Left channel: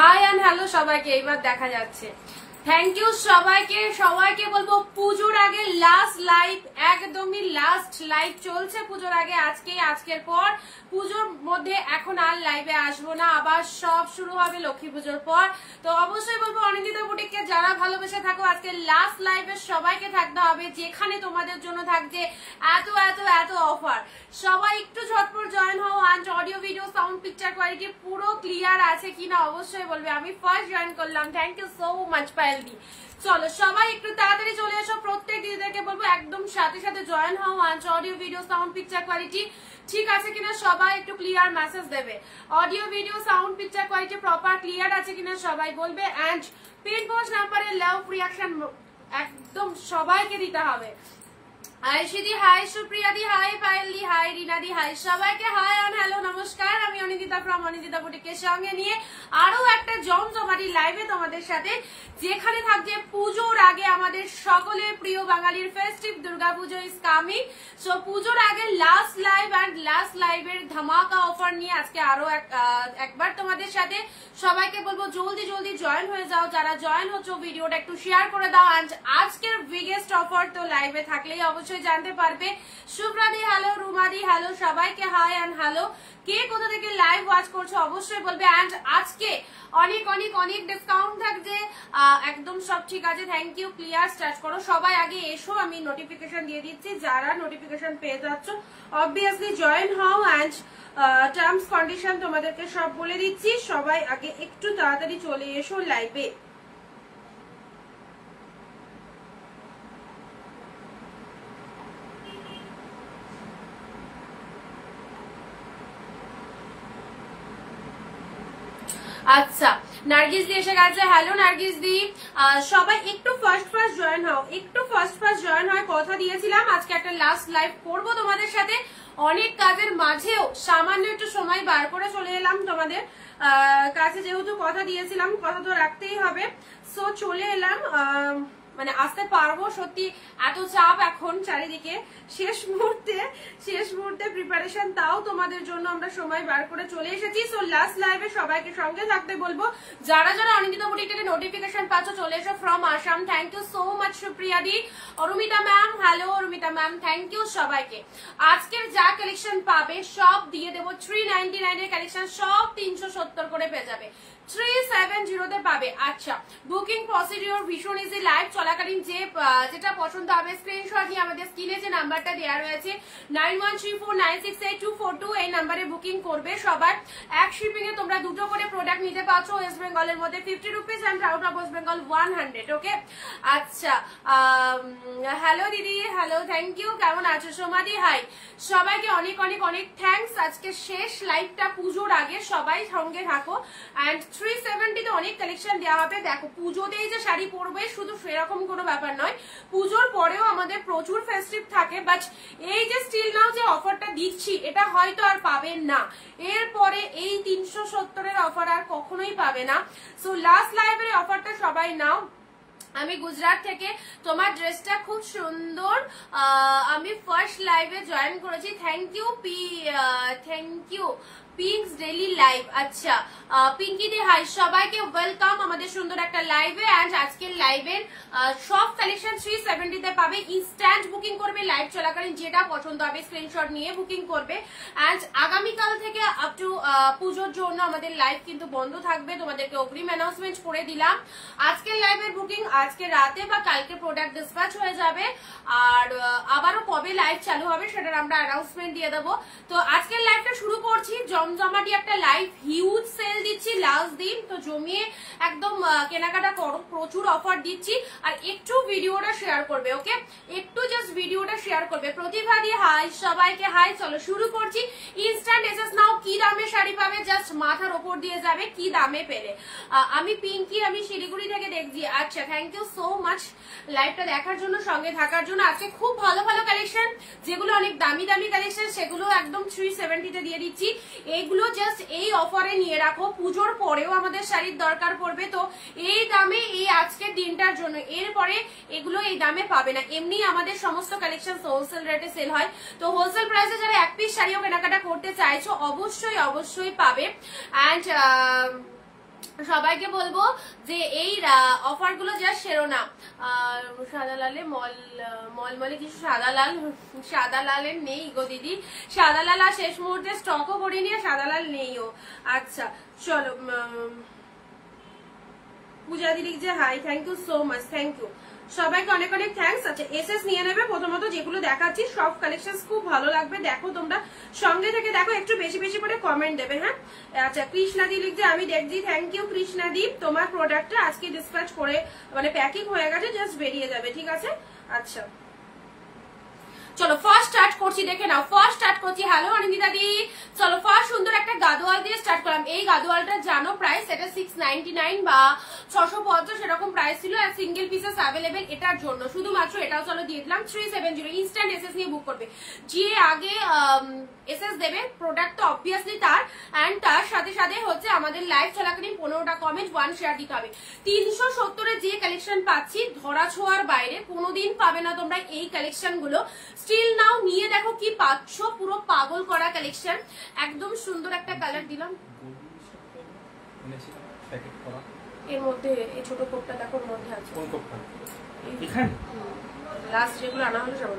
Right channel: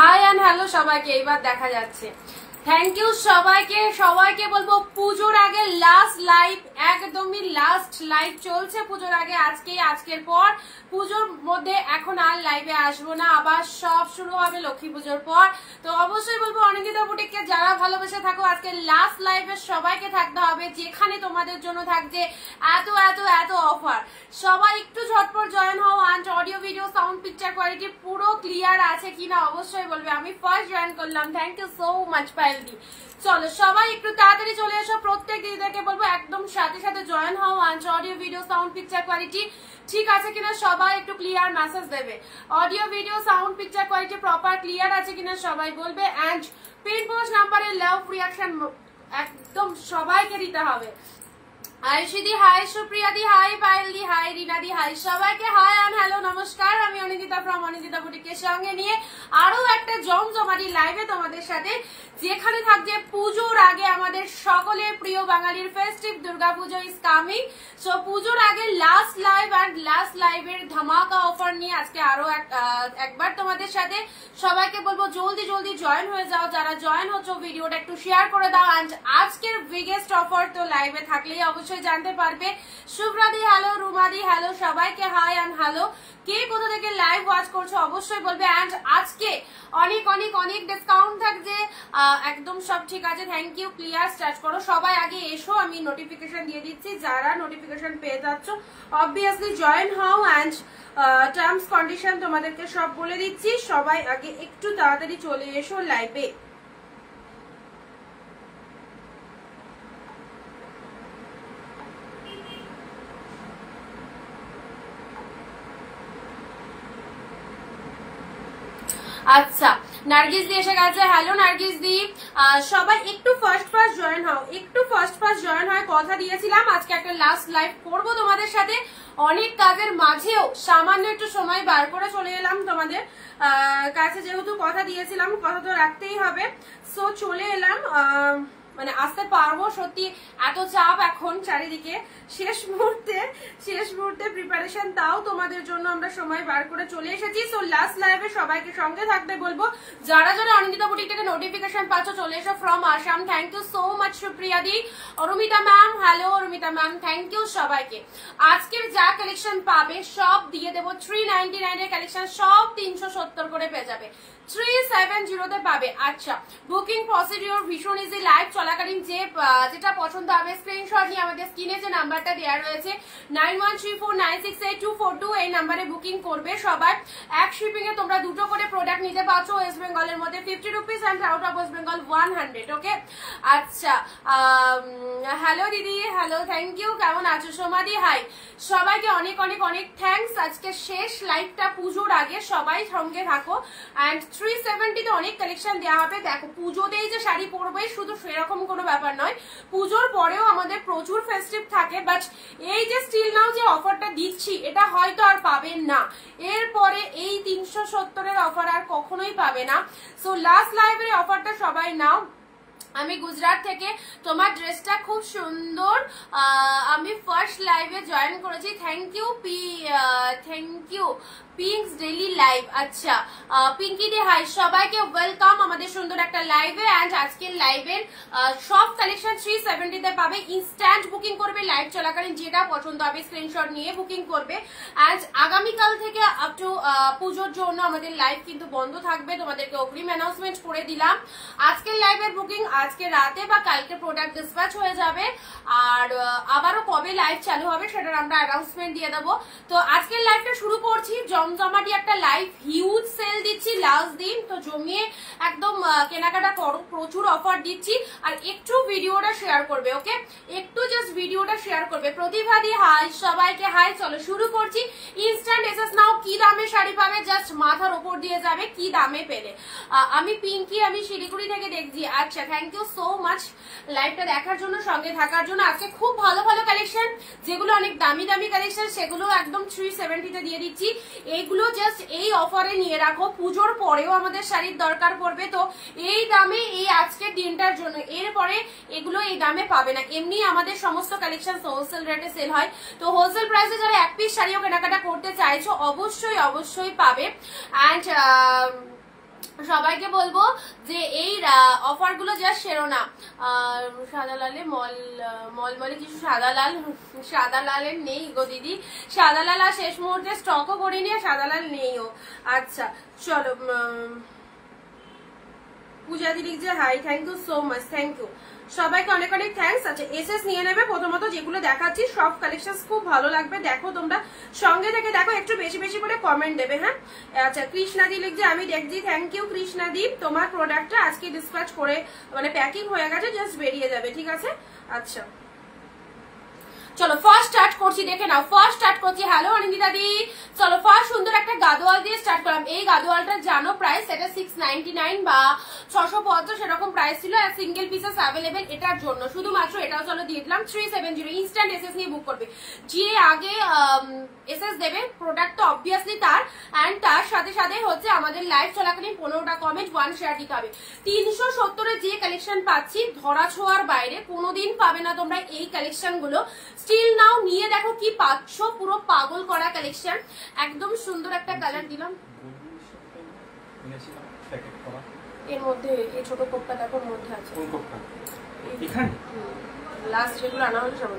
High and hello সবাইকে, এইবার দেখা যাচ্ছে। থ্যাংক ইউ সবাইকে বলবো পুজোর আগে লাস্ট লাইভ, একদমই লাস্ট লাইভ চলছে পুজোর আগে। আজকের পর পুজোর মধ্যে এখন আর লাইভে আসবো না, আবার সব শুরু হবে লক্ষ্মী পুজোর পর। তো অবশ্যই বলবো অনিন্দিতা বুটিককে যারা ভালোবেসে থাকো আজকে লাস্ট লাইভে সবাইকে থাকতে হবে, যেখানে তোমাদের জন্য থাকছে এত এত এত অফার। সবাই একটু ঝটপট জয়েন হও। And audio video sound picture quality পুরো ক্লিয়ার আছে কিনা অবশ্যই বলবে। আমি ফার্স্ট জয়েন করলাম, থ্যাংক ইউ সো মাচ পায়েলদি। চলো সবাই একটু তাড়াতাড়ি চলে এসো, প্রত্যেক দিদিদেরকে বলবো একদম সাথে সাথে জয়েন হও। And audio video sound picture quality ঠিক আছে কিনা সবাই একটু ক্লিয়ার মেসেজ দেবে। Audio video sound picture quality proper clear আছে কিনা সবাই বলবে। অ্যান্ড পিন পোস্ট নাম্বারে লাভ রিয়াকশন একদম সবাইকে দিতে হবে। আয়ুষিদি হাই, সুপ্রিয়া দি হাই, পায়েল দি হাই, রিনা দি হাই, সবাইকে হাই অ্যান্ড হ্যালো নমস্কার। আমি অনিন্দিতা ফ্রম অনিন্দিতা বুটিকের সঙ্গে নিয়ে আরো একটা জমজমাটি লাইভে তোমাদের সাথে, যেখানে থাকছে পুজোর আগে আমাদের সকলের প্রিয় বাঙালির festive Durga Puja is coming. So পুজোর আগে লাস্ট লাইভ অ্যান্ড লাস্ট লাইভের ধামাকা অফার নিয়ে আজকে আরো একবার তোমাদের সাথে। সবাইকে বলবো জলদি জলদি জয়েন হয়ে যাও, যারা জয়েন হচ্ছ ভিডিওটা একটু শেয়ার করে দাও। অ্যান্ড আজকের বিগেস্ট অফার তো লাইভে থাকলেই অবশ্যই জানতে পারবে। শুভ্রাদি হ্যালো, রুমাদি হ্যালো, সবাইকে হাই অ্যান্ড হ্যালো। কে কোথা থেকে লাইভ ওয়াচ করছো অবশ্যই বলবে। অ্যান্ড আজকে অনেক অনেক অনেক ডিসকাউন্ট থাকছে, একদম সব ঠিক আছে। থ্যাংক ইউ, ক্লিয়ার স্টার্ট করো সবাই, আগে এসো, আমি নোটিফিকেশন দিয়ে দিচ্ছি। যারা নোটিফিকেশন পেয়ে যাচ্ছ অবভিয়াসলি জয়েন হও। অ্যান্ড টার্মস কন্ডিশন তোমাদেরকে সব বলে দিচ্ছি, সবাই আগে একটু তাড়াতাড়ি চলে এসো লাইভে। আচ্ছা, নার্গিস দি এসে গেছে, হ্যালো নার্গিস দি। সবাই একটু ফার্স্ট জয়েন হও, একটু ফার্স্ট জয়েন হয়। কথা দিয়েছিলাম আজকে একটা লাস্ট লাইভ করবো তোমাদের সাথে, অনেক কাজের মাঝেও সামান্য একটু সময় বার করে চলে এলাম তোমাদের কাছে, যেহেতু কথা দিয়েছিলাম কথা তো রাখতেই হবে। সো চলে এলাম, মানে আসতে পারবো, সত্যি এত চাপ এখন চারিদিকে, শেষ মুহূর্তে প্রিপারেশন, তাও তোমাদের জন্য আমরা সময় বার করে চলে এসেছি। সো লাস্ট লাইভে সবাইকে সঙ্গে থাকতে বলবো। যারা যারা অনিন্দিতা বুটিক থেকে নোটিফিকেশন পাচ্ছ চলে এসো from Assam, thank you so much Supriya দি। Arumita ma'am hello, Arumita ma'am thank you সবাইকে। আজকের যা কালেকশন পাবে সব দিয়ে দেবো 399 এর কালেকশন, সব 370 করে পেয়ে যাবে, 370 তে পাবে। আচ্ছা, বুকিং প্রসিডিওর ভীষণ ইজি। লাইভ চলাকালীন যেটা পছন্দ হবে স্ক্রিনশট নিয়ে আমাদের স্ক্রিনে যে নাম্বারটা দেওয়া রয়েছে 9134968242 এই নাম্বারে বুকিং করবে সবার। এক শিপিং এ তোমরা দুটো করে প্রোডাক্ট নিতে পারছো, ওয়েস্ট বেঙ্গলের মধ্যে 50 rupees and out of West Bengal 100। ওকে, আচ্ছা হ্যালো দিদি, হ্যালো, থ্যাংক ইউ। কেমন আছো সোমাদি হাই, সবাইকে অনেক অনেক অনেক থ্যাংকস। আজকে শেষ লাইভটা পুজোর আগে, সবাই সঙ্গে থাকো। অ্যান্ড 370 তে অনেক কালেকশন দেওয়া হবে। দেখো পুজোতেই যে শাড়ি পরবে শুধু সেরকম কোনো ব্যাপার নয়, পুজোর পরেও আমাদের প্রচুর ফেস্টিভ থাকে। বাট এই যে স্টিল নাও যে অফারটা দিচ্ছি এটা হয়তো আর পাবেন না, এরপরে এই 370 এর অফার আর কখনোই পাবে না। সো লাস্ট লাইভের অফারটা সবাই নাও। আমি গুজরাট থেকে, তোমার ড্রেসটা খুব সুন্দর, আমি ফার্স্ট লাইভে জয়েন করেছি, thank you thank you Pinks daily live. আচ্ছা পিঙ্কি দি হাই, সবাইকে ওয়েলকাম আমাদের সুন্দর একটা লাইভে। অ্যান্ড আজকের লাইভের সব কালেকশন 370 তে পাবে। ইনস্ট্যান্ট বুকিং করবে, লাইভ চলাকালীন যেটা পছন্দ হবে স্ক্রিনশট নিয়ে বুকিং করবে। অ্যান্ড আগামীকাল থেকে আপ টু পুজোর জন্য আমাদের লাইভ কিন্তু বন্ধ থাকবে, তোমাদেরকে অগ্রিম অ্যানাউন্সমেন্ট করে দিলাম। আজকের লাইভের বুকিং আজকে রাতে বা কালকে প্রোডাক্ট ডিসপ্যাচ হয়ে যাবে, আর আবারও কবে লাইভ চালু হবে সেটার আমরা অ্যানাউন্সমেন্ট দিয়ে দেবো। তো আজকের লাইভটা শুরু করছি, জমজমাটি একটা লাইভ, হিউজ সেল দিচ্ছি লাস্ট দিন, তো জমিয়ে একদম কেনাকাটা করো, প্রচুর অফার দিচ্ছি। আর একটু ভিডিওটা শেয়ার করবে, ওকে, একটু জাস্ট ভিডিওটা শেয়ার করবে। প্রতিভাদি হাই, সবাইকে হাই। চলো শুরু করছি। ইনস্ট্যান্ট এসএস নাও, কি দামে শাড়ি পাবে জাস্ট মাথার ওপর দিয়ে যাবে কি দামে পেলে। আমি পিঙ্কি, আমি শিলিগুড়ি থেকে দেখছি। আচ্ছা, থ্যাংক ইউ সো মাচ লাইভটা দেখার জন্য, সঙ্গে থাকার জন্য। আজকে খুব ভালো ভালো কালেকশন, যেগুলো অনেক দামি দামি কালেকশন সেগুলো একদম 370 তে দিয়ে দিচ্ছি। এইগুলো জাস্ট এই অফারে নিয়ে রাখো, পুজোর পরেও আমাদের শাড়ির দরকার পড়বে, তো এই দামে এই আজকের দিনটার জন্য, এরপরে এগুলো এই দামে পাবে না। এমনি আমাদের সমস্ত কালেকশন হোলসেল রেটে সেল হয়, তো হোলসেল প্রাইসে যারা এক পিস শাড়িও কেনাকাটা করতে চাইছো অবশ্যই অবশ্যই পাবে। অ্যান্ড সবাইকে বলবো যে এই অফার গুলো জাস্ট সেরো না। সাদা লালে মলমলে কিছু সাদা লালের নেই গো দিদি, সাদা লাল আর শেষ মুহূর্তে স্টকও করিনি, সাদা লাল নেইও। আচ্ছা চলো, পূজা দিদি যে hi, thank you so much, thank you সবাইকে অনেক অনেক থ্যাংকস। আচ্ছা এসএস নিয়ে নেবে। প্রথমত যেগুলো দেখাচ্ছি সব কালেকশন খুব ভালো লাগবে, দেখো তোমরা সঙ্গে থেকে দেখো, একটু বেশি বেশি করে কমেন্ট দেবে। হ্যাঁ আচ্ছা কৃষ্ণাদি লিখছে আমি দেখছি, থ্যাংক ইউ কৃষ্ণাদি, তোমার প্রোডাক্টটা আজকে ডিসপ্যাচ করে মানে প্যাকিং হয়ে গেছে, জাস্ট বেরিয়ে যাবে, ঠিক আছে। আচ্ছা চলো ফার্স্ট স্টার্ট করছি, দেখে নাও ফার্স্ট স্টার্ট করছি। হ্যালো অনিন্দিতা দি, চলো ফার্স্ট সুন্দর একটা গাদোয়াল দিয়ে স্টার্ট করলাম। এই গাদোয়ালটা জানো প্রাইস এটা 699 বা 650 সেরকম প্রাইস ছিল, আর সিঙ্গেল পিসেস অ্যাভেলেবেল এটার জন্য শুধুমাত্র এটাও চলো দিয়ে দিলাম 370। ইনস্ট্যান্ট এসএস নিয়ে বুক করবে, যে আগে এসএস দেবে প্রোডাক্ট তো অবভিয়াসলি তার, এন্ড তার সাথে সাথে হচ্ছে আমাদের লাইভ চলাকালীন 15টা কমেন্ট 1 শেয়ার দিতে হবে। 370 যে কালেকশন পাচ্ছি ধরা ছোঁয়ার বাইরে কোনোদিন পাবে না তোমরা এই কালেকশন গুলো। স্টিল নাও নিয়ে দেখো কি পাচ্ছ, পুরো পাগল করা কালেকশন, একদম সুন্দর একটা কালার দিলাম এর মধ্যে। এই ছোট কোপটা দেখো মধ্যে আছে, লাস্ট যেগুলো আনা হলো সব।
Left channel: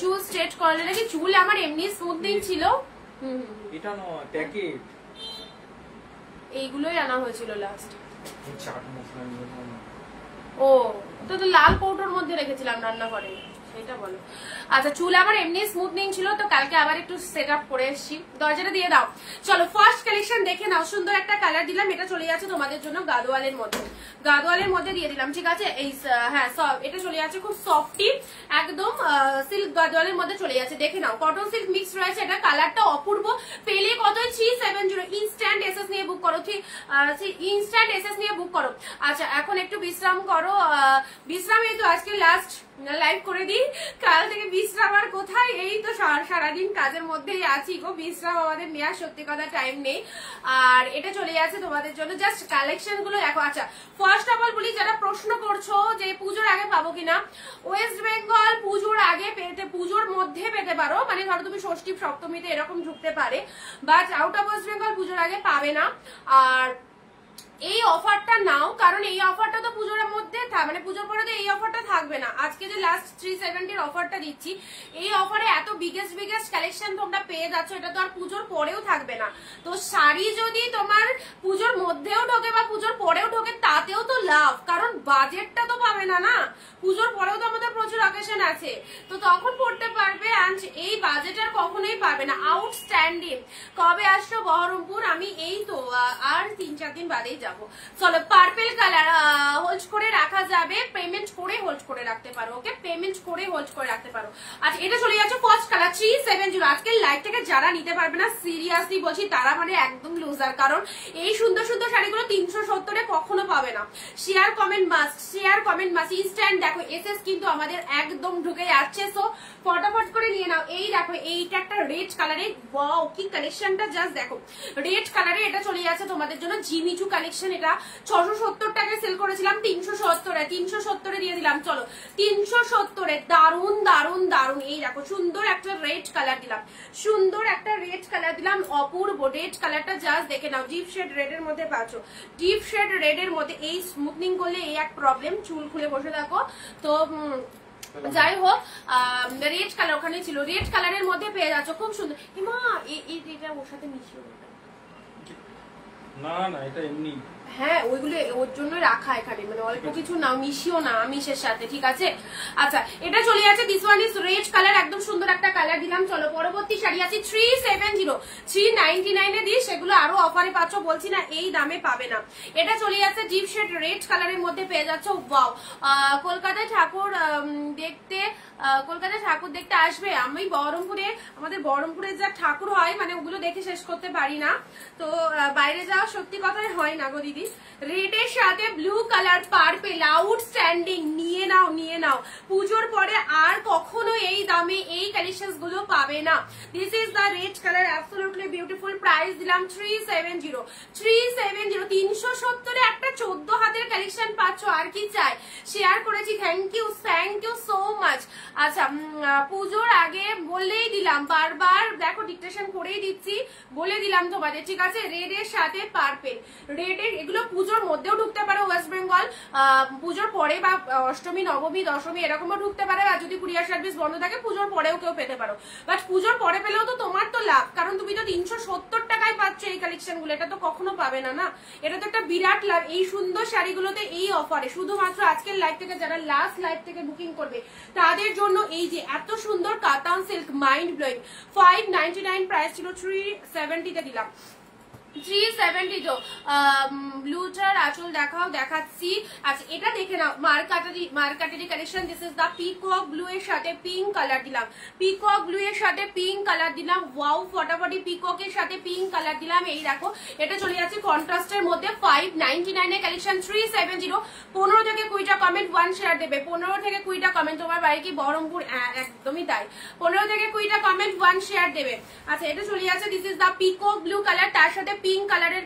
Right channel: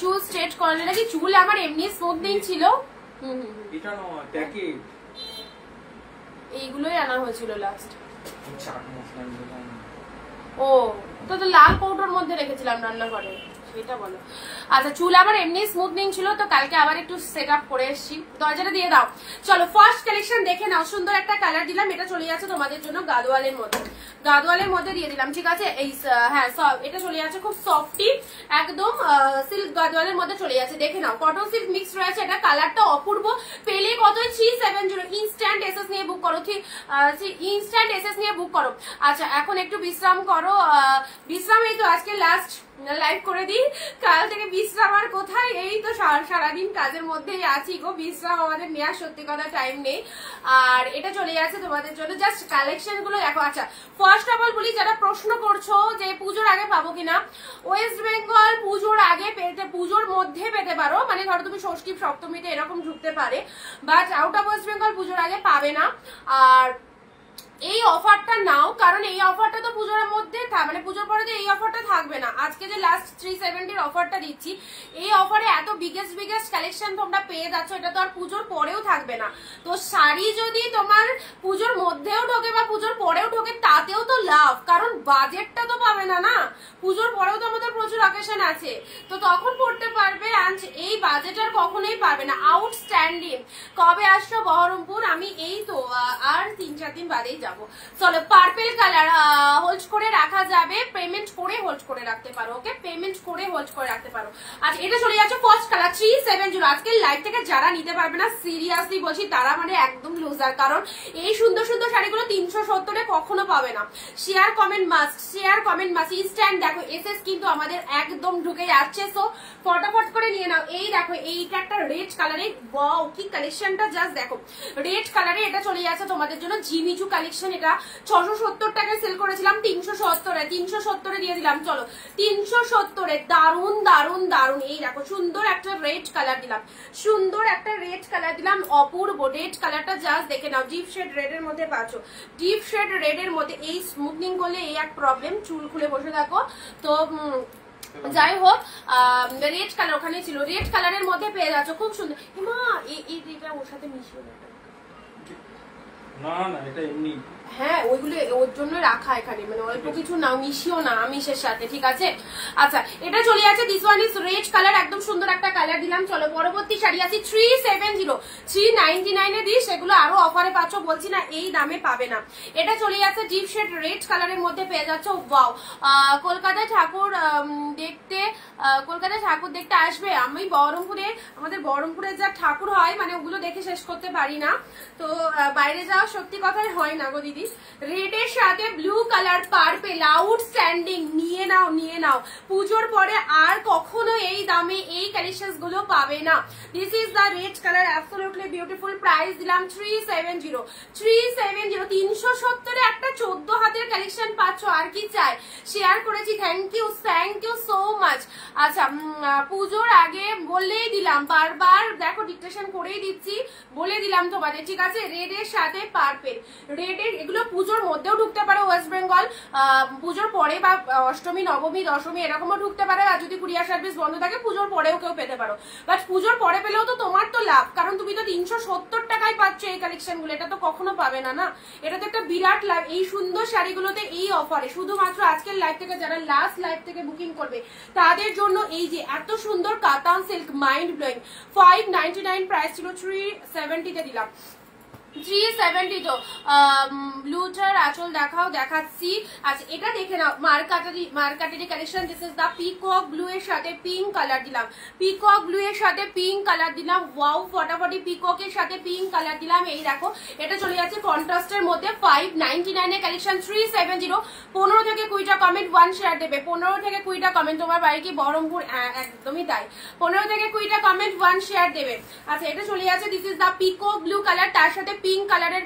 চুল স্ট্রেট করালে নাকি, চুল আমার এমনি স্মুথনিং ছিল, এইগুলোই আনা হয়েছিল লাস্ট। ও তো লাল কৌটোর মধ্যে রেখেছিলাম রান্নাঘরে, সেটা বলো। আচ্ছা চুল আমার এমনি স্মুথনিং ছিল, তো কালকে আবার একটু সেট আপ করে এসেছি। দরজাটা দিয়ে দাও। চলো ফার্স্ট কালেকশন দেখে নাও, সুন্দর একটা কালার দিলাম, এটা চলে যাচ্ছে তোমাদের জন্য গাদোয়ালের মধ্যে, গাদোয়ালের মধ্যে দিয়ে দিলাম, ঠিক আছে। এই হ্যাঁ এটা চলে যাচ্ছে খুব সফটি, একদম সিল্ক গাদোয়ালের মধ্যে চলে যাচ্ছে, দেখে নাও কটন সিল্ক মিক্স রয়েছে, এটা কালারটা অপূর্ব। পেলে কত 370। ইনস্ট্যান্ট এসএস নিয়ে বুক করো, ইনস্ট্যান্ট এসএস নিয়ে বুক করো। আচ্ছা এখন একটু বিশ্রাম করো, বিশ্রাম এই তো আজকে লাস্ট লাইভ করে দিই, কাল থেকে বিশ্রাম আর কোথায়, এই তো সারাদিন কাজের মধ্যেই আছি গো, বিশ্রাম আমাদের নেওয়ার সত্যি কথা টাইম নেই। আর এটা চলে যাচ্ছে তোমাদের জন্য, জাস্ট কালেকশন গুলো দেখো। আচ্ছা ফার্স্ট অফ অল বলি, যারা প্রশ্ন করছো যে পুজোর আগে পাবো কিনা, ওয়েস্ট বেঙ্গল পুজোর আগে পেতে, পুজোর মধ্যে পেতে পারো, মানে ধরো তুমি ষষ্ঠী সপ্তমীতে এরকম ঢুকতে পারে, but out of West Bengal পুজোর আগে পাবে না। আর এই অফারটা নাও, কারণ এই অফারটা তো পুজোর মধ্যে মানে পুজোর পরে তো এই অফারটা থাকবে না। আজকে যে লাস্ট 370 অফারটা দিচ্ছি, এই অফারে এত বিগেস্ট কালেকশন তোমরা পেয়ে যাচ্ছ, এটা তো আর পুজোর পরেও থাকবে না। তো শাড়ি যদি তোমার পুজোর মধ্যেও ঢোকে বা পুজোর পরেও ঢোকে তাতেও তো লাভ, কারণ বাজেটটা তো পাবে না না, পুজোর পরেও তো আমাদের প্রচুর অকেশন আছে, তো তখন পড়তে পারবে। এই বাজেটার কখনোই পাবে না। আউটস্ট্যান্ডিং। কবে আসছো বহরমপুর? আমি এই তো আর 3-4 দিন বাদেই যাবো। চলো পার্পেল কালার হোল্ড করে রাখা যাবে, পেমেন্ট করে হোল্ড করে রাখতে পারো, ওকে পেমেন্ট করে হোল্ড করে রাখতে পারো। আচ্ছা এটা চলে যাচ্ছে ফার্স্ট কালার 370। আজকে লাইভ থেকে যারা নিতে পারবে না সিরিয়াসলি বলছি তারা মানে একদম লুজার, কারণ এই সুন্দর সুন্দর শাড়িগুলো 370-এ কখনো পাবে না। Share comment must, share comment must. Instant দেখো এসএস কিন্তু আমাদের একদম ঢুকে যাচ্ছে, সো ফটাফট করে নিয়ে নাও। এই দেখো এইটা একটা রেড কালারে, ওয়াও কি কালেকশনটা জাস্ট দেখো, রেড কালারে এটা চলে যাচ্ছে তোমাদের জন্য জিমিচু কালেকশন। এটা 670 টাকায় সেল করেছিলাম, 370-এ দিয়ে দিলাম। চলো 370-এ দারুন দারুন দারুন। এই দেখো সুন্দর একটা রেড কালার দিলাম, সুন্দর একটা রেড কালার দিলাম, অপূর্ব রেড কালারটা জাস্ট দেখে নাও। ডিপ শেড রেড এর মধ্যে পাচ্ছ, ডিপ শেড রেড এর মধ্যে। এই স্মুথনিং করলে এই এক প্রবলেম, চুল খুলে বসে থাকো, তো যাই হোক রেড কালার ওখানে ছিল, রেড কালারের মধ্যে পেয়ে যাচ্ছ, খুব সুন্দর। মা এইটা ওর সাথে মিশিয়ে না না এটা এমনি, হ্যাঁ ওইগুলো ওর জন্য রাখা এখানে, মানে অল্প কিছু না, মিশিও না আমিষের সাথে, ঠিক আছে। আচ্ছা এটা চলে যাচ্ছে, this one is red colour, একদম সুন্দর একটা কালার দিলাম। চলো পরবর্তী শাড়ি আছে 370, 399-এ দিই, সেগুলো আরো অফারে পাচ্ছ, বলছি না এই দামে পাবে না। এটা চলে যাচ্ছে ডিপ শেড রেড কালারের মধ্যে পেয়ে যাচ্ছ। ওয়াও কলকাতায় ঠাকুর দেখতে আসবে। আমি বহরমপুরে, আমাদের বহরমপুরে যা ঠাকুর হয় মানে ওগুলো দেখে শেষ করতে পারি না, তো বাইরে যাওয়া সত্যি কথাই হয় না গো দিদি। দিদি। রেডের সাথে ব্লু কালার পার্পেল আউটস্ট্যান্ডিং, নিয়ে নাও নিয়ে নাও, পুজোর পরে আর কখনো এই দামে এই কালেকশনস গুলো পাবে না। This is the red colour, absolutely beautiful. Price দিলাম 370, 370। 370 একটা 14 হাতের কালেকশন পাচ্ছ, আর কি চাই। শেয়ার করেছি, থ্যাংক ইউ সো মাচ। আচ্ছা, পুজোর আগে বললেই দিলাম, বারবার দেখো ডিকটেশন করেই দিচ্ছি, বলে দিলাম তোমাদের, ঠিক আছে। রেডের সাথে পার্পেল, রেডের এগুলো পুজোর মধ্যেও ঢুকতে পারে ওয়েস্ট বেঙ্গল, পুজোর পরে বা অষ্টমী নবমী দশমী এরকমও ঢুকতে পারে, আর যদি কুরিয়ার সার্ভিস বন্ধ থাকে পুজোর পরেও কেউ পেতে পারো। বাট পুজোর পরে পেলেও তো তোমার তো লাভ, কারণ তুমি তো 370 টাকায় পাচ্ছ এই কালেকশন গুলো, এটা তো কখনো পাবে না। না, এটা তো একটা বিরাট লাভ। এই সুন্দর শাড়িগুলোতে এই অফারে শুধুমাত্র আজকের লাইভ থেকে, যারা লাস্ট লাইভ থেকে বুকিং করবে তাদের জন্য এই যে এত সুন্দর কাতান সিল্ক, মাইন্ড ব্লোয়িং। 599 প্রাইস ছিল, 370 তে দিলাম। 370 তো। ব্লুটার আঁচল দেখাও, দেখাচ্ছি। আচ্ছা, এটা দেখে নাও, মার্কাটারি collection. This is the peacock blue এর সাথে পিঙ্ক কালার দিলাম, পিকক ব্লু এর সাথে পিঙ্ক কালার দিলাম। ওয়াও, ফটাফটি পিকক এর সাথে পিঙ্ক কালার দিলাম। এই দেখো, এটা চলে যাচ্ছে কন্ট্রাস্টের মধ্যে। 599 এর কালেকশন, 370। 15 থেকে 20টা কমেন্ট, 1 শেয়ার দেবে। 15 থেকে 20টা কমেন্ট। তোমার বাড়ি কি বহরমপুর? একদমই তাই। 15 থেকে 20টা কমেন্ট, 1 শেয়ার দেবে। আচ্ছা, এটা চলে যাচ্ছে, this is the peacock blue colour, তার সাথে পিঙ্ক কালারের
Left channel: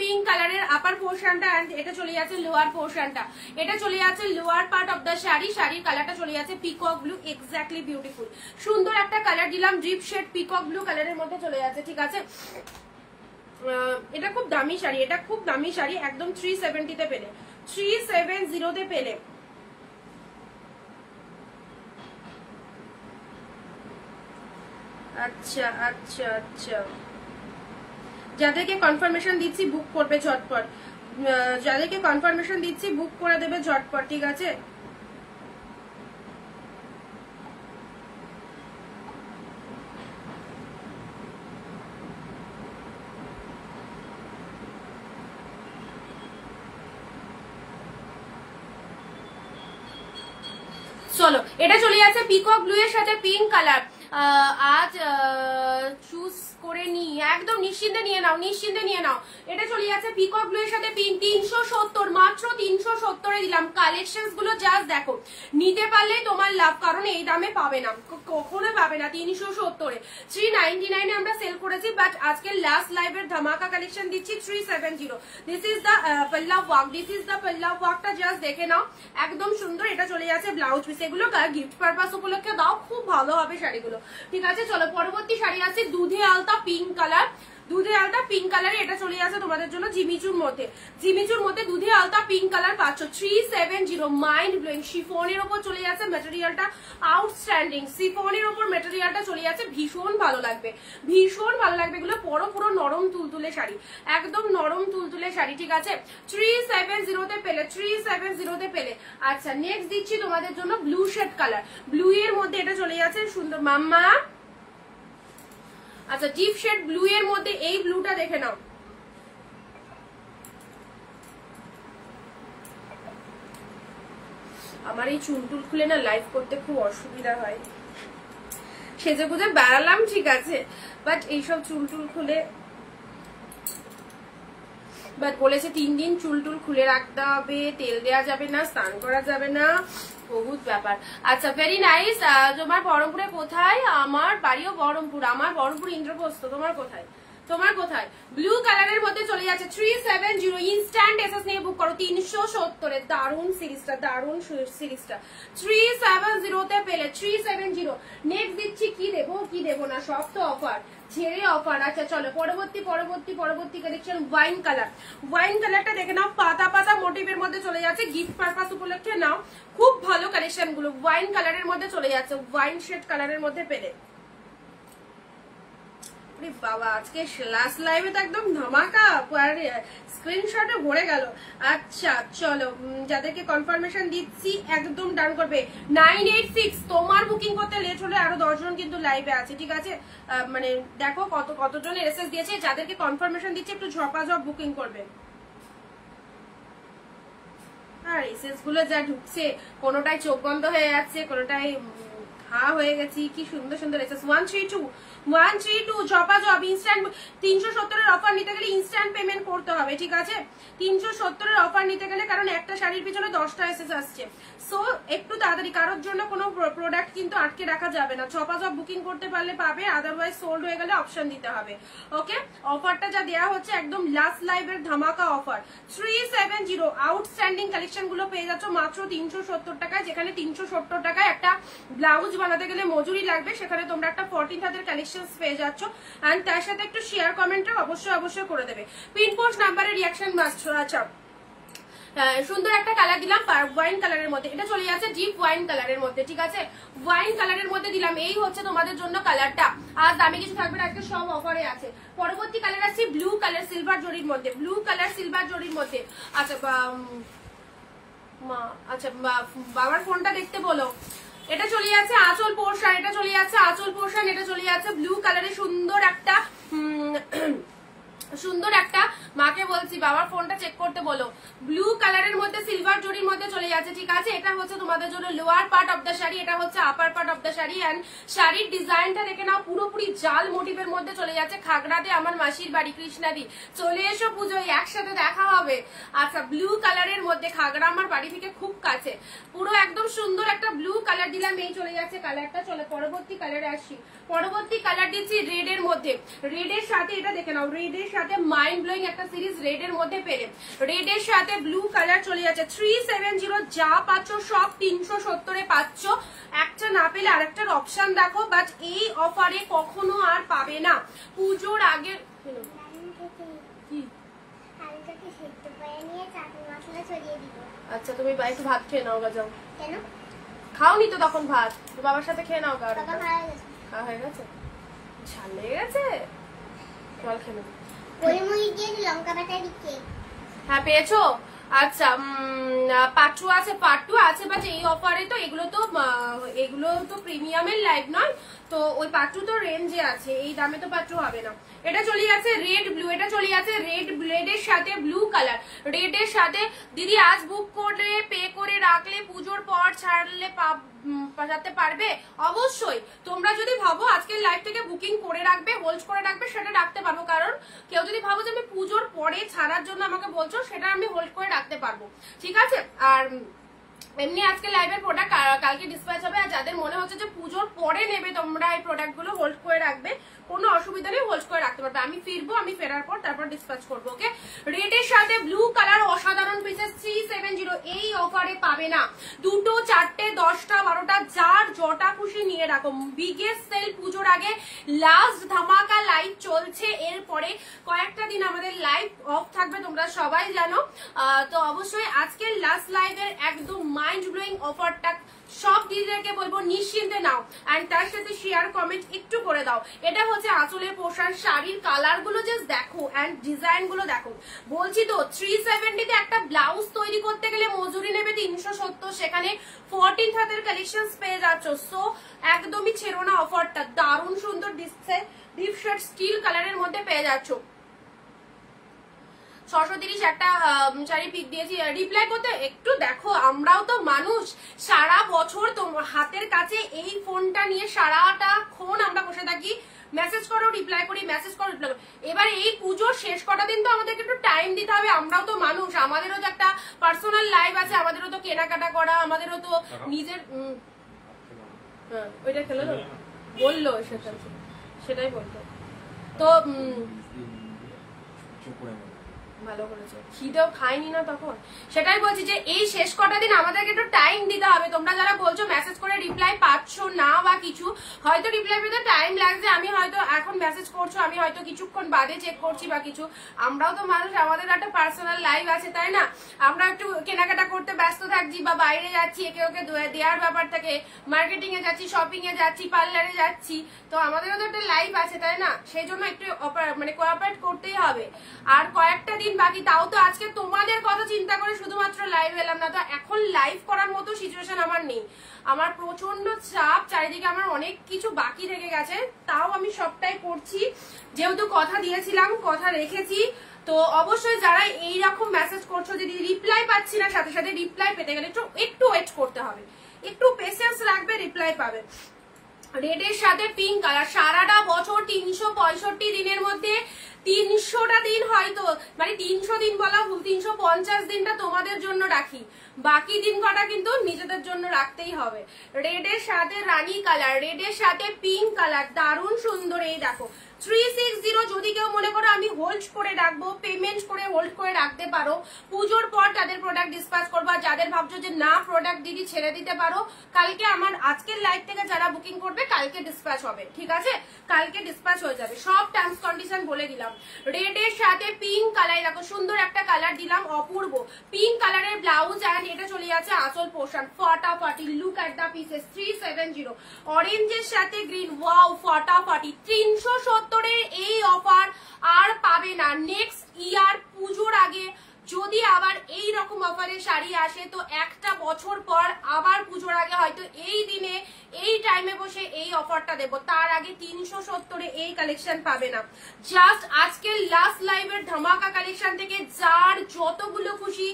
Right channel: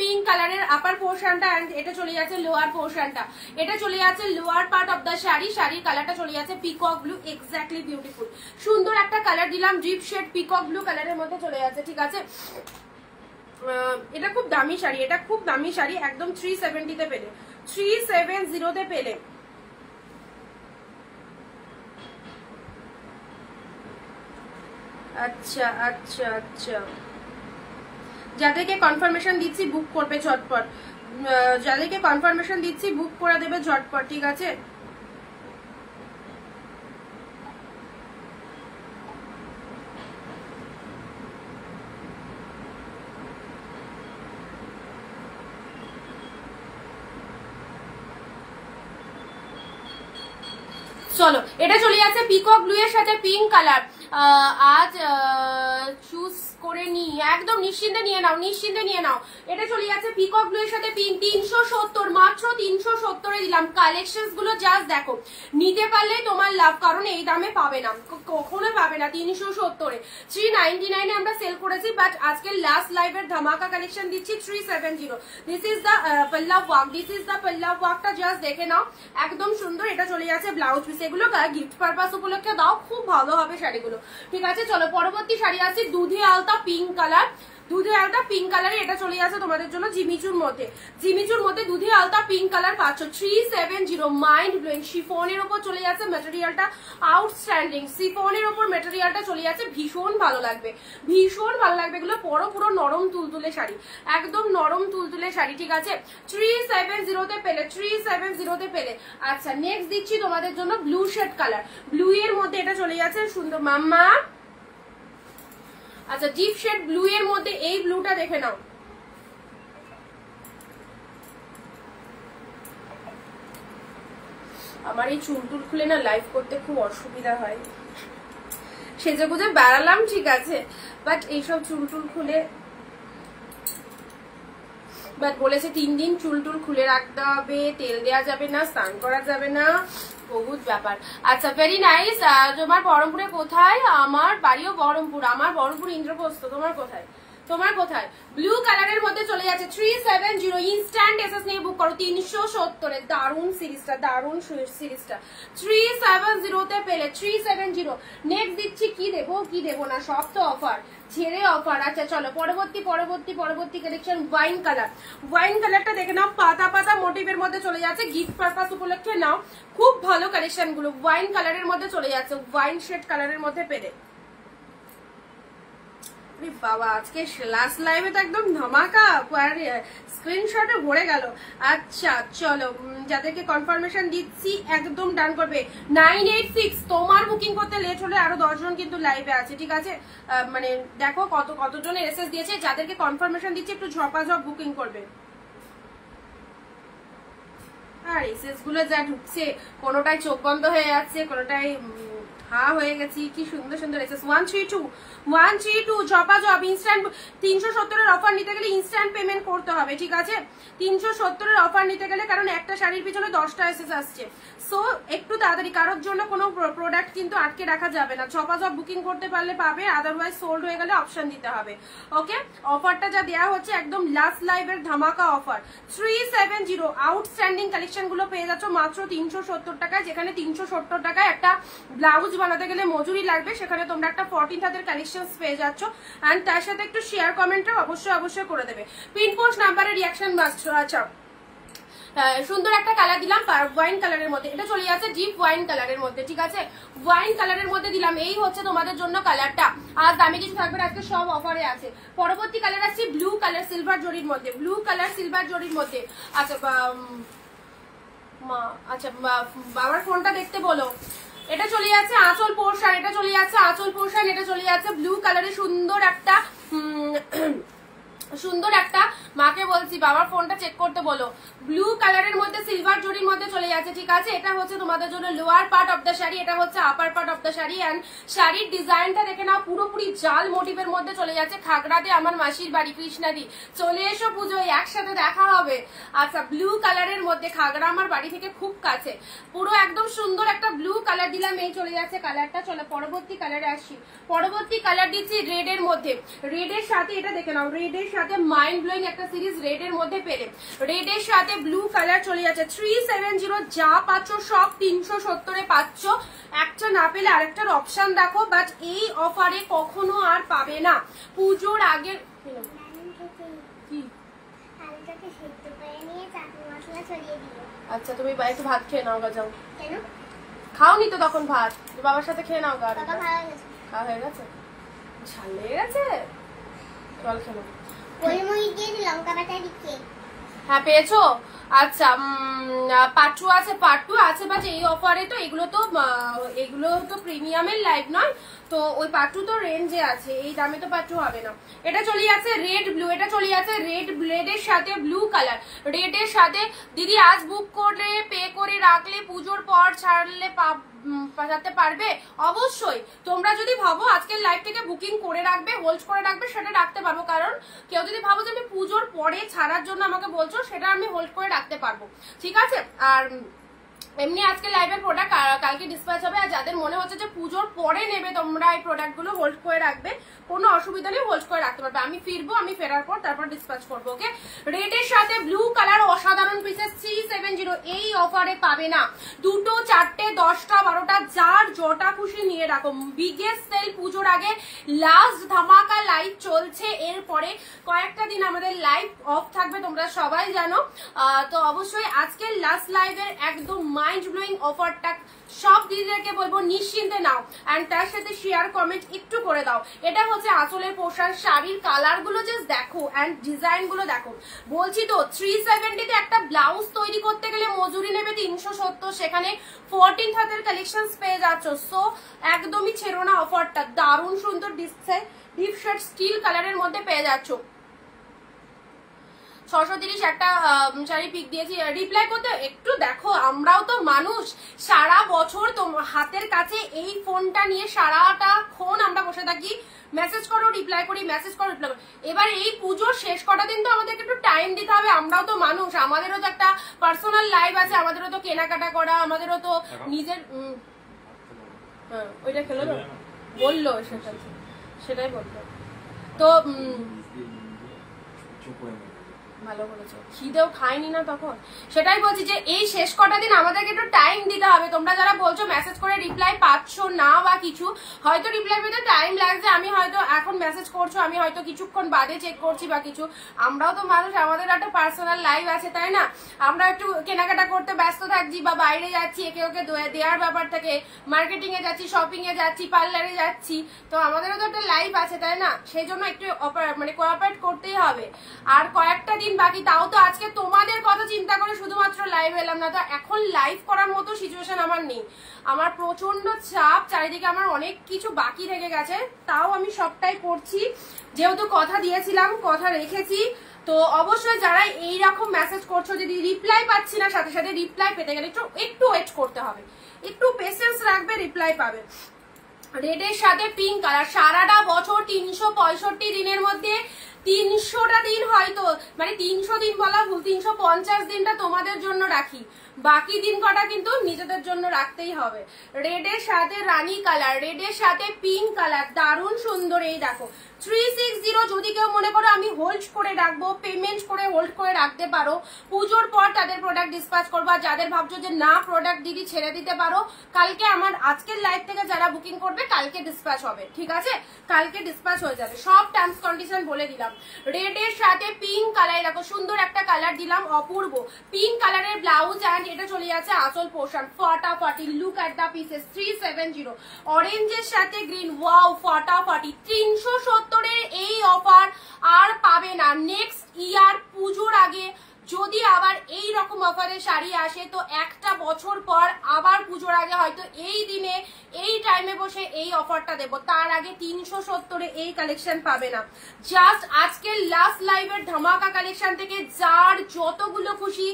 পিঙ্ক কালারের আপার পোর্শনটা, এন্ড এটা চলে যাচ্ছে লোয়ার পোর্শনটা। এটা চলে যাচ্ছে lower part of the sari, শাড়ির কালারটা চলে যাচ্ছে পিকক ব্লু, এক্স্যাক্টলি বিউটিফুল। সুন্দর একটা কালার দিলাম, ডিপ শেড পিকক ব্লু কালারের মধ্যে চলে যাচ্ছে, ঠিক আছে। এটা খুব দামি শাড়ি, এটা খুব দামি শাড়ি, একদম 370 তে পেলে, 370 তে পেলে। আচ্ছা আচ্ছা আচ্ছা, যাদেরকে কনফার্মেশন দিচ্ছি বুক করবে ঝটপট, যাদেরকে কনফার্মেশন দিচ্ছি বুক করে দেবে ঝটপট, ঠিক আছে। চলো, এটা চলে যাচ্ছে পিকক ব্লু এর সাথে পিঙ্ক কালার। আজ চুজ করে নি, একদম নিশ্চিন্তে নিয়ে নাও, নিশ্চিন্তে নিয়ে নাও। এটা চলে যাচ্ছে পিকক ব্লু এর সাথে পিঙ্ক, 370, মাত্র 370 দিলাম। কালেকশন গুলো জাস্ট দেখো, নিতে পারলেই তোমার লাভ, কারণ এই দামে পাবে না, কখনোই পাবে না। 370, 399 আমরা সেল করেছি, বাট আজকে লাস্ট লাইভের ধামাকা কালেকশন দিচ্ছি 370। This is the pallav work, this is the pallav ওয়ার্কটা জাস্ট দেখে নাও, একদম সুন্দর। এটা চলে যাচ্ছে ব্লাউজ পিস, এগুলো গিফট পারপাস উপলক্ষে দাও, খুব ভালো হবে শাড়িগুলো, ঠিক আছে। চলো, পরবর্তী শাড়ি আছে দুধে আলতা পিঙ্ক কালার, দুধে আলতা পিঙ্ক কালার। এটা চলে যাচ্ছে তোমাদের জন্য জিমিচুর মধ্যে, জিমিচুর মধ্যে দুধে আলতা পিঙ্ক কালার পাচ্ছ, 370। মাইন্ড ব্লোয়িং, শিফনের ওপর চলে যাচ্ছে, মেটেরিয়ালটা আউটস্ট্যান্ডিং, শিফনের ওপর মেটেরিয়ালটা চলে যাচ্ছে, ভীষণ ভালো লাগবে, ভীষণ ভালো লাগবে। এগুলো পুরো নরম তুলতুলে শাড়ি, একদম নরম তুলতুলে শাড়ি, ঠিক আছে। 370 তে পেলে, 370 তে পেলে। আচ্ছা, নেক্সট দিচ্ছি তোমাদের জন্য ব্লু শেড কালার, ব্লু এর মধ্যে এটা চলে যাচ্ছে সুন্দর মাম্মা। আচ্ছা, ডিপ শেড ব্লু এর মধ্যে এই ব্লুটা দেখে নাও, আমার এই চুলটুল খুলে না লাইভ করতে খুব অসুবিধা হয়, সেজে গুজে বেড়ালাম, ঠিক আছে, বাট এইসব চুলটুল খুলে, বাট বলেছে 3 দিন চুলটুল খুলে রাখতে হবে, তেল দেওয়া যাবে না, স্নান করা যাবে না, বহুত ব্যাপার। আচ্ছা, ভেরি নাইস। তোমার বহরমপুরে কোথায়? আমার বাড়িও বহরমপুর, আমার বহরমপুর ইন্দ্রপ্রস্থ। তোমার কোথায়? তোমার কোথায়? ব্লু কালারের মধ্যে চলে যাচ্ছে 370, ইনস্ট্যান্ট এসএস নিয়ে বুক করো। 370 দারুন সিরিজটা, দারুন সিরিজটা 370 তে পেলে, 370। নেক্সট দিচ্ছি, কি দেবো কি দেবো না, সব তো অফার, ছেড়ে অফার। আচ্ছা চলো, পরবর্তী কালেকশন ওয়াইন কালার, ওয়াইন কালারটা দেখে নাও, পাতা পাতা মোটিভের মধ্যে চলে যাচ্ছে, গিফট পারপাস উপলক্ষে নাও, খুব ভালো কালেকশন গুলো। ওয়াইন কালারের মধ্যে চলে যাচ্ছে, ওয়াইন শেড কালারের মধ্যে পেলে। বাবা, আজকে লাস্ট লাইভে তো একদম ধামাকা, স্ক্রিনশটে ভরে গেল। আচ্ছা চলো, যাদেরকে কনফার্মেশন দিচ্ছি একদম ডান করবে। 986, তোমার বুকিং করতে লেট হলে আরো 10 জন কিন্তু লাইভে আছে, ঠিক আছে। মানে দেখো কতজন এসএস দিয়েছে, যাদেরকে কনফার্মেশন দিচ্ছে একটু ঝপাঝপ বুকিং করবে। আর এসএস গুলো যা ঢুকছে, কোনোটাই চোখ বন্ধ হয়ে যাচ্ছে, কোনোটাই হা হয়ে গেছি, কি সুন্দর সুন্দর এসেস। 132 জপা জব ইনস্ট্যান্ট 370 অফার নিতে গেলে ইনস্ট্যান্ট পেমেন্ট করতে হবে, ঠিক আছে? 370 অফার নিতে গেলে, কারণ একটা শাড়ির পিছনে 10টা এসেস আসছে। সো একটু তাড়াতাড়ি, কারোর জন্য কোনো প্রোডাক্ট কিন্তু আটকে রাখা যাবে না। ছপা জব বুকিং করতে পারলে পাবে, আদারওয়াইজ সোল্ড হয়ে গেলে অপশন দিতে হবে। ওকে, অফারটা যা দেওয়া হচ্ছে একদম লাস্ট লাইভের ধামাকা অফার। 370 আউটস্ট্যান্ডিং কালেকশন গুলো পেয়ে যাচ্ছ মাত্র 370 টাকায়, যেখানে 370 টাকায় একটা ব্লাউজ বানাতে গেলে মজুরি লাগবে, সেখানে তোমরা একটা 14 হাতের কালেকশন পেয়ে যাচ্ছ। অ্যান্ড তার সাথে একটু শেয়ার কমেন্টটা অবশ্যই করে দেবে। পিনপোস্ট নাম্বারে রিয়াকশন মাস্ট। আচ্ছা, সুন্দর একটা কালার দিলাম ওয়াইন কালারের মধ্যে, এটা চলে যাচ্ছে ডিপ ওয়াইন কালারের মধ্যে, ঠিক আছে? ওয়াইন কালারের মধ্যে দিলাম, এই হচ্ছে তোমাদের জন্য কালারটা। আর দামি কিছু থাকবে না, একটা সব অফারে আছে। পরবর্তী কালার আছে ব্লু কালার সিলভার জরির মধ্যে, ব্লু কালার সিলভার জরির মধ্যে। আচ্ছা আচ্ছা, বাবার ফোনটা দেখতে বলো। এটা চলে যাচ্ছে আঁচল পোর্শন, এটা চলে যাচ্ছে আঁচল পোর্শন, এটা চলে যাচ্ছে ব্লু কালারের সুন্দর একটা মাকে বলছি বাবার ফোনটা চেক করতে বলো। ব্লু কালারের মধ্যে সিলভার জরির মধ্যে চলে যাচ্ছে, ঠিক আছে? এটা হচ্ছে তোমাদের জন্য lower part of the sari, এটা হচ্ছে upper part of the sari. And শাড়ির ডিজাইনটা দেখে নাও, পুরোপুরি জাল মোটিভের মধ্যে চলে যাচ্ছে। খাগড়াতে আমার মাসির বাড়ি কৃষ্ণাদি, চলে এসো পুজোয়, একসাথে দেখা হবে। আচ্ছা, ব্লু কালারের মধ্যে, খাগড়া আমার বাড়ি থেকে খুব কাছে, পুরো একদম সুন্দর একটা ব্লু কালার দিলাম, এই চলে যাচ্ছে কালারটা। চলো পরবর্তী কালারে আসি। পরবর্তী কালার দিচ্ছি রেড এর মধ্যে। রেড এর সাথে এটা দেখে নাও, রেড এর সাথে মাইন্ড ব্লোয়িং একটা সিরিজ রেড এর মধ্যে পেলে, রেড এর সাথে ব্লু কালার চলে যাচ্ছে। 370 যা পাচ্ছ সব 370 এ পাচ্ছ। একটা না পেলে আরেকটার অপশন দেখো, বাট এই অফারে কখনো আর পাবে না। পুজোর আগে আচ্ছা, তুমি বাইরে ভাত খেয়ে নাও গা, যাও। খাওনি তো তখন ভাত, বাবার সাথে খেয়ে নাও গা। খাওয়া হয়ে গেছে, ঝাল লেগে গেছে, জল খেলো। হ্যাঁ পেয়েছো? আচ্ছা, পাট্টু আছে, পাট্টু আছে, বাট এই অফারে তো এগুলো তো প্রিমিয়ামের লাইভ নয়, তো ওই পাট্টু তো রেঞ্জে আছে, এই দামে তো পাট্টু হবে না। এটা চলে যাচ্ছে রেড ব্লু, এটা চলে যাচ্ছে রেড এর সাথে ব্লু কালার। রেড এর সাথে দিদি আজ বুক করে পে করে রাখলে পুজোর পর ছাড়লে পাঠাতে পারবে? অবশ্যই, তোমরা যদি ভাবো আজকের লাইভ থেকে বুকিং করে রাখবে, হোল্ড করে রাখবে, সেটা রাখতে পারবো। কারণ কেউ যদি ভাবো যে আমি পুজোর পরে ছাড়ার জন্য আমাকে বলছো, সেটা আমি হোল্ড করে রাখতে পারবো, ঠিক আছে? আর এমনি আজকে লাইভের প্রোডাক্ট কালকে ডিসপ্যাচ হবে। আর যাদের মনে হচ্ছে যে পুজোর পরে নেবে তোমরা এই প্রোডাক্ট গুলো, হোল্ড করে রাখবে, কোনো অসুবিধা নেই, হোল্ড করে রাখতে পারবে। আমি ফিরবো, আমি ফেরার পর তারপর ডিসপ্যাচ করবো। ওকে, রেড এর সাথে ব্লু কালার অসাধারণ পিসেস 370 এই অফারে পাবে না। 2, 4, 10, 12 যার জটা খুশি নিয়ে রাখো। বিগেস্ট সেল পুজোর আগে লাস্ট ধামাকা লাইভ চলছে, এরপরে কয়েকটা দিন আমাদের লাইভ অফ থাকবে, তোমরা সবাই জানো। তো অবশ্যই আজকের লাস্ট লাইভের একদম মাইন্ড ব্লোয়িং অফারটা সব দিদিদেরকে বলবো নিশ্চিন্তে নাও। অ্যান্ড তার সাথে শেয়ার কমেন্ট একটু করে দাও। এটা হচ্ছে আঁচলের পোশাক, শাড়ির কালার গুলো জাস্ট দেখো অ্যান্ড ডিজাইন গুলো দেখো। বলছি তো 370 তে একটা ব্লাউজ তৈরি করতে গেলে মজুরি নেবে 370, সেখানে 14 হাতের কালেকশন পেয়ে যাচ্ছ। সো একদমই ছেড়ো না অফারটা, দারুণ সুন্দর দিচ্ছে। ডিপ শেড স্টিল কালারের মধ্যে পেয়ে যাচ্ছ। 630 একটা শাড়ি পিক দিয়েছি, রিপ্লাই করতে একটু দেখো, আমরাও তো মানুষ, সারা বছর তোমার হাতের কাছে এই ফোনটা নিয়ে সারাটাক্ষণ আমরা বসে থাকি, মেসেজ করো রিপ্লাই করি, মেসেজ করো রিপ্লাই করি। এবার এই পুজোর শেষ কটা দিন তো আমাদেরকে একটু টাইম দিতে হবে, আমরাও তো মানুষ, আমাদেরও তো একটা পার্সোনাল লাইফ আছে, আমাদেরও তো কেনাকাটা করা, আমাদেরও তো নিজের ওইটা খেলো না বললো, সেটাই বললো তো ভালো করেছো, খিদেও খাইনি না তখন, সেটাই বলছি যে এই শেষ কটা দিন আমাদেরকে একটু টাইম দিতে হবে। তোমরা যারা বলছো মেসেজ করে রিপ্লাই পাচ্ছ না বা কিছু, হয়তো রিপ্লাই পেতে টাইম লাগছে, আমি হয়তো এখন মেসেজ করছো, আমি হয়তো কিছুক্ষণ বাদে চেক করছি বা কিছু, আমরাও তো মানুষ, আমাদের একটা পার্সোনাল লাইফ আছে, তাই না? আমরা একটু কেনাকাটা করতে ব্যস্ত থাকছি বা বাইরে যাচ্ছি, একে ওকে দেওয়ার ব্যাপার থাকে, মার্কেটিং এ যাচ্ছি, শপিং এ যাচ্ছি, পার্লারে যাচ্ছি, তো আমাদেরও তো একটা লাইফ আছে, তাই না? সেই জন্য একটু মানে কোঅপারেট করতেই হবে। আর কয়েকটা দিন বাকি, তাও তো আজকে তোমাদের কথা চিন্তা করে শুধুমাত্র লাইভ এলাম না, তো এখন লাইভ করার মতো সিচুয়েশন আমার নেই, আমার প্রচন্ড চাপ, চারিদিকে আমার অনেক কিছু বাকি থেকে গেছে, তাও আমি সবটাই করছি, যেহেতু কথা দিয়েছিলাম, কথা রেখেছি। তো অবশ্যই যারা এইরকম মেসেজ করছো, যদি রিপ্লাই পাচ্ছি না সাথে সাথে, রিপ্লাই পেতে গেলে একটু ওয়েট করতে হবে, একটু পেশেন্স রাখবে, রিপ্লাই পাবে। রেডের সাথে পিঙ্ক কালার, সারাটা বছর 365 দিনের মধ্যে 300টা দিন, হয়তো মানে 300 দিন বলা ভুল, 350 দিনটা তোমাদের জন্য রাখি, বাকি দিন কটা কিন্তু নিজেদের জন্য রাখতেই হবে। রেডের সাথে রানী কালার, রেডের সাথে পিঙ্ক কালার, দারুণ সুন্দর। এই দেখো 360, যদি কেউ মনে করো আমি হোল্ড করে রাখবো, পেমেন্ট করে হোল্ড করে রাখতে পারো, পুজোর পর তাদের প্রোডাক্ট ডিসপ্যাচ করবো। যাদের ভাবছো যে না প্রোডাক্ট দিদি ছেড়ে দিতে পারো, কালকে আমার আজকের লাইভ থেকে যারা বুকিং করবে কালকে ডিসপ্যাচ হবে, ঠিক আছে, কালকে ডিসপ্যাচ হয়ে যাবে। সব টার্মস কন্ডিশন বলে দিলাম। রেডের সাথে পিঙ্ক কালার, দেখো সুন্দর একটা কালার দিলাম, অপূর্ব পিঙ্ক কালারের ব্লাউজ, অ্যান্ড এটা চলে যাচ্ছে আসল পোর্শন, ফাটাফাটি। Look at the pieces, 370। অরেঞ্জের সাথে গ্রিন, ওয়াও ফাটাফাটি। 370 এই অফার আর পাবে না নেক্সট ইয়ার পুজোর আগে। যদি আবার এই রকম অফারে শাড়ি আসে তো একটা বছর পর আবার পুজোর আগে হয়তো এই দিনে এই টাইমে বসে এই অফারটা দেবো, তার আগে 370 এই কালেকশন পাবে না। জাস্ট আজকের লাস্ট লাইভের ধামাকা কালেকশন থেকে যার যতগুলো খুশি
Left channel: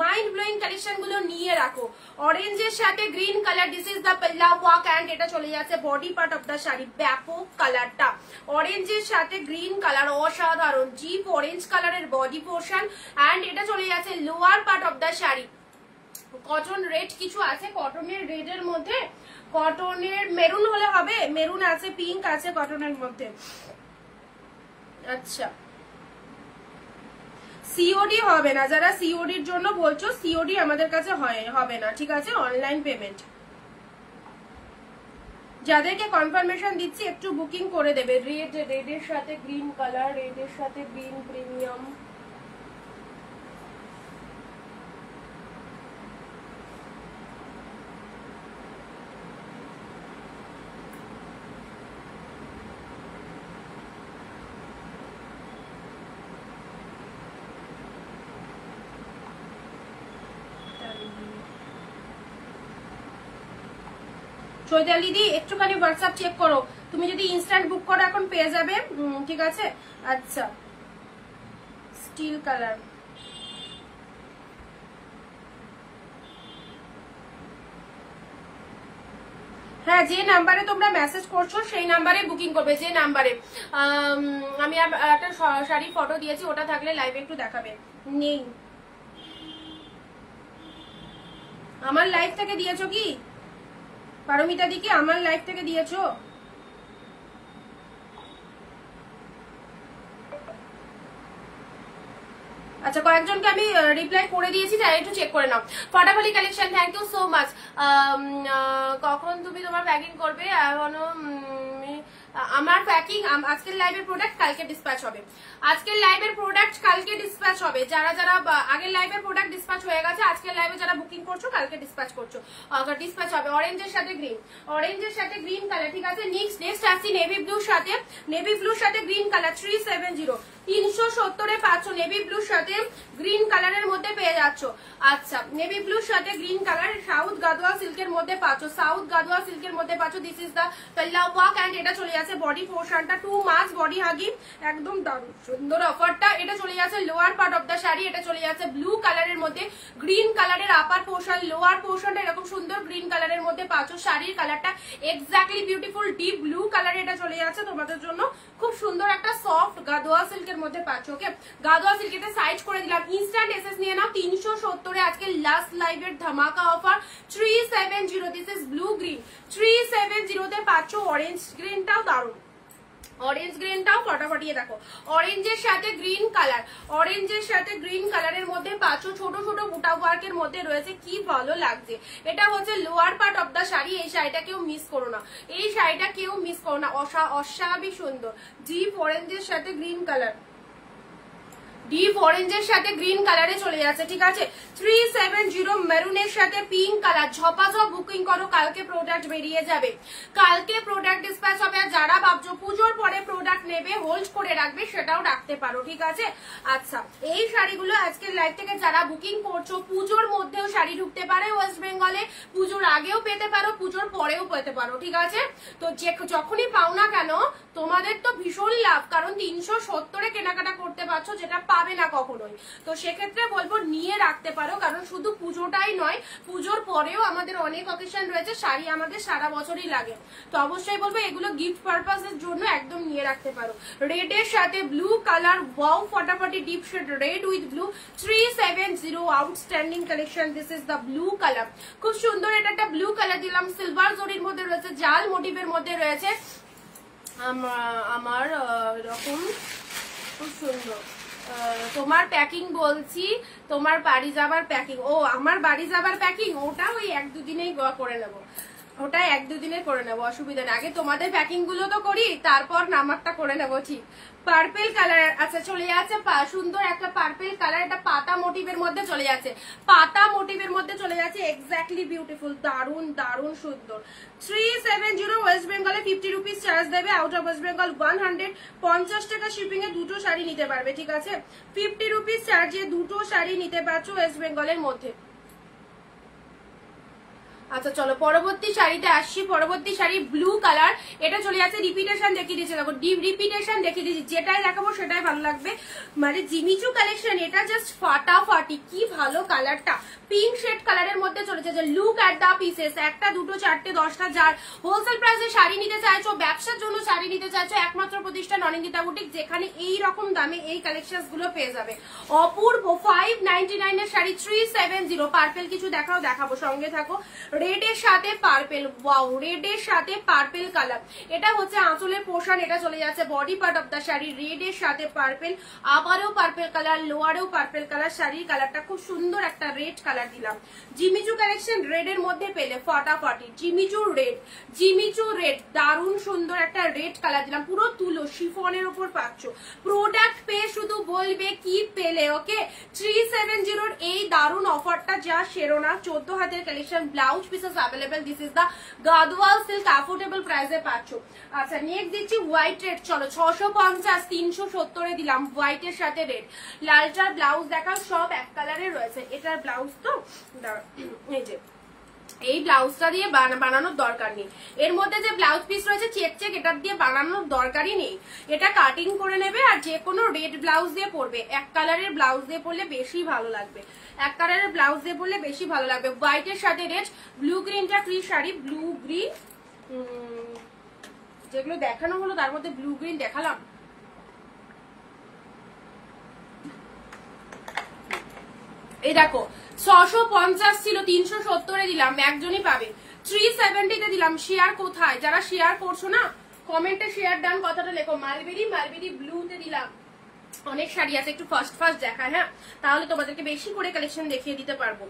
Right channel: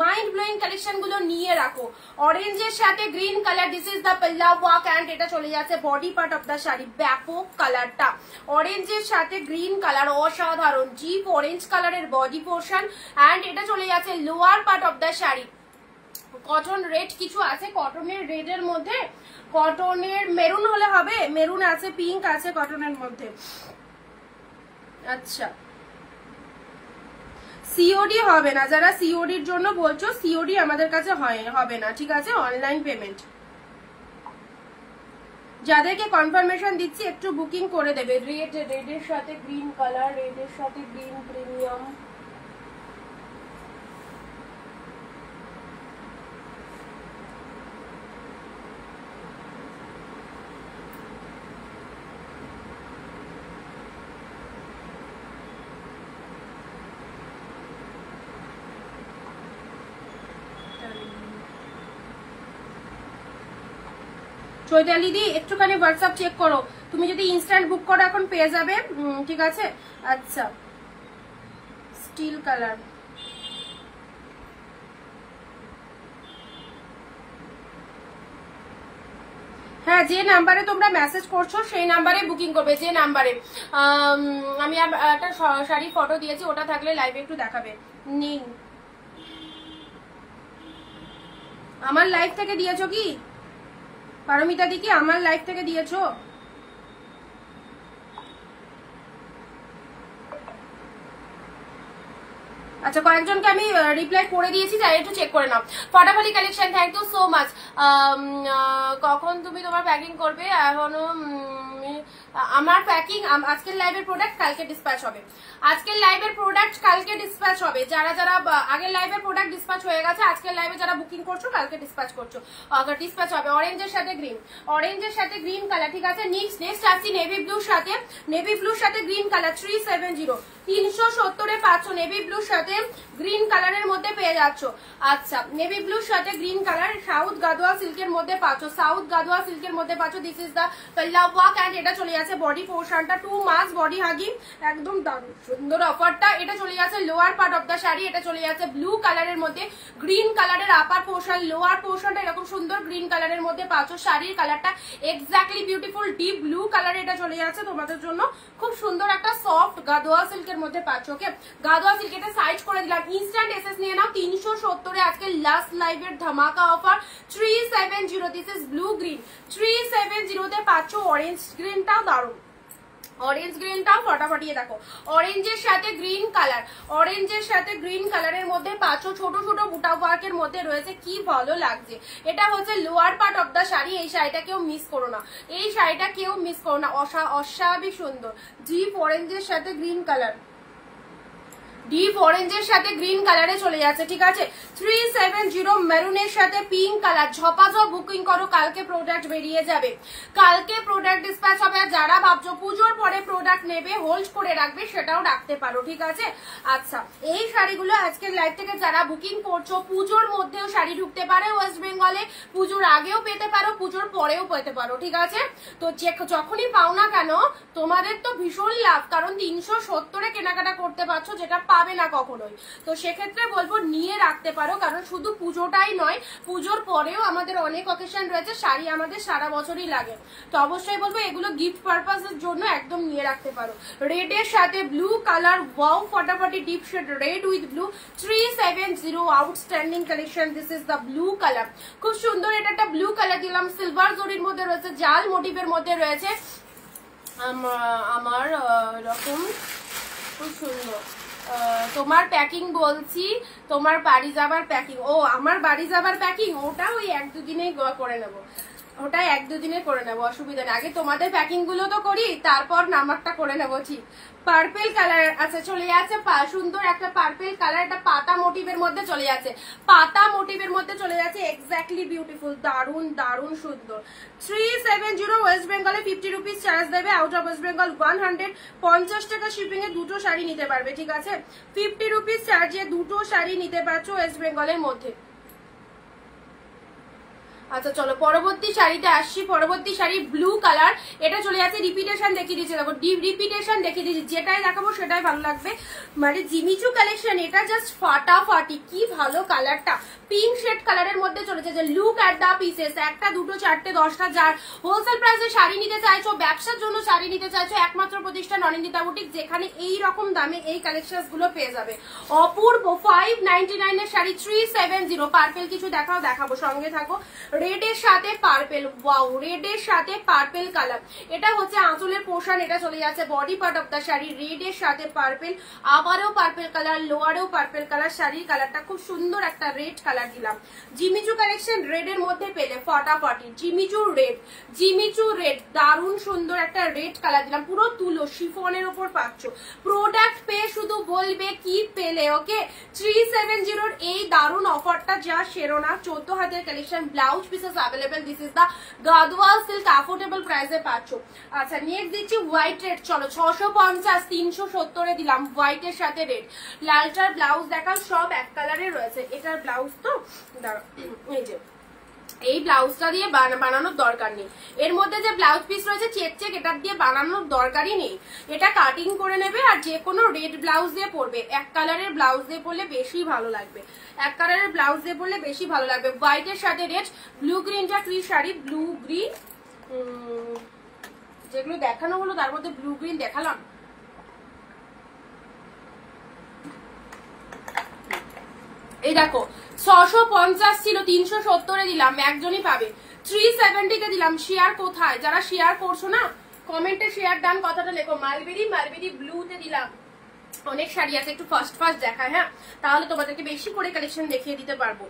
মাইন্ড ব্লোয়িং কালেকশন গুলো নিয়ে রাখো। অরেঞ্জের সাথে green colour, this is the পেল্লা ওয়ার্ক, অ্যান্ড এটা চলে যাচ্ছে body part of the sari. ব্যাপক কালারটা, অরেঞ্জের সাথে গ্রিন কালার, অসাধারণ। জিপ অরেঞ্জ কালারের বডি পোর্শন, অ্যান্ড এটা চলে যাচ্ছে lower part of the sari. Cotton red কিছু আছে, কটনের রেডের মধ্যে, কটনের মেরুন হলে হবে, মেরুন আছে, পিঙ্ক আছে কটনের মধ্যে। আচ্ছা, সিওডি হবে না, যারা সিওডির জন্য বলছো সিওডি আমাদের কাছে হবে না, ঠিক আছে, অনলাইন পেমেন্ট। যাদেরকে কনফার্মেশন দিচ্ছি একটু বুকিং করে দেবে। রেডের সাথে গ্রিন কালার, রেডের সাথে গ্রিন প্রিমিয়াম, চৈতালি দি একটুখানি হোয়াটসঅ্যাপ চেক করো, তুমি যদি ইনস্ট্যান্ট বুক করো এখন পেয়ে যাবে, ঠিক আছে। আচ্ছা, স্টিল কালার, হ্যাঁ যে নাম্বারে তোমরা মেসেজ করছো সেই নাম্বারে বুকিং করবে, যে নাম্বারে আমি একটা শাড়ি ফটো দিয়েছি, ওটা থাকলে লাইভে একটু দেখাবে। নেই, আমার লাইভ থেকে দিয়েছো কি পারমিতা দিকে, আমার লাইভ থেকে দিয়েছো? আচ্ছা, কয়েকজনকে আমি রিপ্লাই করে দিয়েছি, তাই একটু চেক করে নাও। ফাটাফাটি collection, thank you so much. কখন তুমি তোমার প্যাকিং করবে? এখনো আমার প্যাকিং, আজকের লাইভের প্রোডাক্ট কালকে ডিসপ্যাচ হবে, আজকের লাইভের প্রোডাক্ট কালকে ডিসপ্যাচ হবে। যারা যারা আগের লাইভের প্রোডাক্ট ডিসপ্যাচ হয়ে গেছে, আজকের লাইভে যারা বুকিং করছো কালকে ডিসপ্যাচ করছো, ডিসপ্যাচ হবে। অরেঞ্জের সাথে গ্রিন, অরেঞ্জের সাথে গ্রিন কালার, ঠিক আছে। নেক্সট আসছি নেভি ব্লুর সাথে, নেভি ব্লুর সাথে গ্রিন কালার, 370, 370 পাচ্ছ নেভি ব্লুর সাথে গ্রিন কালারের মধ্যে পেয়ে যাচ্ছ। আচ্ছা, নেভি ব্লুর সাথে গ্রিন কালার, সাউথ গাদোয়া সিল্কের মধ্যে পাচ্ছ, সাউথ গাদোয়া সিল্কের মধ্যে পাচ্ছ। দিস ইজ দা পেল্লা ওয়ার্ক, অ্যান্ড এটা চলে যাচ্ছে বডি পোর্শনটা, 2 মাস বডি হাগি, একদম দারুণ সুন্দর অফারটা। এটা চলে যাচ্ছে lower part of the sari, এটা চলে যাচ্ছে ব্লু কালারের মধ্যে, গ্রিন কালারের আপার পোর্শন, লোয়ার পোর্শনটা এরকম সুন্দর গ্রিন কালারের মধ্যে পাচ্ছ। শাড়ির কালারটা এক্স্যাক্টলি বিউটিফুল ডিপ ব্লু কালারে এটা চলে যাচ্ছে তোমাদের জন্য, খুব সুন্দর একটা সফট গাদোয়া সিল্কের মধ্যে পাচ্ছ। ওকে, গাদোয়া সিল্ক, এটা সাইজ করে দিলাম। ইনস্ট্যান্ট এসএস নিয়ে নাও, 370 আজকে লাস্ট লাইভের ধামাকা offer, 370। This is blue green, 370 তে পাচ্ছ। অরেঞ্জ গ্রিনটাও দারুণ, অরেঞ্জ গ্রিনটাও ফটাফটিয়ে দেখো। অরেঞ্জের সাথে গ্রিন কালার, অরেঞ্জের সাথে গ্রিন কালারের মধ্যে পাচ্ছ, ছোট ছোট বুটা ওয়ার্কের মধ্যে রয়েছে, কি ভালো লাগছে। এটা হচ্ছে lower part of the sari, এই শাড়িটা কেউ মিস করো না, এই শাড়িটা কেউ মিস করো না, অস্বাভাবিক সুন্দর। ডিপ অরেঞ্জের সাথে গ্রিন কালার, ডিপ অরেঞ্জের সাথে গ্রিন কালারে চলে যাচ্ছে, ঠিক আছে। 370 মেরুনের সাথে পিঙ্ক কালার, ঝপাঝপ বুকিং করো, কালকে প্রোডাক্ট বেরিয়ে যাবে, কালকে প্রোডাক্ট ডিসপ্যাচ হবে। আর যারা ভাবছো পুজোর পরে প্রোডাক্ট নেবে হোল্ড করে রাখবে, সেটাও রাখতে পারো, ঠিক আছে। আচ্ছা, এই শাড়িগুলো আজকের লাইভ থেকে যারা বুকিং করছো, পুজোর মধ্যেও শাড়ি ঢুকতে পারে ওয়েস্ট বেঙ্গলে, পুজোর আগেও পেতে পারো, পুজোর পরেও পেতে পারো, ঠিক আছে। তো যখনই পাও না কেন তোমাদের তো ভীষণ লাভ, কারণ 370 কেনাকাটা করতে পারছো, যেটা পাবে না কখনোই। তো সেক্ষেত্রে বলবো নিয়ে রাখতে পারো, কারণ শুধু পুজোটাই নয়, পুজোর পরেও আমাদের অনেক অকেশন রয়েছে, শাড়ি আমাদের সারা বছরই লাগে। তো অবশ্যই বলবো এগুলো গিফট পারপাসের জন্য একদম নিয়ে রাখতে পারো। রেডের সাথে ব্লু কালার, ওয়াও ফাটাফাটি deep shade red with blue, 370 outstanding collection. This is the blue colour, খুব সুন্দর। এটা একটা ব্লু কালার দিলাম, সিলভার জরির মধ্যে রয়েছে, জাল মোটিভের মধ্যে রয়েছে। আমার এরকম খুব সুন্দর। তোমার প্যাকিং বলছি, তোমার বাড়ি যাবার প্যাকিং। ও আমার বাড়ি যাবার প্যাকিং, ওটা ওই 1-2 দিনেই করে নেবো, ওটা 1-2 দিনে করে নেবো, অসুবিধা নেই। আগে তোমাদের প্যাকিং গুলো তো করি, তারপর নাম্বারটা করে নেবো। ঠিক পার্পেল কালার, আচ্ছা চলে যাচ্ছে সুন্দর একটা পার্পেল কালার, এটা পাতা মোটিভের মধ্যে চলে যাচ্ছে, পাতা মোটিভের মধ্যে চলে যাচ্ছে, এক্স্যাক্টলি বিউটিফুল, দারুন দারুন সুন্দর। 370 ওয়েস্ট বেঙ্গলে 50 রুপিস চার্জ দেবে, আউট অফ ওয়েস্ট বেঙ্গল 100, 50 টাকা শিপিং এ দুটো শাড়ি নিতে পারবে, ঠিক আছে? 50 রুপিস চার্জে দুটো শাড়ি নিতে পারছো ওয়েস্ট বেঙ্গলের মধ্যে। আচ্ছা চলো পরবর্তী শাড়িটা আসছি। পরবর্তী শাড়ি ব্লু কালার, এটা চলে যাচ্ছে, রিপিটেশন দেখিয়ে দিচ্ছি, দেখো রিপিটেশন দেখিয়ে দিচ্ছি, যেটাই দেখাবো সেটাই ভালো লাগবে। মানে জিমিচু কালেকশন, এটা জাস্ট ফাটাফাটি, কি ভালো কালারটা, পিঙ্ক শেড কালারের মধ্যে চলেছে। যে লুক অ্যাট দা পিসেস, 1টা 2টো 4টে 10টা, যার হোলসেল প্রাইসে শাড়ি নিতে চাইছো, ব্যবসার জন্য শাড়ি নিতে চাইছো, একমাত্র প্রতিষ্ঠান অনিন্দিতা বুটিক, যেখানে এই রকম দামে এই কালেকশন গুলো পেয়ে যাবে। অপূর্ব 599 এর শাড়ি 370। পার্পেল কিছু দেখাবো, সঙ্গে থাকো। রেডের সাথে পার্পেল, ওয়াও, রেডের সাথে পার্পেল কালার, এটা হচ্ছে আঁচলের পোর্শন, এটা চলে যাচ্ছে body part of the sari. রেডের সাথে পার্পেল, আবারও পার্পেল কালার, লোয়ারেও পার্পেল কালার, শাড়ির কালারটা খুব সুন্দর একটা রেড কালার দিলাম। জিমিচু কালেকশন রেডের মধ্যে পেলে ফাটাফাটি, জিমিচু রেড, দারুণ সুন্দর একটা রেড কালার দিলাম, পুরো তুলো শিফনের উপর পাচ্ছ। প্রোডাক্ট পেয়ে শুধু বলবে কি পেলে, ওকে? 370 এই দারুণ অফারটা যা সেরো না। 14 হাতের collection, blouse pieces available. This is the Gadwal silk, affordable প্রাইসে পাচ্ছ। আচ্ছা নেক্সট দিচ্ছি হোয়াইট রেড, চলো 650, 370 এ দিলাম, হোয়াইটের সাথে রেড। লালটার ব্লাউজ দেখাও, সব এক কালারে রয়েছে। এটার ব্লাউজ তো দাঁড়াও, এই যে এই ব্লাউজটা দিয়ে বানানোর দরকার নেই, এর মধ্যে যে ব্লাউজ পিস রয়েছে চেক এটার দিয়ে বানানোর দরকারই নেই। এটা কাটিং করে নেবে আর যে কোনো রেড ব্লাউজ দিয়ে পরবে, এক কালারের ব্লাউজ দিয়ে পরলে বেশি ভালো লাগবে, এক কালারের ব্লাউজ দিয়ে পরলে বেশি ভালো লাগবে। হোয়াইটের সাথে রেড, ব্লু গ্রিনটা কি শাড়ি, ব্লু গ্রিন, যেগুলো দেখানো হলো তার মধ্যে ব্লু গ্রিন দেখালাম। এই দেখো 650 ছিল, 370 দিলাম, একজনই পাবে। 370 দিলাম। শেয়ার কোথায়? যারা শেয়ার করছো না, কমেন্টে শেয়ার ডান কথাটা লেখো। মালবেরি ব্লুতে দিলাম। অনেক শাড়ি আছে, একটু ফার্স্ট দেখায়, হ্যাঁ, তাহলে তোমাদেরকে বেশি করে কালেকশন দেখিয়ে দিতে পারবো।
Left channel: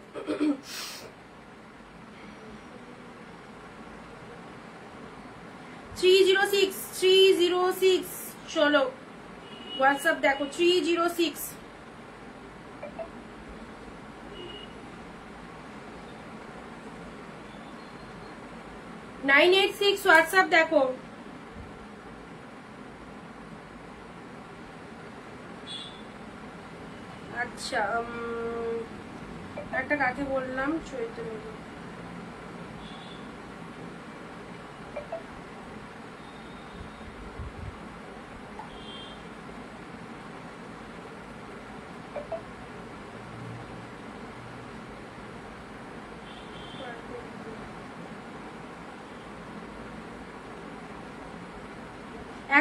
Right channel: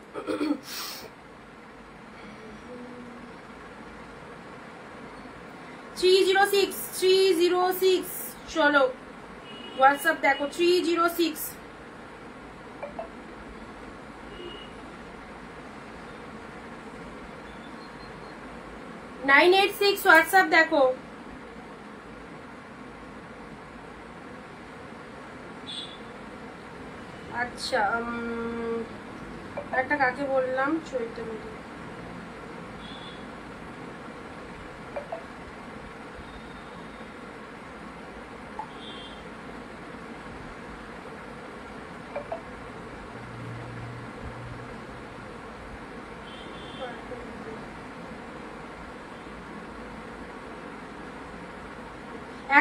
306 চলো হোয়াটসঅ্যাপ দেখো, 306 986 হোয়াটসঅ্যাপ দেখো। আচ্ছা একটা কাকে বললাম, চৈতন্য।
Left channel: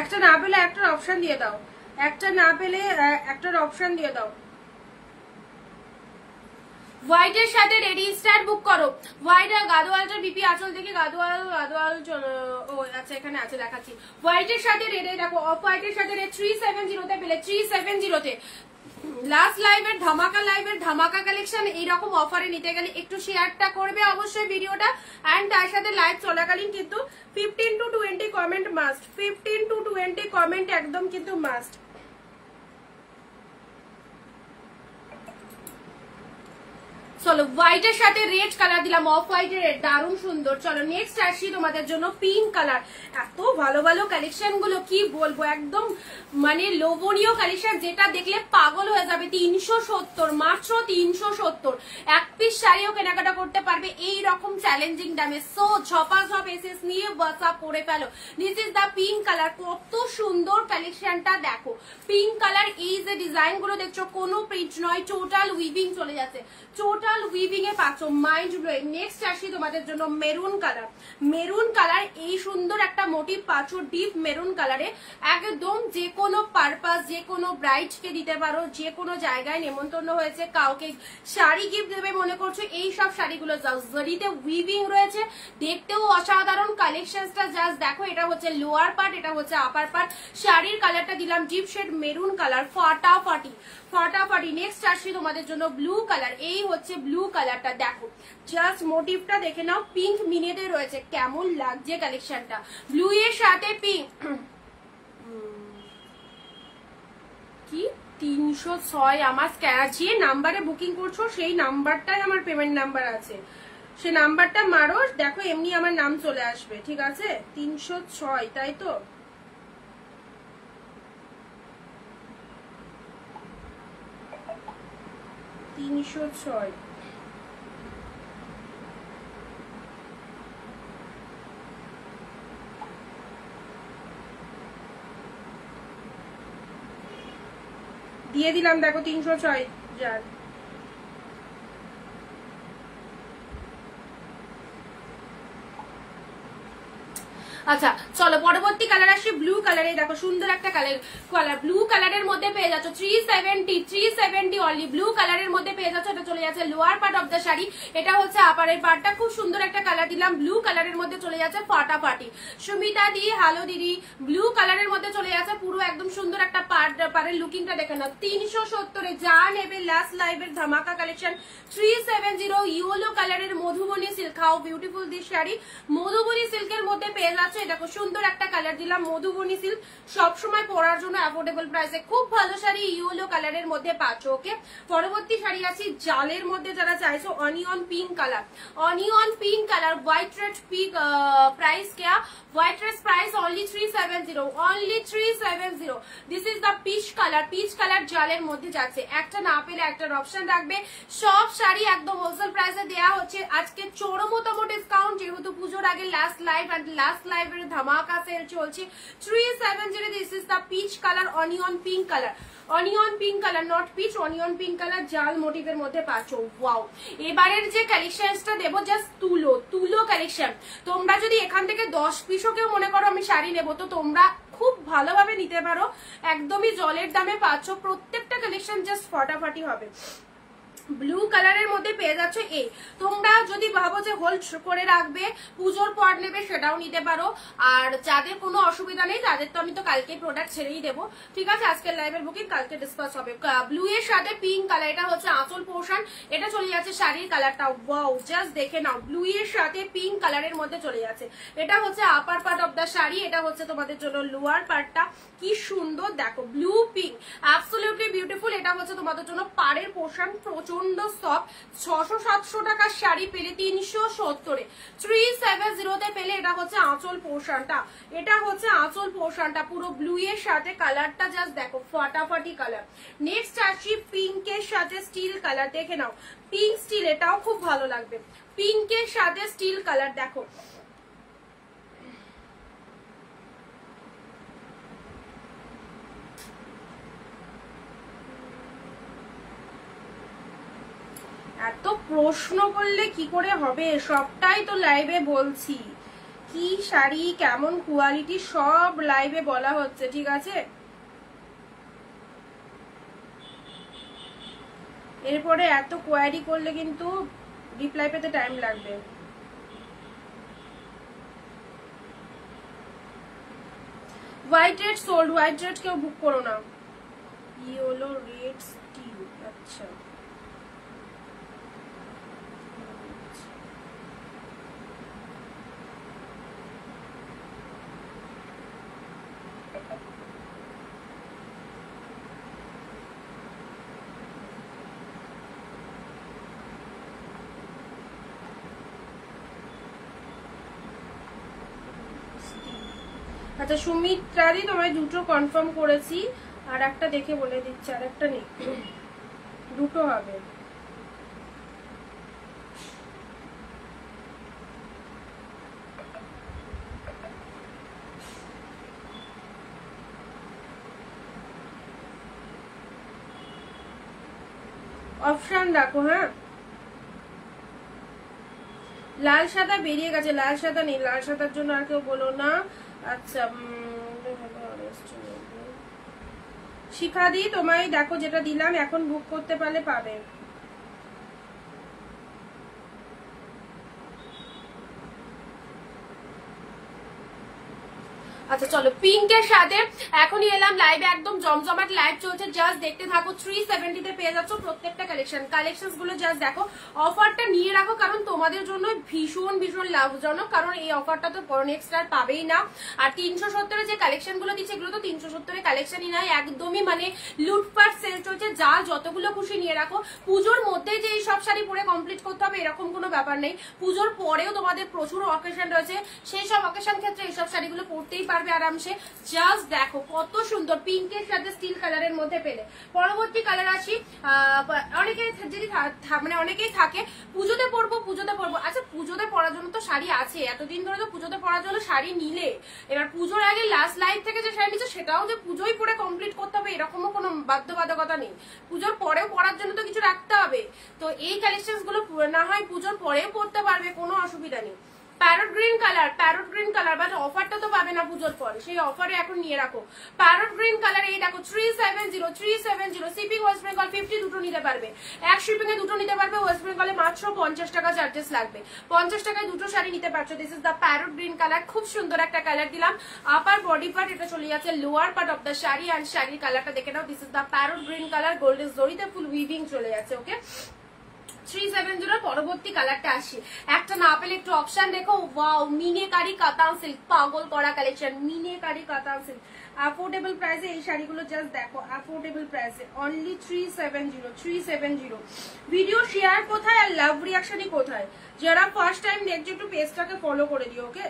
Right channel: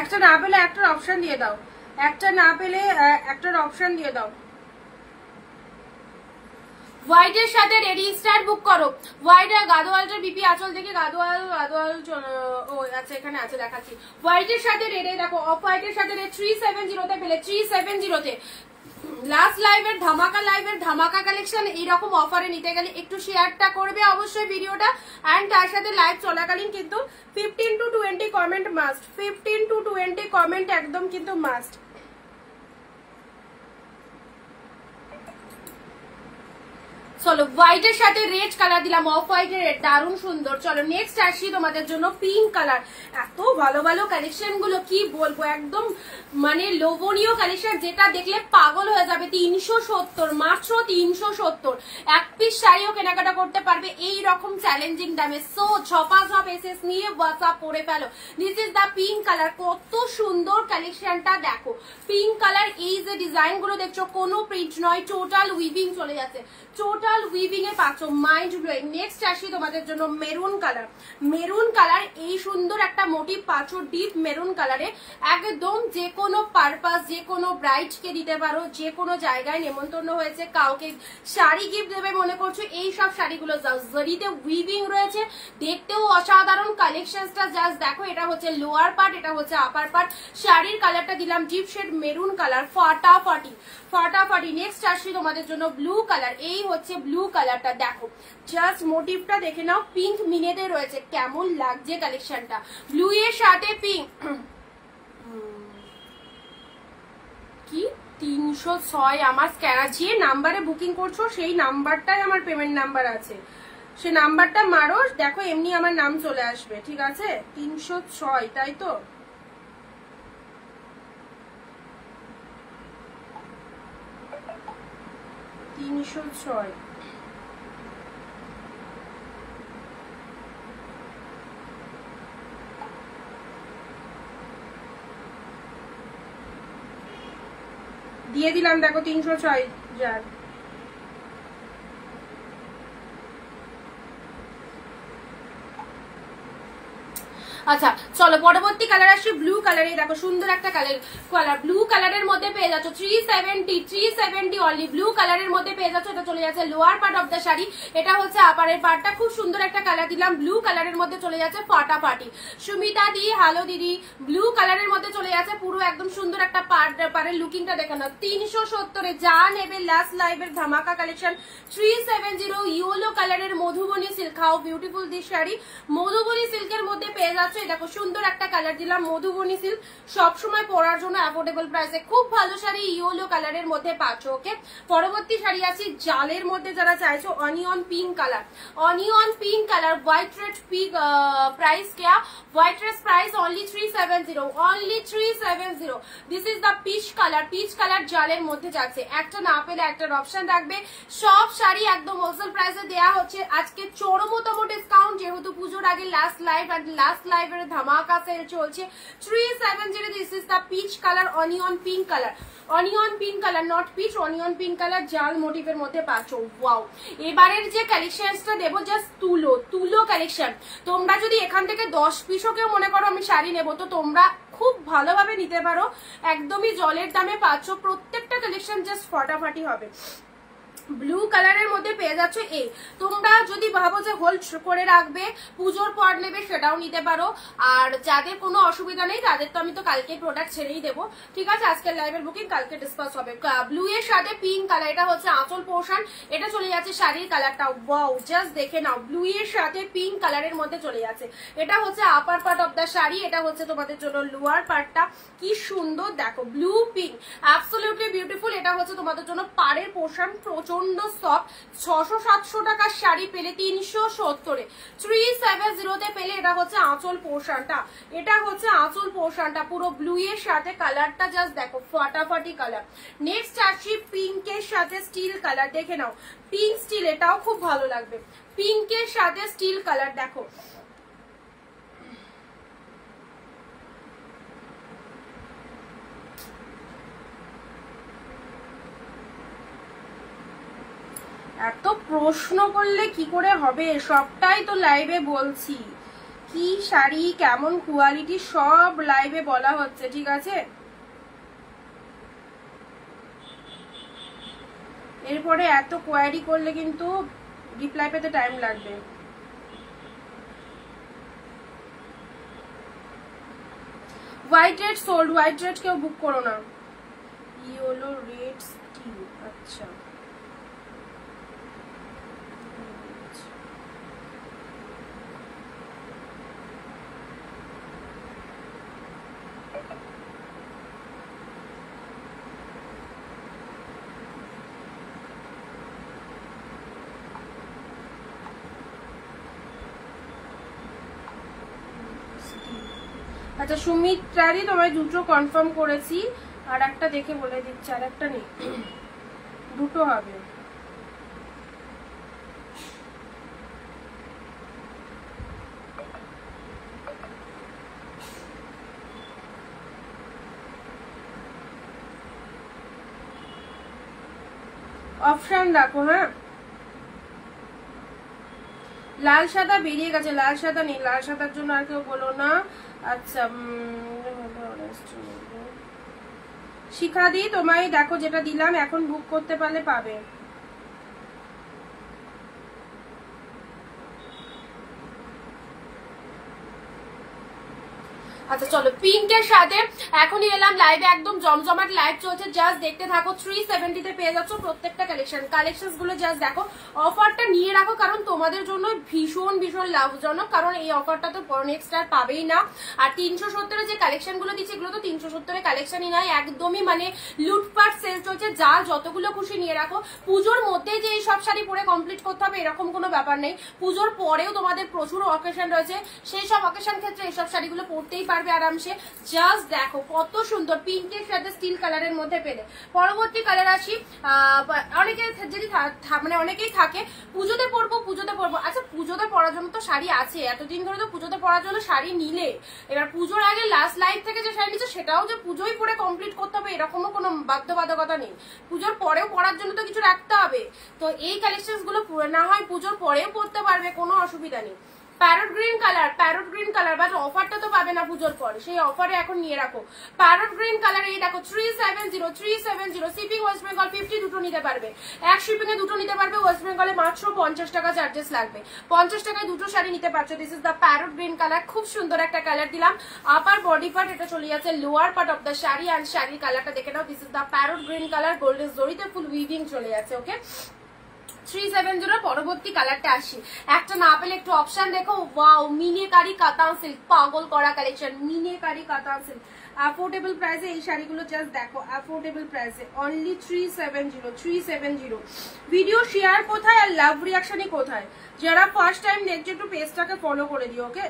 একটা না পেলে একটার অপশন দিয়ে দাও, একটা না পেলে একটার অপশন দিয়ে দাও। হোয়াইটের সাথে রেড ইনস্টার বুক করো। হোয়াইট আর গাদোয়ালটার বিপি আঁচল দেখি, গাদোয়াল ও আচ্ছা এখানে আছে দেখাচ্ছি। হোয়াইটের সাথে রেড, দেখো অফ হোয়াইটের সাথে রেড 370 পেলে, 370 লাস্ট লাইভের ধামাকা কালেকশন। এইরকম অফারে নিতে গেলে একটু শেয়ারটা করবে অবশ্যই ভিডিওটা, এন্ড তার সাথে লাইভ চলাকালীন কিন্তু 15 to 20 comment must, 15 to 20 comment একদম কিন্তু মাস্ট। চলো হোয়াইটের সাথে রেড কালার দিলাম, অফ হোয়াইটের রেড, দারুণ সুন্দর। চলো নেক্সট আসি তোমাদের জন্য পিঙ্ক কালার। এত ভালো ভালো কালেকশন গুলো কি বলবো, একদম মানে লোভনীয় কালেকশন, যেটা দেখলে পাগল হয়ে যাবে। 370, মাত্র 370। এক পিস শাড়িও কেনাকাটা করতে পারবে এই রকম চ্যালেঞ্জিং দামে। সো ঝপাঝপ এসএস নিয়ে হোয়াটসঅ্যাপ করে ফেলো। This is the pink colour. কত সুন্দর কালেকশনটা দেখো। পিঙ্ক কালার, এই যে ডিজাইন গুলো দেখছো কোনো প্রিন্ট নয়, টোটাল উইভিং চলে যাচ্ছে, টোটাল উইভিং এ পাচ্ছ, মাইন্ড ব্লোয়িং। নেক্সট আসি তোমাদের জন্য মেরুন কালার। মেরুন কালার, এই সুন্দর একটা মোটিভ পাচ্ছ ডিপ মেরুন কালারে। একদম যে কোনো পারপাস, যে কোনো ব্রাইড কে দিতে পারো, যে কোনো জায়গায় নেমন্তন্ন হয়েছে কাউকে শাড়ি গিফট দেবে মনে করছো, এই সব শাড়িগুলো জরিতে উইভিং রয়েছে, দেখতেও অসাধারণ। কালেকশনটা জাস্ট দেখো। এটা হচ্ছে লোয়ার পার্ট, এটা হচ্ছে আপার পার্ট। শাড়ির কালারটা দিলাম ডিপ শেড মেরুন কালার, ফাটাফাটি ফাটাফাটি। নেক্সট আসছি তোমাদের জন্য ব্লু কালার। এই হচ্ছে ব্লু কালারটা, দেখো জাস্ট মোটিভটা দেখে নাও, পিঙ্ক মিনেটে রয়েছে, কেমন লাগছে কালেকশনটা। ব্লু এর সাথে পিঙ্ক। কি 306 আমার স্ক্যানার, যে নাম্বারে বুকিং করছো সেই নাম্বারটাই আমার পেমেন্ট নাম্বার আছে, সে নাম্বারটা মারো, দেখো এমনি আমার নাম চলে আসবে, ঠিক আছে। 306, তাই তো? দিয়ে দিলাম, দেখো 306 যার। আচ্ছা চলো পরবর্তী কালার আসছে ব্লু কালারে। দেখো সুন্দর একটা কালার ব্লু কালারের মধ্যে পেয়ে যাচ্ছ 370 অনলি। ব্লু কালারের মধ্যে পেয়ে যাচ্ছ, এটা চলে যাচ্ছে lower part of the sari, এটা হচ্ছে আপারের পার্টটা। খুব সুন্দর একটা কালার দিলাম, ব্লু কালারের মধ্যে চলে যাচ্ছে ফাটাফাটি। সুমিতা দি হ্যালো দিদি, ব্লু কালারের মধ্যে চলে যাচ্ছে পুরো একদম সুন্দর একটা পাড়ের লুকিংটা দেখে নাও। 370-এ যা নেবে লাস্ট লাইভের ধামাকা কালেকশন। 370 ইয়েলো কালারের Madhubani silk, how beautiful this sari. Madhubani সিল্কের মধ্যে পেয়ে যাচ্ছে, দেখো সুন্দর একটা কালার দিলাম মধুবনী সিল্ক, সবসময় পরার জন্য অ্যাফোর্ডেবল প্রাইসে খুব ভালো শাড়ি ইয়েলো কালারের মধ্যে পাচ্ছ। ওকে পরবর্তী শাড়ি আছে জালের মধ্যে, যারা চাইছো onion pink colour. Onion pink colour white red pink, price क्या white red price only 370, only 370। This is the peach colour, peach colour জালের মধ্যে যাচ্ছে। একটা না পেলে একটার অপশন রাখবে। সব শাড়ি একদম হোলসেল প্রাইসে দেওয়া হচ্ছে আজকে চরমতম ডিসকাউন্ট, যেহেতু পুজোর আগে লাস্ট লাইভ, এন্ড লাস্ট লাইভের ধামাকা সেল চলছে। 370। This is the peach colour onion pink colour, onion pink colour, not peach, onion pink colour জাল মোটিভের মধ্যে পাচ্ছ। ওয়াও, এবারের যে কালেকশনটা দেবো জাস্ট তুলো কালেকশন। তোমরা যদি এখান থেকে 10 পিসও কেউ মনে করো আমি শাড়ি নেবো, তো তোমরা খুব ভালোভাবে নিতে পারো, একদমই জলের দামে পাচ্ছ। প্রত্যেকটা কালেকশন জাস্ট ফাটাফাটি হবে। ব্লু কালারের মধ্যে পেয়ে যাচ্ছে। এই তোমরা যদি ভাবো যে হোল্ড করে রাখবে পুজোর পর নেবে, সেটাও নিতে পারো। আর যাদের কোনো অসুবিধা নেই তাদের তো আমি তো কালকে প্রোডাক্ট ছেড়েই দেবো, ঠিক আছে। আজকের লাইভের বুকিং কালকে ডিসকাস হবে। ব্লু এর সাথে পিঙ্ক কালার, এটা হচ্ছে আঁচল পোর্শন, এটা চলে যাচ্ছে শাড়ির কালারটা। ওয়াও, জাস্ট দেখে নাও, ব্লু এর সাথে পিঙ্ক কালারের মধ্যে চলে যাচ্ছে। এটা হচ্ছে upper part of the sari, এটা হচ্ছে তোমাদের জন্য লোয়ার পার্টটা। কি সুন্দর দেখো, ব্লু পিঙ্ক, অ্যাবসলিউটলি বিউটিফুল। এটা হচ্ছে তোমাদের জন্য পাড়ের পোর্শন, প্রচন্ড সফট। 600-700 টাকার শাড়ি পেলে 370-এ, 370-তে পেলে। এটা হচ্ছে আঁচল পোর্শনটা, এটা হচ্ছে আঁচল পোর্শনটা পুরো ব্লু এর সাথে। কালারটা জাস্ট দেখো ফাটাফাটি কালার। নেক্সট আসি পিঙ্কের সাথে স্টিল কালার, দেখে নাও পিঙ্ক স্টিল, এটাও খুব ভালো লাগবে। পিঙ্কের সাথে স্টিল কালার দেখো, এত প্রশ্ন করলে কি করে হবে, সবটাই তো লাইভে বলছি। কি শাড়ি কেমন কোয়ালিটি সব লাইভে বলা হচ্ছে, ঠিক আছে। এরপরে এত কোয়ারি করলে কিন্তু রিপ্লাই পেতে টাইম লাগবে। White red sold, white red কেউ বুক করো না। ইয়েলো রেড স্টিল, আচ্ছা আচ্ছা সুমিত্রাদি তোমায় দুটো কনফার্ম করেছি, আর একটা দেখে বলে দিচ্ছি, আর একটা নেই, দুটো হবে। অপশন রাখো। হ্যাঁ লাল সাদা বেরিয়ে গেছে, লাল সাদা নেই, লাল সাদার জন্য আর কেউ বলো না। আচ্ছা শিখাদি তোমায় দেখো যেটা দিলাম, এখন বুক করতে পারলে পাবে। আচ্ছা চলো পিঙ্কের সাথে এখনই এলাম লাইভে, একদম জমজমাট লাইভ চলছে, জাস্ট দেখতে থাকো। 370 তে পেয়ে যাচ্ছ প্রত্যেকটা কালেকশন গুলো, জাস্ট দেখো। অফারটা নিয়ে রাখো কারণ তোমাদের জন্য ভীষণ ভীষণ লাভজনক, কারণ এই অফারটা তো নেক্সট আর পাবেই না। আর 370 যে কালেকশন গুলো দিচ্ছে এগুলো তো 370 কালেকশনই নয়, একদমই মানে লুটপাট সেল চলছে, যা যতগুলো খুশি নিয়ে রাখো। পুজোর মধ্যে যে এই সব শাড়ি পরে কমপ্লিট করতে হবে এরকম কোনো ব্যাপার নেই, পুজোর পরেও তোমাদের প্রচুর অকেশন রয়েছে, সেই সব অকেশন ক্ষেত্রে এইসব শাড়িগুলো পরতেই পারবে আরামসে। জাস্ট দেখো কত সুন্দর, পিঙ্কের সাথে স্টিল কালারের মধ্যে পেলে। পরবর্তী কালার আসি, অনেকে যদি মানে অনেকেই থাকে পুজোতে পরবো পুজোতে পরবো, আচ্ছা পুজোতে পরার জন্য তো শাড়ি আছে, এতদিন ধরে তো পুজোতে পরার জন্য শাড়ি নিলে, এবার পুজোর আগে লাস্ট লাইভ থেকে যে শাড়ি নিচ্ছে সেটাও যে পুজোই পরে কমপ্লিট করতে হবে এরকমও কোনো বাধ্যবাধকতা নেই, পুজোর পরেও পরার জন্য তো কিছু রাখতে হবে। তো এই কালেকশন গুলো না হয় পুজোর পরেও পরতে পারবে, কোনো অসুবিধা নেই। প্যারট গ্রিন কালার, বাট অফারটা তো পাবে না পুজোর পর, সেই অফারে এখন নিয়ে রাখো। প্যারট গ্রিন কালার, এই দেখো 370 শিপিং ওয়েস্ট বেঙ্গল 50 দুটো নিতে পারবে, এক শিপিং এ দুটো নিতে পারবে, ওয়েস্ট বেঙ্গলে মাত্র 50 টাকা চার্জেস লাগবে, 50 টাকায় দুটো শাড়ি নিতে পারছো। This is the parrot green colour, খুব সুন্দর একটা কালার দিলাম। আপার বডি পার্ট এটা চলে যাচ্ছে lower part of the sari, and শাড়ির কালারটা দেখে নাও। This is the parrot green colour, golden জরিতে ফুল উইভিং চলে যাচ্ছে। ওকে 370 পরবর্তী কালারটা আসি, একটা না পেলে একটু অপশন দেখো। ওয়াও মিনেকারি কাতান সিল্ক, পাগল করা কালেকশন, মিনেকারি কাতান সিল্ক, অ্যাফোর্ডেবল প্রাইসে এই শাড়িগুলো জাস্ট দেখো, অ্যাফোর্ডেবল প্রাইসে অনলি 370। ভিডিও শেয়ার কোথায় আর লাভ রিয়াকশনই কোথায়? যারা ফার্স্ট টাইম দেখছো একটু পেজটাকে ফলো করে দিও। ওকে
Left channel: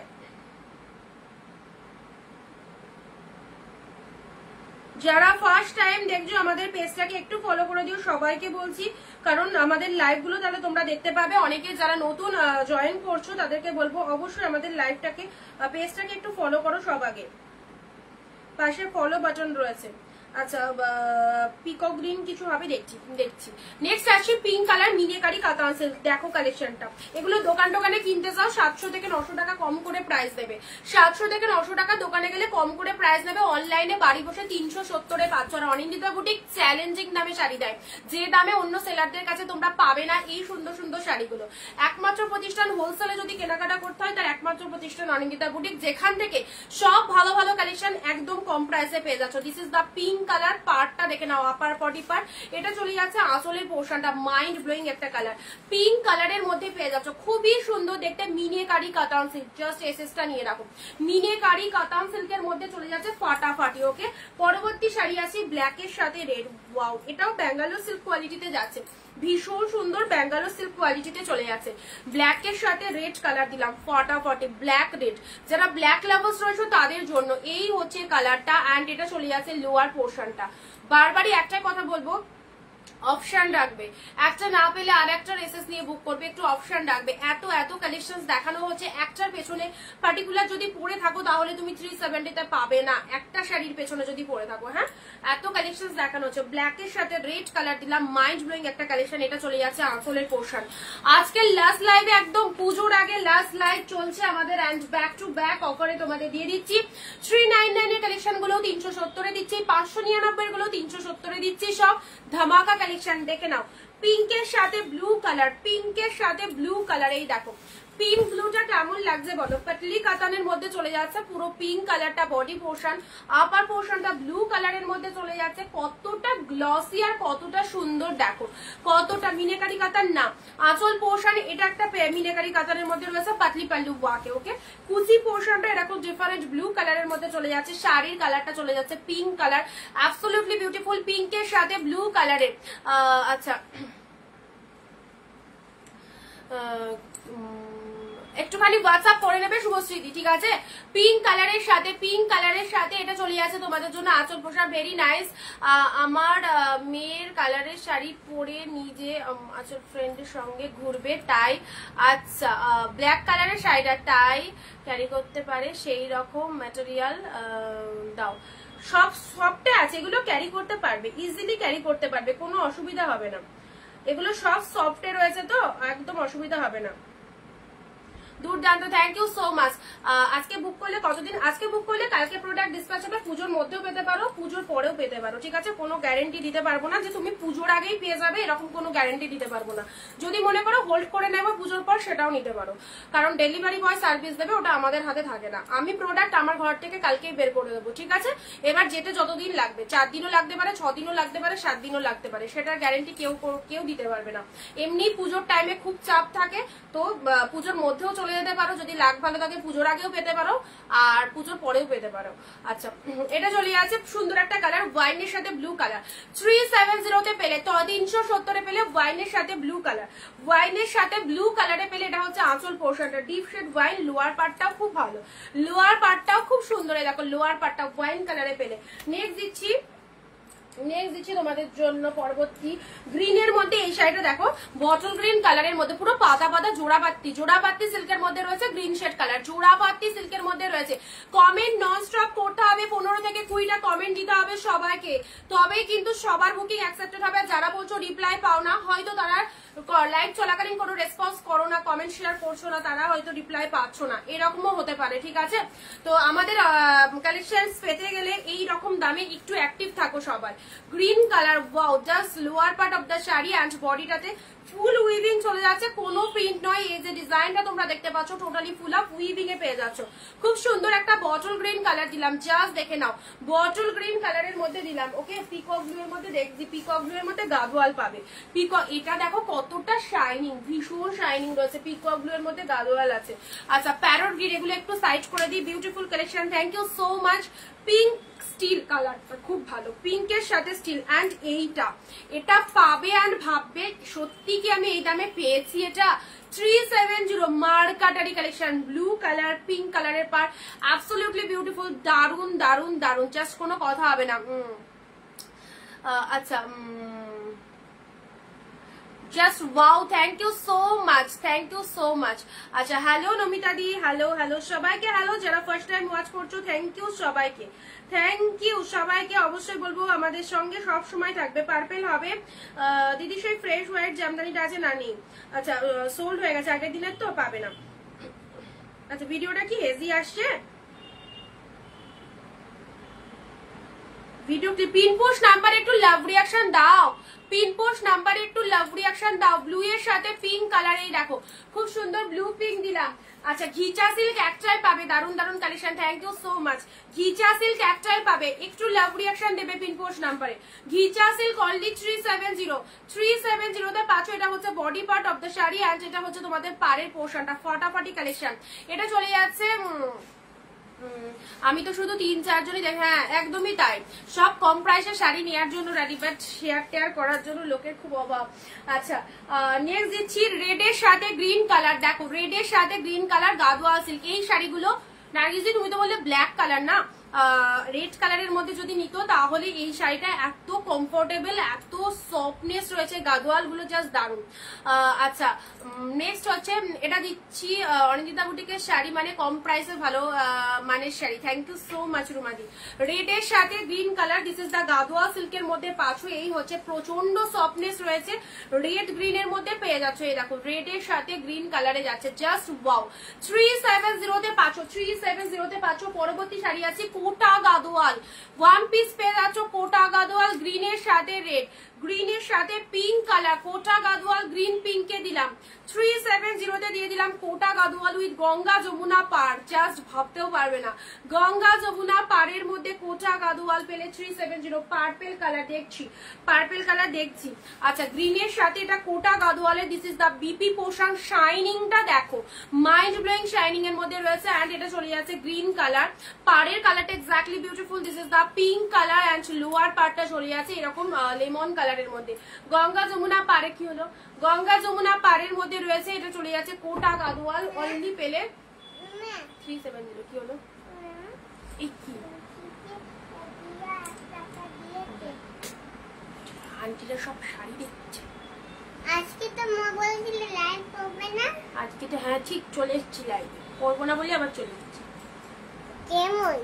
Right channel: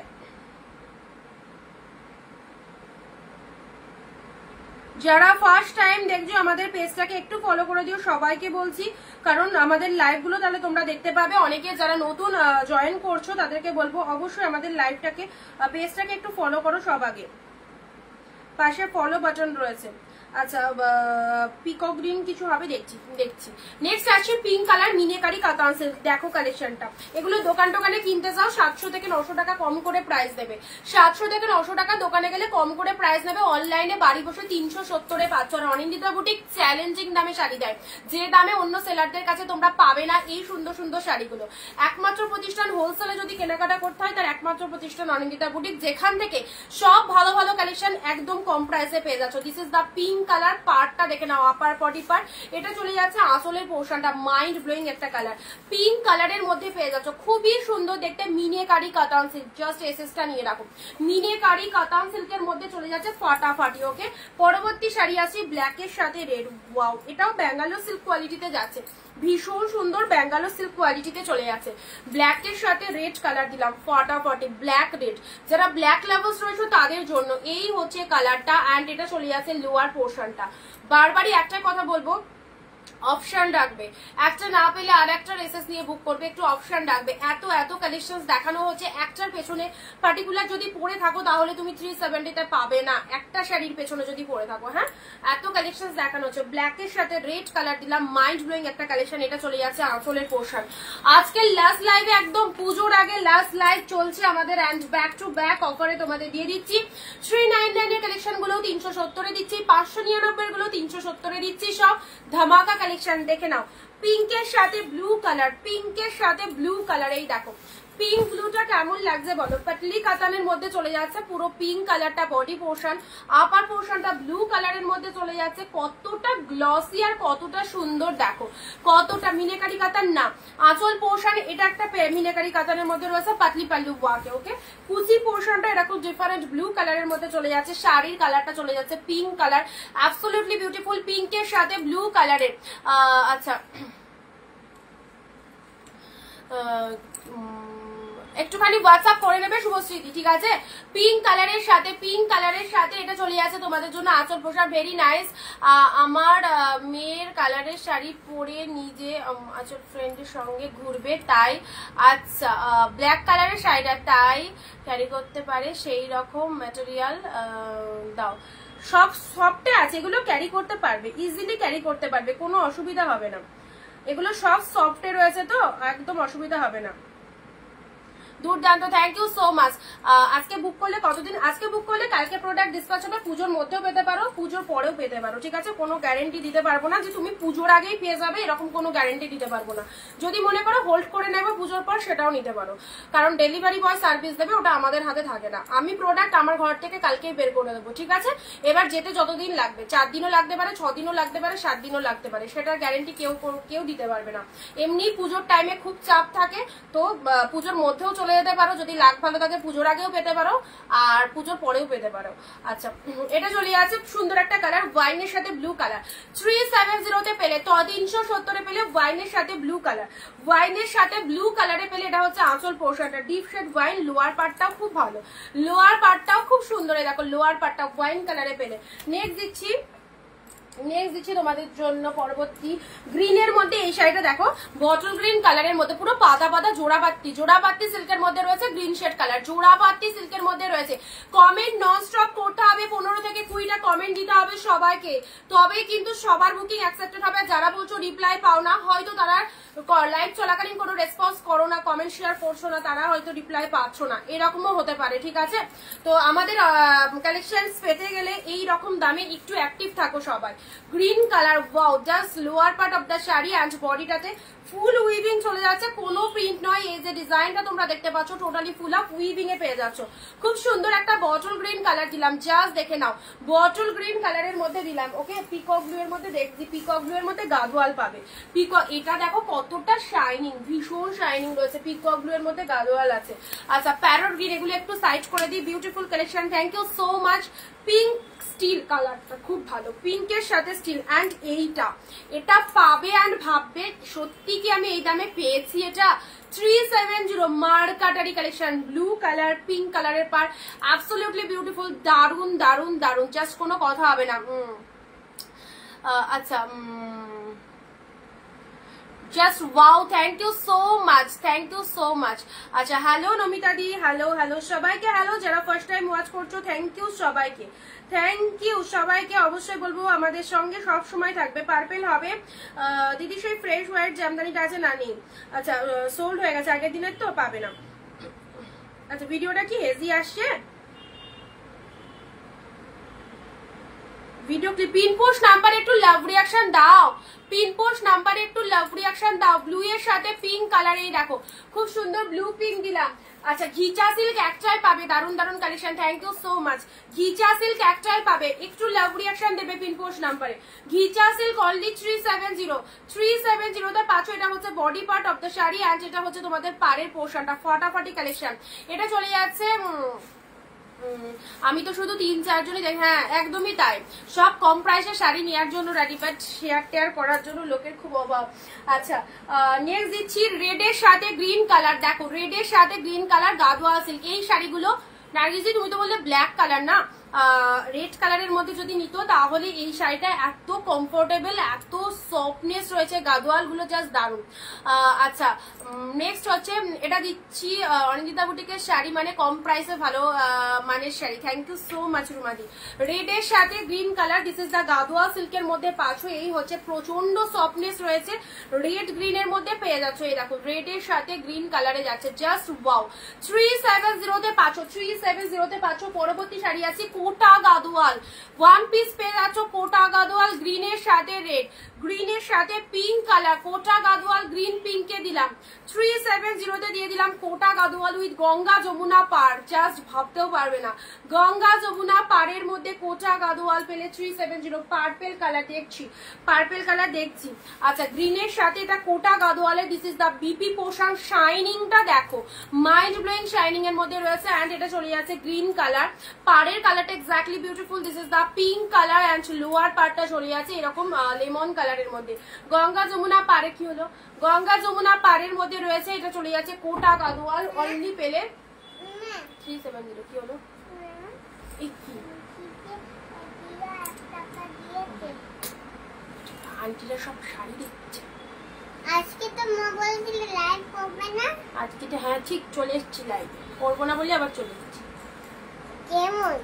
যারা ফার্স্ট টাইম দেখছো আমাদের পেজটাকে একটু ফলো করে দিও, সবাইকে বলছি, কারণ আমাদের লাইভ গুলো তাহলে তোমরা দেখতে পাবে। অনেকে যারা নতুন জয়েন করছো তাদেরকে বলবো অবশ্যই আমাদের লাইভটাকে পেজটাকে একটু ফলো করো সব আগে, পাশে ফলো বাটন রয়েছে। আচ্ছা পিকক গ্রিন কিছু হবে দেখছি। নেক্সট আসছে পিঙ্ক কালার, মিনেকারি কাতান সিল্ক, দেখো কালেকশনটা। এগুলো দোকানে কিনতে যাও 700 থেকে 900 টাকা কম করে প্রাইস দেবে, 700 থেকে 900 টাকা দোকানে গেলে কম করে প্রাইস নেবে, অনলাইনে বাড়ি বসে 370 পাচ্ছ। আর অনিন্দিতা বুটিক চ্যালেঞ্জিং দামে শাড়ি দেয়, যে দামে অন্য সেলারদের কাছে তোমরা পাবে না এই সুন্দর সুন্দর শাড়িগুলো। একমাত্র প্রতিষ্ঠান হোলসেলে যদি কেনাকাটা করতে হয় তার একমাত্র প্রতিষ্ঠান অনিন্দিতা বুটিক, যেখান থেকে সব ভালো ভালো কালেকশন একদম কম প্রাইসে পেয়ে যাচ্ছ। This is the pink colour, পার্টটা দেখে নাও, আপার বডি পার্ট, এটা চলে যাচ্ছে আসলের পোর্শনটা, মাইন্ড ব্লোয়িং একটা কালার, পিঙ্ক কালারের মধ্যে পেয়ে যাচ্ছ, খুবই সুন্দর দেখতে। মিনেকারি কাতান সিল্ক, জাস্ট এসএসটা নিয়ে রাখো, মিনেকারি কাতান সিল্কের মধ্যে চলে যাচ্ছে ফাটাফাটি। ওকে পরবর্তী শাড়ি আসি ব্ল্যাকের সাথে রেড, ওয়াও এটাও ব্যাঙ্গালোর সিল্ক কোয়ালিটিতে যাচ্ছে, ভীষণ সুন্দর ব্যাঙ্গালোর সিল্ক কোয়ালিটিতে চলে যাচ্ছে। ব্ল্যাকের সাথে রেড কালার দিলাম, ফাটাফাটি ব্ল্যাক রেড, যারা ব্ল্যাক লাভার্স রয়েছে তাদের জন্য এই হচ্ছে কালারটা, অ্যান্ড এটা চলে যাচ্ছে লোয়ার পোর্শনটা। বারবারই একটা কথা বলবো, অপশন রাখবে, একটা না পেলে আর একটা রেসেস নিয়ে বুক করবে, একটু অপশন রাখবে। এত কালেকশন দেখানো হচ্ছে, একটার পেছনে পার্টিকুলার যদি পরে থাকো তাহলে তুমি 370 তে পাবে না, একটা শাড়ির পেছনে যদি পরে থাকো। হ্যাঁ এত কালেকশন দেখানো হচ্ছে। ব্ল্যাকের সাথে রেড কালার দিলাম, মাইন্ড ব্লোয়িং একটা কালেকশন, এটা চলে যাচ্ছে আঁচলের পোর্শন। আজকে লাস্ট লাইভে, একদম পুজোর আগে লাস্ট লাইভ চলছে আমাদের, অ্যান্ড ব্যাক টু ব্যাক অফারে তোমাদের দিয়ে দিচ্ছি। 399 এর কালেকশন গুলো 370 এ দিচ্ছি, 599 গুলো 370 এ দিচ্ছি, সব ধামাকা কালেকশন। দেখে নাও পিঙ্কের সাথে ব্লু কালার, পিঙ্কের সাথে ব্লু কালার, এই দেখো পিঙ্ক ব্লুটা কেমন লাগছে বলো। পাটলি কাতানের মধ্যে চলে যাচ্ছে, পুরো পিঙ্ক কালারটা বডি পোর্শন, আপার পোর্শনটা ব্লু কালারের মধ্যে চলে যাচ্ছে, কতটা গ্লসি আর কতটা সুন্দর দেখো, কতটা মিনেকারি কাতান না আঁচল পোর্শন, এটা একটা মিনেকারি কাতানের মধ্যে রয়েছে, পাতলি পাল্লু ওয়াকে। ওকে কুচি পোর্শনটা এরকম ডিফারেন্ট ব্লু কালারের মধ্যে চলে যাচ্ছে, শাড়ির কালারটা চলে যাচ্ছে পিঙ্ক কালার, অ্যাবসলিউটলি বিউটিফুল পিঙ্কের সাথে ব্লু কালারের। আচ্ছা একটুখানি হোয়াটসঅ্যাপ করে নেবে শুভশ্রীদি, ঠিক আছে? পিঙ্ক কালারের সাথে এটা চলে আছে তোমাদের জন্য আঁচল পোশাক, ভেরি নাইস। আমার মেয়ের কালারের শাড়ি পরে নিজে আঁচল ফ্রেন্ডের সঙ্গে ঘুরবে, তাই আচ্ছা ব্ল্যাক কালারের শাড়িটা তাই ক্যারি করতে পারে, সেই রকম ম্যাটেরিয়াল দাও। সব সফটে আছে, এগুলো ক্যারি করতে পারবে, ইজিলি ক্যারি করতে পারবে, কোনো অসুবিধা হবে না। এগুলো সব সফটে রয়েছে তো একদম অসুবিধা হবে না। দুর্দান্ত, থ্যাংক ইউ সো মাচ। আজকে বুক করলে কতদিন? আজকে বুক করলে কালকে প্রোডাক্ট ডিসপ্যাচ হবে, পুজোর মধ্যেও পেতে পারো, পুজোর পরেও পেতে পারো, ঠিক আছে? কোনো গ্যারেন্টি দিতে পারবো না যে তুমি পুজোর আগেই পেয়ে যাবে, এরকম কোনো গ্যারেন্টি দিতে পারবো না। যদি মনে করো হোল্ড করে নেবো পুজোর পর, সেটাও নিতে পারো, কারণ ডেলিভারি বয় সার্ভিস দেবে, ওটা আমাদের হাতে থাকে না। আমি প্রোডাক্ট আমার ঘর থেকে কালকেই বের করে দেবো, ঠিক আছে? এবার যেতে যতদিন লাগবে, 4 দিনও লাগতে পারে, 6 দিনও লাগতে পারে, 7 দিনও লাগতে পারে, সেটার গ্যারেন্টি কেউ দিতে পারবে না। এমনি পুজোর টাইমে খুব চাপ থাকে, তো পুজোর মধ্যেও চলে যেতে পারো, যদি লাগ ভালো থাকে পুজোর আগেও পেতে পারো আর পুজোর পরেও পেতে পারো। আচ্ছা এটা চলে আছে সুন্দর একটা কালার, ওয়াইনের সাথে ব্লু কালার, 370 তে পেলে, 370 পেলে ওয়াইনের সাথে ব্লু কালার, ওয়াইনের সাথে ব্লু কালারে পেলে। এটা হচ্ছে আঁচল পোর্শনটা, ডিপ শেড ওয়াইন, লোয়ার পার্টটাও খুব ভালো, লোয়ার পার্টটাও খুব সুন্দর, দেখো লোয়ার পার্টটা ওয়াইন কালারে পেলে। নেক্সট দিচ্ছি তোমাদের জন্য পরবর্তী গ্রিনের মধ্যে এই শাড়িটা দেখো, বটল গ্রিন কালারের মধ্যে পুরো পাতা পাতা জোড়াপাত্তি সিল্কের মধ্যে রয়েছে, গ্রিন শেড কালার, জোড়াপাত্তি সিল্কের মধ্যে রয়েছে। কমেন্ট নন স্টপ করতে হবে, 15 থেকে 20টা কমেন্ট দিতে হবে সবাইকে, তবেই কিন্তু সবার বুকিং অ্যাকসেপ্টেড হবে। যারা বলছো রিপ্লাই পাও না, হয়তো তারা লাইভ চলাকালীন কোনো রেসপন্স করো না, কমেন্ট শেয়ার করছো না, তারা হয়তো রিপ্লাই পাচ্ছ না, এরকমও হতে পারে, ঠিক আছে? তো আমাদের কালেকশন পেতে গেলে এই রকম দামে একটু অ্যাক্টিভ থাকো সবাই। Green colour, wow, just lower part of the sari and বডিটাতে ফুল উইভিং চলে যাচ্ছে, কোনো প্রিন্ট নয়। এই যে ডিজাইনটা তোমরা দেখতে পাচ্ছ টোটালি ফুল অফ উইভিং এ পেয়ে যাচ্ছ। খুব সুন্দর একটা বটল গ্রিন কালার দিলাম, জাস্ট দেখে নাও, বটল গ্রিন কালারের মধ্যে দিলাম, ওকে? পিকক ব্লু এর মধ্যে দেখছি, পিকক ব্লু এর মধ্যে গাদোয়াল পাবে, এটা দেখো কতটা শাইনিং, ভীষণ শাইনিং রয়েছে, পিকক ব্লু এর মধ্যে গাদোয়াল আছে। আচ্ছা প্যারট গ্রিন, এগুলো একটু সাইড করে দিই, beautiful collection, thank you so much. Pink steel কালারটা খুব ভালো, পিঙ্কের সাথে স্টিল, অ্যান্ড এটা পাবে অ্যান্ড ভাববে সত্যি কি আমি এই দামে পেয়েছি। এটা 370 মার্কাটারি কালেকশন, ব্লু কালার পিঙ্ক কালারের পার, অ্যাবসলিউটলি বিউটিফুল, দারুন দারুন দারুন, জাস্ট কোনো কথা হবে না। আচ্ছা just wow, thank you so much, thank you so much. আচ্ছা হ্যালো নমিতা দি, হ্যালো সবাইকে, হ্যালো যারা ফার্স্ট টাইম ওয়াচ করছো, থ্যাংক ইউ সবাইকে, থ্যাংক ইউ সবাইকে। অবশ্যই বলবো আমাদের সঙ্গে সব সময় থাকবে। পার্পেল হবে দিদি, সেই ফ্রেশ হোয়াইট জামদানিটা আছে না? নেই, আচ্ছা সোল্ড হয়ে গেছে, আগের দিনের তো পাবে না। আচ্ছা ভিডিওটা কি হেভি আসছে? Video clip, pin post number একটু লাভ রিয়াকশন দাও, পিন পোস্ট নাম্বারে একটু লাভ রিয়াকশন দাও। ব্লু এর সাথে পিঙ্ক কালার, এই দেখো খুব সুন্দর ব্লু পিঙ্ক দিলাম। আচ্ছা ঘিচা সিল্ক একটাই পাবে, দারুন দারুন collection, thank you so much. Ghicha silk একটাই পাবে, একটু লাভ রিয়াকশন দেবে পিন পোস্ট নাম্বারে। ঘিচা সিল্ক অনলি 370 তে পাচ্ছ। এটা হচ্ছে body part of the sari and এটা হচ্ছে তোমাদের পাড়ের পোর্শনটা, ফাটাফাটি কালেকশন। এটা চলে যাচ্ছে, আমি তো শুধু 3-4 জনে যাই, হ্যাঁ একদমই তাই, সব কম প্রাইসে শাড়ি নেওয়ার জন্য রেডি, বাট শেয়ার টেয়ার করার জন্য লোকের খুব অভাব। আচ্ছা নেক্সট দিচ্ছি রেডের সাথে গ্রিন কালার, দেখো রেডের সাথে গ্রিন কালার গাদোয়াল সিল্ক। এই শাড়িগুলো নার্গিসদি তুমি তো বললে ব্ল্যাক কালার না, রেড কালারের মধ্যে যদি নিত তাহলে এই শাড়িটা এত কমফোর্টেবল, এত সফটনেস রয়েছে, গাদোয়াল গুলো জাস্ট দারুন। আচ্ছা নেক্সট হচ্ছে এটা দিচ্ছি অনিন্দিতা বুটিকের শাড়ি, মানে কম প্রাইসে ভালো মানের sari, thank you so much রুমাদি। রেডের সাথে green colour, this is the Gadwal সিল্কের মধ্যে পাচ্ছ। এই হচ্ছে প্রচন্ড সফটনেস রয়েছে, রেড গ্রিন এর মধ্যে পেয়ে যাচ্ছ। এই দেখো রেডের সাথে গ্রিন কালারে যাচ্ছে, জাস্ট ওয়াও। 370 তে পাচ্ছ, 370 তে পাচ্ছ। পরবর্তী শাড়ি আছে কোটা গাদোয়াল, ওয়ান পিস পেয়ে যাচ্ছ কোটা গাদোয়াল, গ্রিনের সাথে রেড, গ্রিনের সাথে পিঙ্ক কালার, কোটা গাদোয়াল গ্রিন পিঙ্কে দিলাম। 370 তে দিয়ে দিলাম কোটা গাদোয়াল উইথ গঙ্গা যমুনা পাড়, জাস্ট ভাবতেও পারবে না, গঙ্গা যমুনা পাড়ের মধ্যে কোটা গাদোয়াল পেলে 370। পার্পেল কালার দেখছি, পার্পেল কালার দেখছি। আচ্ছা গ্রিনের সাথে এটা কোটা গাদোয়ালের, this is the BP portion, শাইনিংটা দেখো মাইন্ড ব্লোয়িং শাইনিং এর মধ্যে রয়েছে অ্যান্ড এটা চলে যাচ্ছে গ্রিন কালার। পাড়ের কালারটা exactly beautiful, this is the pink colour and lower পার্টটা চলে যাচ্ছে এরকম লেমন কালারের মধ্যে। গঙ্গা যমুনা পাড়ে কি হলো, গঙ্গা যমুনা পাড়ের মধ্যে রয়েছে, এটা চলে যাচ্ছে কোটা গাদোয়াল, অনলি পেলে 370। কি হলো? আন্টিরা সব শাড়ি দেখছে আজকে। তো মা বলেছিল লাইভ করবে না আজকে। তো হ্যাঁ ঠিক, চলে এসেছি লাইভ, করবো না বলে আবার চলে এসেছি। কেমন?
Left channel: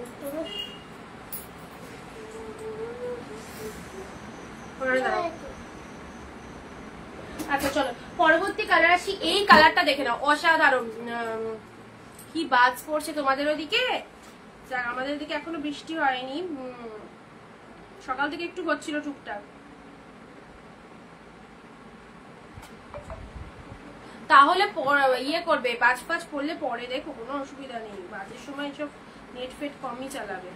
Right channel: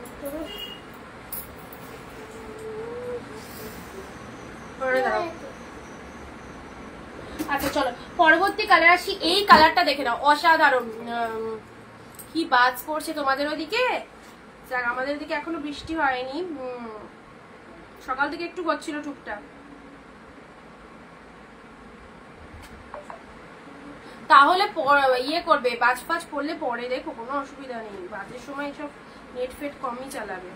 আচ্ছা চলো পরবর্তী কালার আসি। এই কালারটা দেখে নাও, অসাধারণ। কি বাজ পড়ছে তোমাদের ওদিকে? যাক, আমাদের দিকে এখনো বৃষ্টি হয়নি, সকাল থেকে একটু হচ্ছিল টুকটাক। তাহলে ইয়ে করবে, বাজ ফাজ পড়লে পরে দেখো, কোনো অসুবিধা নেই, বাজের সময় সব নেট ফেট কমই চালাবে।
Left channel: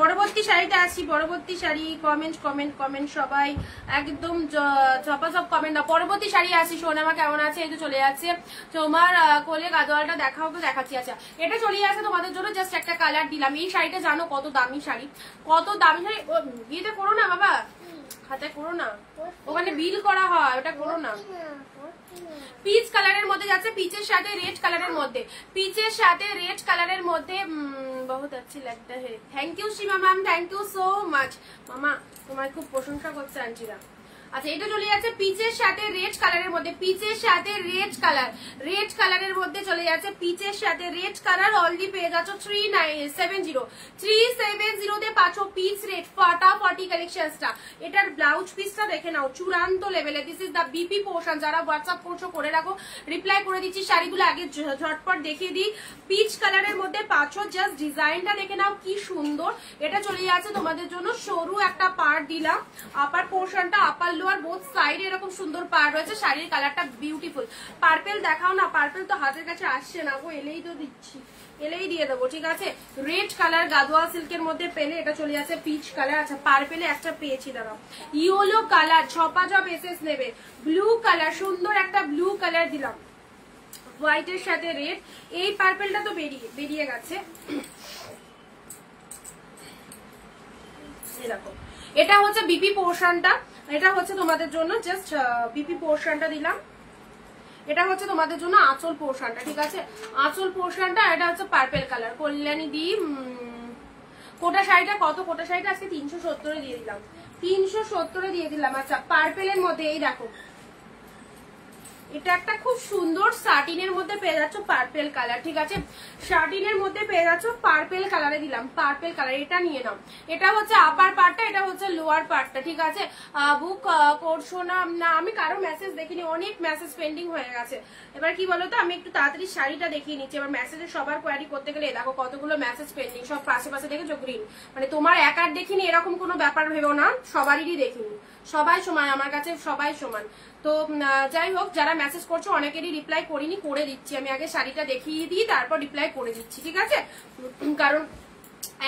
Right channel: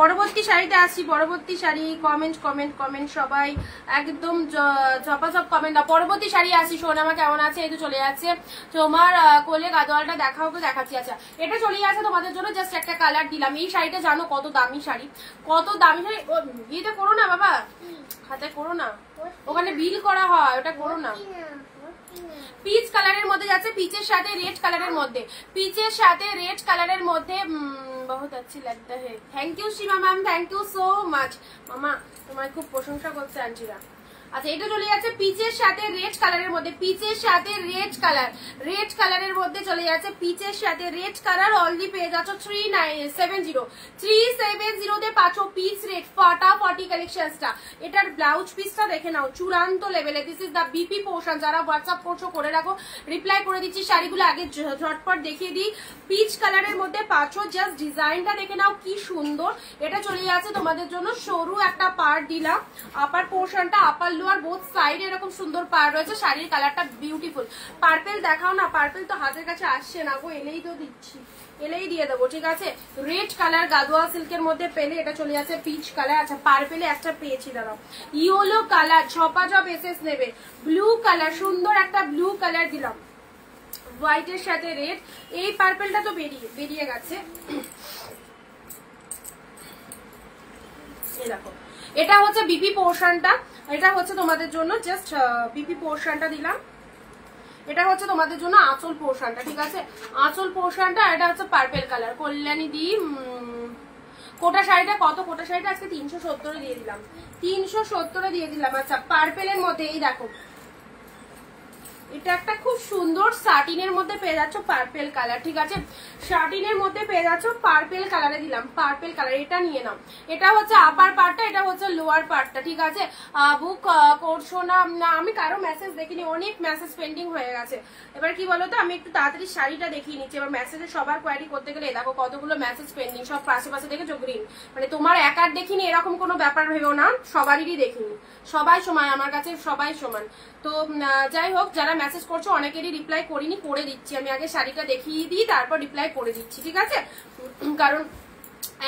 পরবর্তী শাড়িতে আসছি। পরবর্তী শাড়ি, কমেন্ট কমেন্ট কমেন্ট সবাই একদম ঝপাঝপ কমেন্ট দাও। পরবর্তী শাড়ি আসছি। সোনামা কেমন আছে? এই তো চলে যাচ্ছে তোমার কোলে গাদোয়ালটা দেখাও, দেখাচ্ছি। আচ্ছা এটা চলে যাচ্ছে তোমাদের জন্য, জাস্ট একটা কালার দিলাম। এই শাড়িটা জানো কত দামি শাড়ি, কত দামি শাড়ি। বিয়েতে করো না বাবা, হাতে করো না, ওখানে বিল করা হয়, ওটা করো না। পিচ কালারের মধ্যে যাচ্ছে, পিচের সাথে রেড কালারের মধ্যে, পিচের সাথে রেড কালারের মধ্যে বহুত अच्छी लगता है। Thank you Seema ma'am, thank you so much. মামা তোমার খুব প্রশংসা করছে আন্টিরা। আচ্ছা এটা চলে যাচ্ছে পিচের সাথে রেড কালারের মধ্যে, পিচের সাথে রেড কালার, রেড কালারের মধ্যে চলে যাচ্ছে পিচের সাথে রেড কালার। অলরেডি পেয়ে যাচ্ছ 370 তে পাচ্ছ পিচ রেড ফাটাফাটি কালেকশনসটা। এটার ব্লাউজ পিসটা দেখে নাও, চূড়ান্ত লেভেলে। This is the BP portion. যারা হোয়াটসঅ্যাপ করছো করে রাখো, রিপ্লাই করে দিচ্ছি। শাড়িগুলো আগে ঝটপট দেখিয়ে দিই। পিচ কালারের মধ্যে পাচ্ছ, জাস্ট ডিজাইনটা দেখে নাও কি সুন্দর। এটা চলে যাচ্ছে তোমাদের জন্য সরু একটা পার্ট দিলাম, আপার পোর্শনটা, আপার লোয়ার বোথ সাইড এরকম সুন্দর পার রয়েছে। শাড়ির কালারটা বিউটিফুল। পার্পেল দেখাও না, পার্পেল তো হাতের কাছে আসছে না গো, এলেই তো দিচ্ছি, এলেই দিয়ে দেবো, ঠিক আছে। রেড কালার গাদোয়া সিল্কের মধ্যে পেলে, এটা চলে যাচ্ছে পিচ কালার। আচ্ছা পার্পেলে একটা পেয়েছি, দাঁড়াও, ইয়েলো কালার, ঝপাঝপ এসএস নেবে। ব্লু কালার, সুন্দর একটা ব্লু কালার দিলাম হোয়াইটের সাথে রেড। এই পার্পেলটা তো বেরিয়ে গেছে, দেখো এটা হচ্ছে বিপি পোর্শনটা। এটা হচ্ছে তোমাদের জন্য জাস্ট বিপি পোর্শনটা দিলাম। এটা হচ্ছে তোমাদের জন্য আঁচল পোর্শনটা, ঠিক আছে। আঁচল পোর্শনটা, এটা হচ্ছে পার্পেল কালার। কল্যাণী দি কোটা শাড়িটা কত? কোটা শাড়িটা আজকে 370 দিয়ে দিলাম, 370 দিয়ে দিলাম। আচ্ছা পার্পেলের মধ্যে এই দেখো, এটা একটা খুব সুন্দর সাটিনের মধ্যে পেয়ে যাচ্ছ পার্পেল কালার, ঠিক আছে। সাটিনের মধ্যে পেয়ে যাচ্ছ পার্পেল কালারে দিলাম, পার্পেল কালার। এটা নিয়ে নাও, এটা হচ্ছে আপার পার্টটা, এটা হচ্ছে লোয়ার পার্টটা, ঠিক আছে। বুক করছো না? না আমি কারো মেসেজ দেখিনি, অনেক মেসেজ পেন্ডিং হয়ে গেছে। এবার কি বলতো, আমি একটু তাড়াতাড়ি শাড়িটা দেখিয়ে নিচ্ছি। এবার মেসেজে সবার কোয়ারি করতে গেলে দেখো কতগুলো মেসেজ পেন্ডিং, সব পাশে পাশে দেখেছো গ্রিন, মানে তোমার একার দেখিনি এরকম কোনো ব্যাপার ভেবেও না, সবারই দেখিনি। সবাই সমান আমার কাছে, সবাই সমান। তো যাই হোক, যারা মেসেজ করছো অনেকেরই রিপ্লাই করিনি, করে দিচ্ছি। আমি আগে শাড়িটা দেখিয়ে দিই, তারপর রিপ্লাই করে দিচ্ছি, ঠিক আছে। কারণ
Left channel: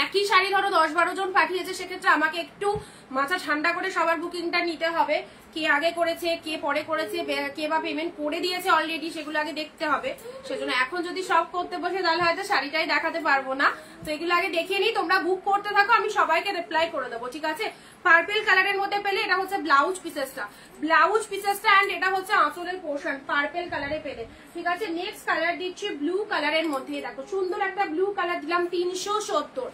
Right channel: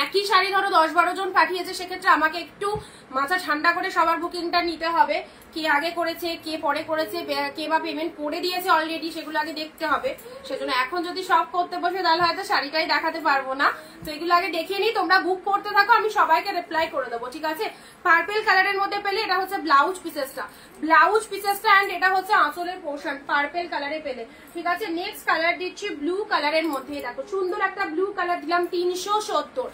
একই শাড়ি ধরো 10-12 জন পাঠিয়েছে, সেক্ষেত্রে আমাকে একটু মাথা ঠান্ডা করে সবার বুকিংটা নিতে হবে। কে আগে করেছে, কে পরে করেছে, কে বা পেমেন্ট করে দিয়েছে অলরেডি, সেগুলো আগে দেখতে হবে। সেজন্য এখন যদি সব করতে বসে তাহলে হয়তো শাড়িটাই দেখাতে পারবো না। তো এগুলো আগে দেখে নিই, তোমরা বুক করতে থাকো, আমি সবাইকে রিপ্লাই করে দেবো, ঠিক আছে। পার্পেল কালারের মধ্যে পেলে, এটা হচ্ছে ব্লাউজ পিসেসটা, ব্লাউজ পিসেসটা এন্ড এটা হচ্ছে আঁচলের পোর্শন, পার্পেল কালারে পেলে, ঠিক আছে। নেক্সট কালার দিচ্ছি ব্লু কালারের মধ্যে, দেখো সুন্দর একটা ব্লু কালার দিলাম 370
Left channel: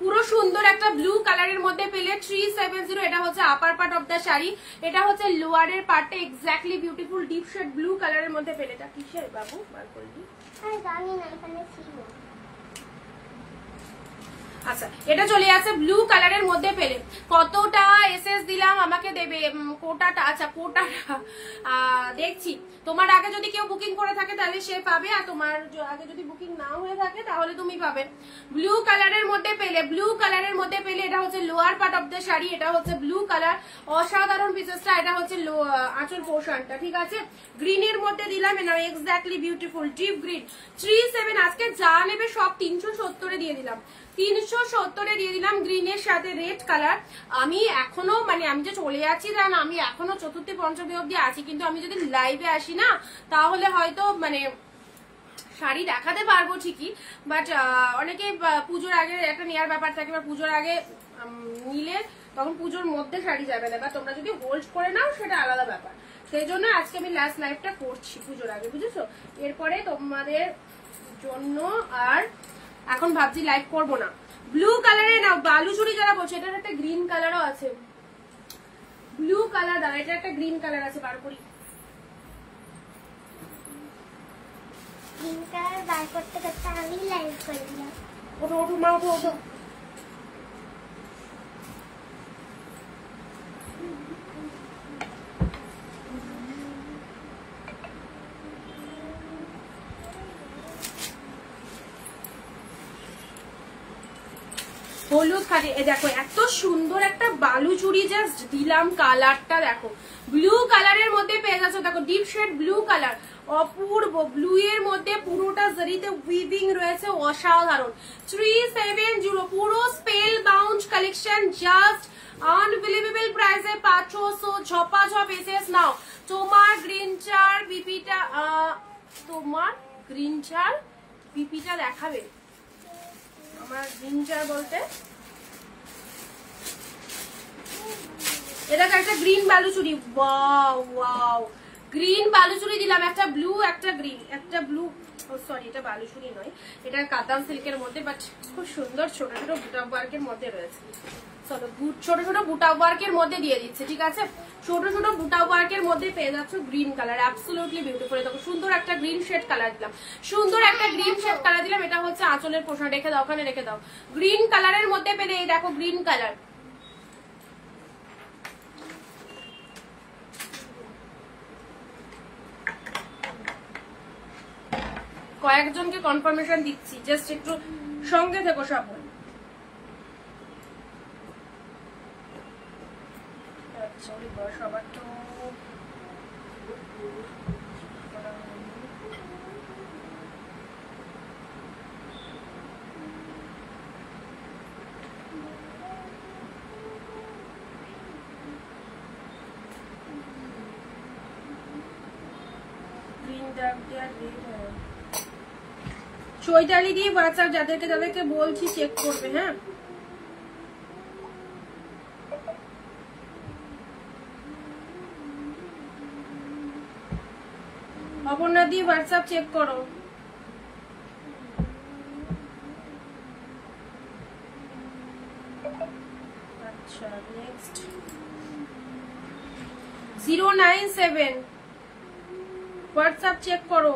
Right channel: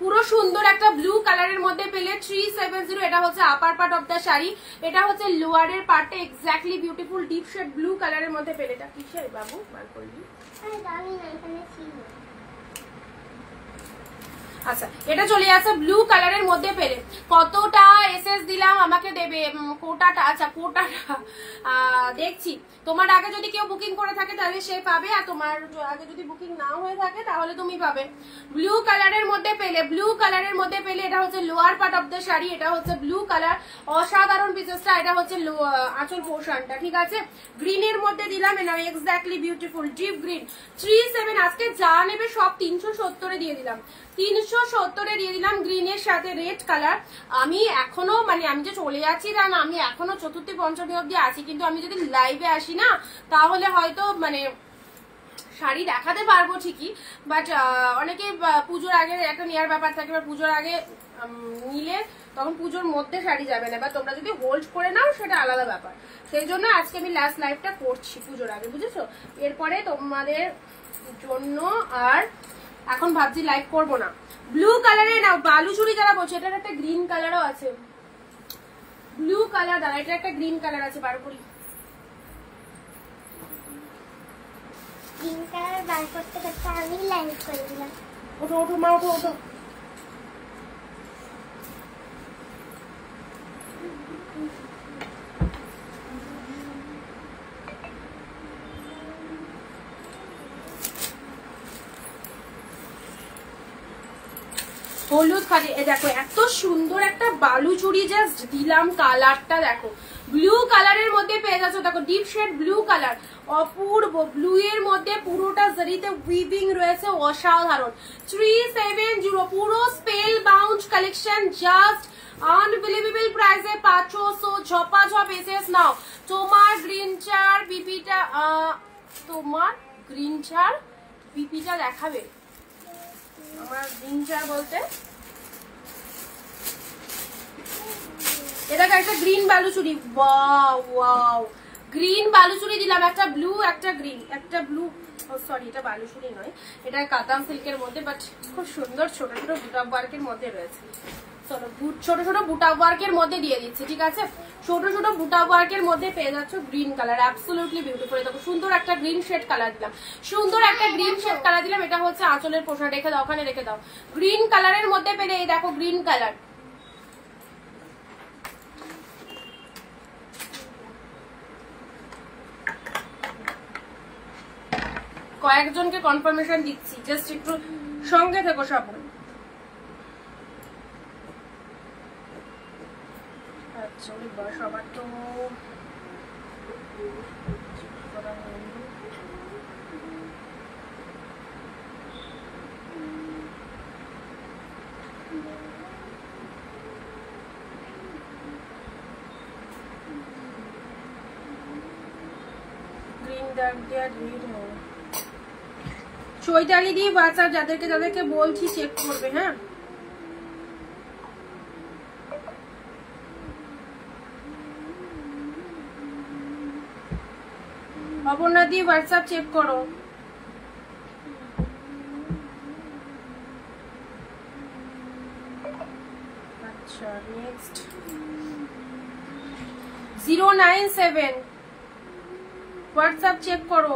পুরো সুন্দর একটা ব্লু কালারের মধ্যে পেলে 370। এটা হচ্ছে upper part of the sari, এটা হচ্ছে লোয়ারের পার্টটা, exactly beautiful deep shade blue কালারের মধ্যে পেলে। এটা কিসের বাবু বার করলি? জানি না, এখানে ছিল। আচ্ছা এটা চলে আসে ব্লু কালারের মধ্যে পেলে। কতটা এসএস দিলাম আমাকে দেবে কোটাটা। আচ্ছা কোটাটা দেখছি, তোমার আগে যদি কেউ বুকিং করে থাকে তাহলে সে পাবে, আর তোমার আগে যদি বুকিং না হয়ে থাকে তাহলে তুমি পাবে। ব্লু কালারের মধ্যে পেলে, ব্লু কালারের মধ্যে পেলে, এটা হচ্ছে lower part of the sari, এটা হচ্ছে ব্লু কালার, অসাধারণ পিসেসটা। এটা হচ্ছে আঁচল পোর্শনটা, ঠিক আছে। গ্রিনের মধ্যে দিলাম, এটা এক্স্যাক্টলি বিউটিফুল ডিপ গ্রিন। 37 আজকে যা নেবে সব 370 দিয়ে দিলাম, 370 দিয়ে দিলাম। গ্রিনের সাথে রেড কালার। আমি এখনো মানে আমি যে চলে যাচ্ছি তা না, আমি এখনো চতুর্থী পঞ্চমী অব্দি আছি, কিন্তু আমি যদি লাইভে আসি না তাহলে হয়তো মানে শাড়ি দেখাতে পারবো ঠিকই, বাট অনেকে পুজোর আগে একটা নেওয়ার ব্যাপার থাকে, বা পুজোর আগে নিলে তখন পুজোর মধ্যে শাড়ি যাবে না, বা তোমরা যদি হোল্ড করে নাও সেটা আলাদা ব্যাপার। সেই জন্য আজকে আমি লাস্ট লাইভটা করছি পুজোর আগে, বুঝেছো? এরপরে তোমাদের জন্য আর এখন ভাবছি লাইভ করবো না। ব্লু কালারে নাও বালুচুরি যারা বলছে, এটার একটা গ্রিন কালারও আছে, ব্লু কালার দাদা, এটা একটা গ্রিন কালার আছে, বার করি। গ্রিন কালার বার করতে করতে আমি লাইভ করে দিলাম। ওঠো ওঠো মা, ওঠো ওঠো। হলুদ খাটে দেখো, এত সুন্দর একটা বালুচুরি জাস্ট দিলাম, কালারটা দেখো ব্লু কালারের মধ্যে পেয়ে যাচ্ছ, দেখো ডিপ শেড ব্লু কালার, অপূর্ব ব্লু এর মধ্যে পুরোটা জরিতে উইভিং রয়েছে, অসাধারণ। 370 পুরো spell bound collection, just unbelievable প্রাইসে 500 ঝপাঝপ এসএস নাও। তোমার গ্রিন চার বিপিটা, তোমার গ্রিন চার বিপিটা দেখাবে? আমার গ্রিন চার বলতে এটা একটা green Baluchari, wow wow, green Baluchari দিলাম, একটা ব্লু একটা গ্রিন, একটা ব্লু, সরি এটা বালুচুরি নয়, এটা কাতান সিল্কের মধ্যে, বাট খুব সুন্দর ছোট ছোট বুটা ওয়ার্কের মধ্যে রয়েছে। চলো ছোট ছোট বুটা ওয়ার্কের মধ্যে দিয়ে দিচ্ছে, ঠিক আছে? ছোট ছোট বুটা ওয়ার্কের মধ্যে পেয়ে যাচ্ছ গ্রিন কালার, অ্যাবসলিউটলি বিউটিফুল। দেখো সুন্দর একটা গ্রিন শেড কালার দিলাম, সুন্দর একটা গ্রিন শেড কালার দিলাম, এটা হচ্ছে আঁচলের পোশাক, রেখে দাও ওখানে, রেখে দাও। গ্রিন কালারের মধ্যে পেলে এই দেখো গ্রিন কালার, কয়েকজনকে কনফার্মেশন দিচ্ছি, জাস্ট একটু সঙ্গে থেকো সবাই। আচ্ছা সবার তো গ্রিন ডার্ক দেওয়া রেড হয়। চৈতালি দিয়ে হোয়াটসঅ্যাপ যাদেরকে যাদেরকে বলছি চেক করবে, হ্যাঁ? অপর্ণা দিয়ে হোয়াটসঅ্যাপ চেক করো। আচ্ছা নেক্সট 097 হোয়াটসঅ্যাপ চেক করো,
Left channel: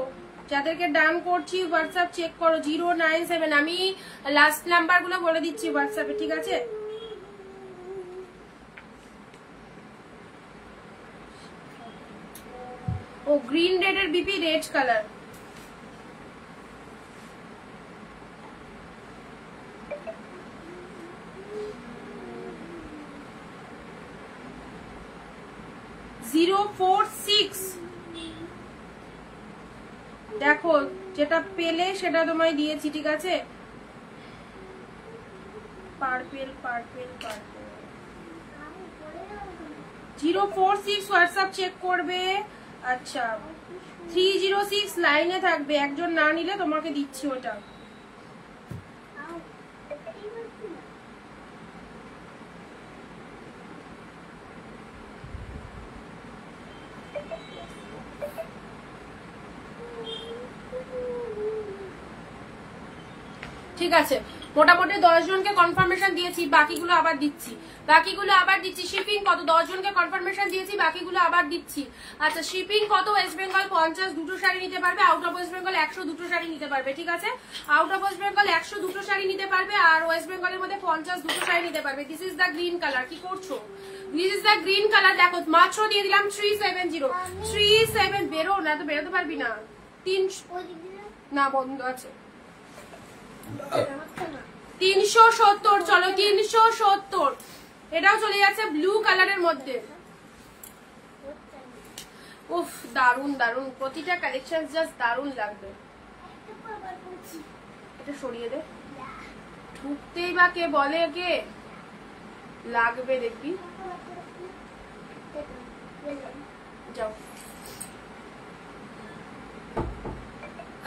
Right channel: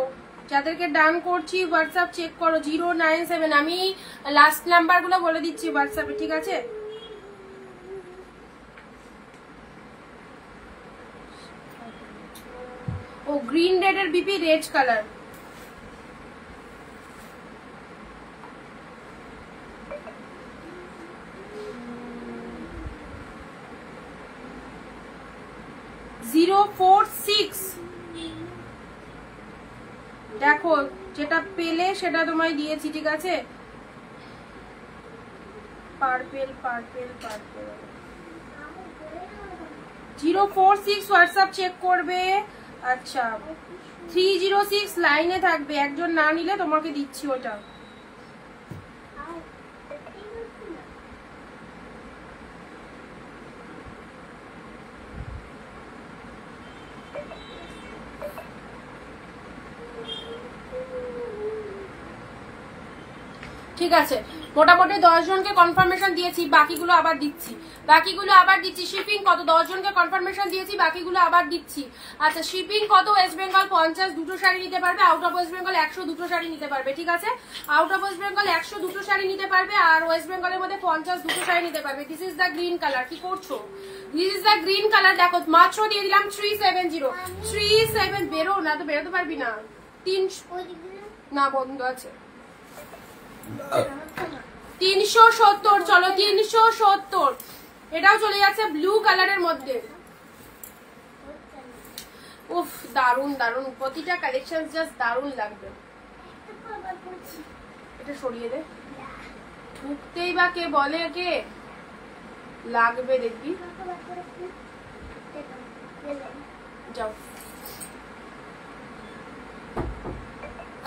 যাদেরকে ডান করছি হোয়াটসঅ্যাপ চেক করো 097। আমি লাস্ট নাম্বার গুলো বলে দিচ্ছি হোয়াটসঅ্যাপে, ঠিক আছে? ও গ্রিন রেড এর বিপি রেড কালার, দেখো যেটা পেলে সেটা তোমায় দিয়েছি, ঠিক আছে? Purple purple purple 046 WhatsApp check করবে। আচ্ছা 306 লাইনে থাকবে, একজন না নিলে তোমাকে দিচ্ছি ওটা। ঠিক আছে, মোটামুটি 10 জনকে কনফার্মেশন দিয়েছি, বাকিগুলো আবার দিচ্ছি, বাকিগুলো আবার দিচ্ছি। শিপিং কত? 10 জনকে কনফার্মেশন দিয়েছি, বাকিগুলো আবার দিচ্ছি। আচ্ছা শিপিং কত? ওয়েস্ট বেঙ্গল 50 দুটো শাড়ি নিতে পারবে, আউট অফ ওয়েস্ট বেঙ্গল 100 দুটো শাড়ি নিতে পারবে, ঠিক আছে? আউট অফ ওয়েস্ট বেঙ্গল 100 দুটো শাড়ি নিতে পারবে, আর ওয়েস্ট বেঙ্গলের মধ্যে 50 দুটো শাড়ি নিতে পারবে। This is the green colour, কি করছো? This is the green colour, দেখো মাত্র দিয়ে দিলাম 370। বেরো না তো, বেরোতে পারবি না, 300 না বন্ধ আছে, 370। চলো 370, এটাও চলে যাচ্ছে ব্লু কালারের মধ্যে। উফ দারুন দারুন, প্রতিটা কালেকশন জাস্ট দারুন লাগবে। এটা সরিয়ে দে, ঢুকতেই বা কে বলে, কে লাগবে দেখবি, যাও।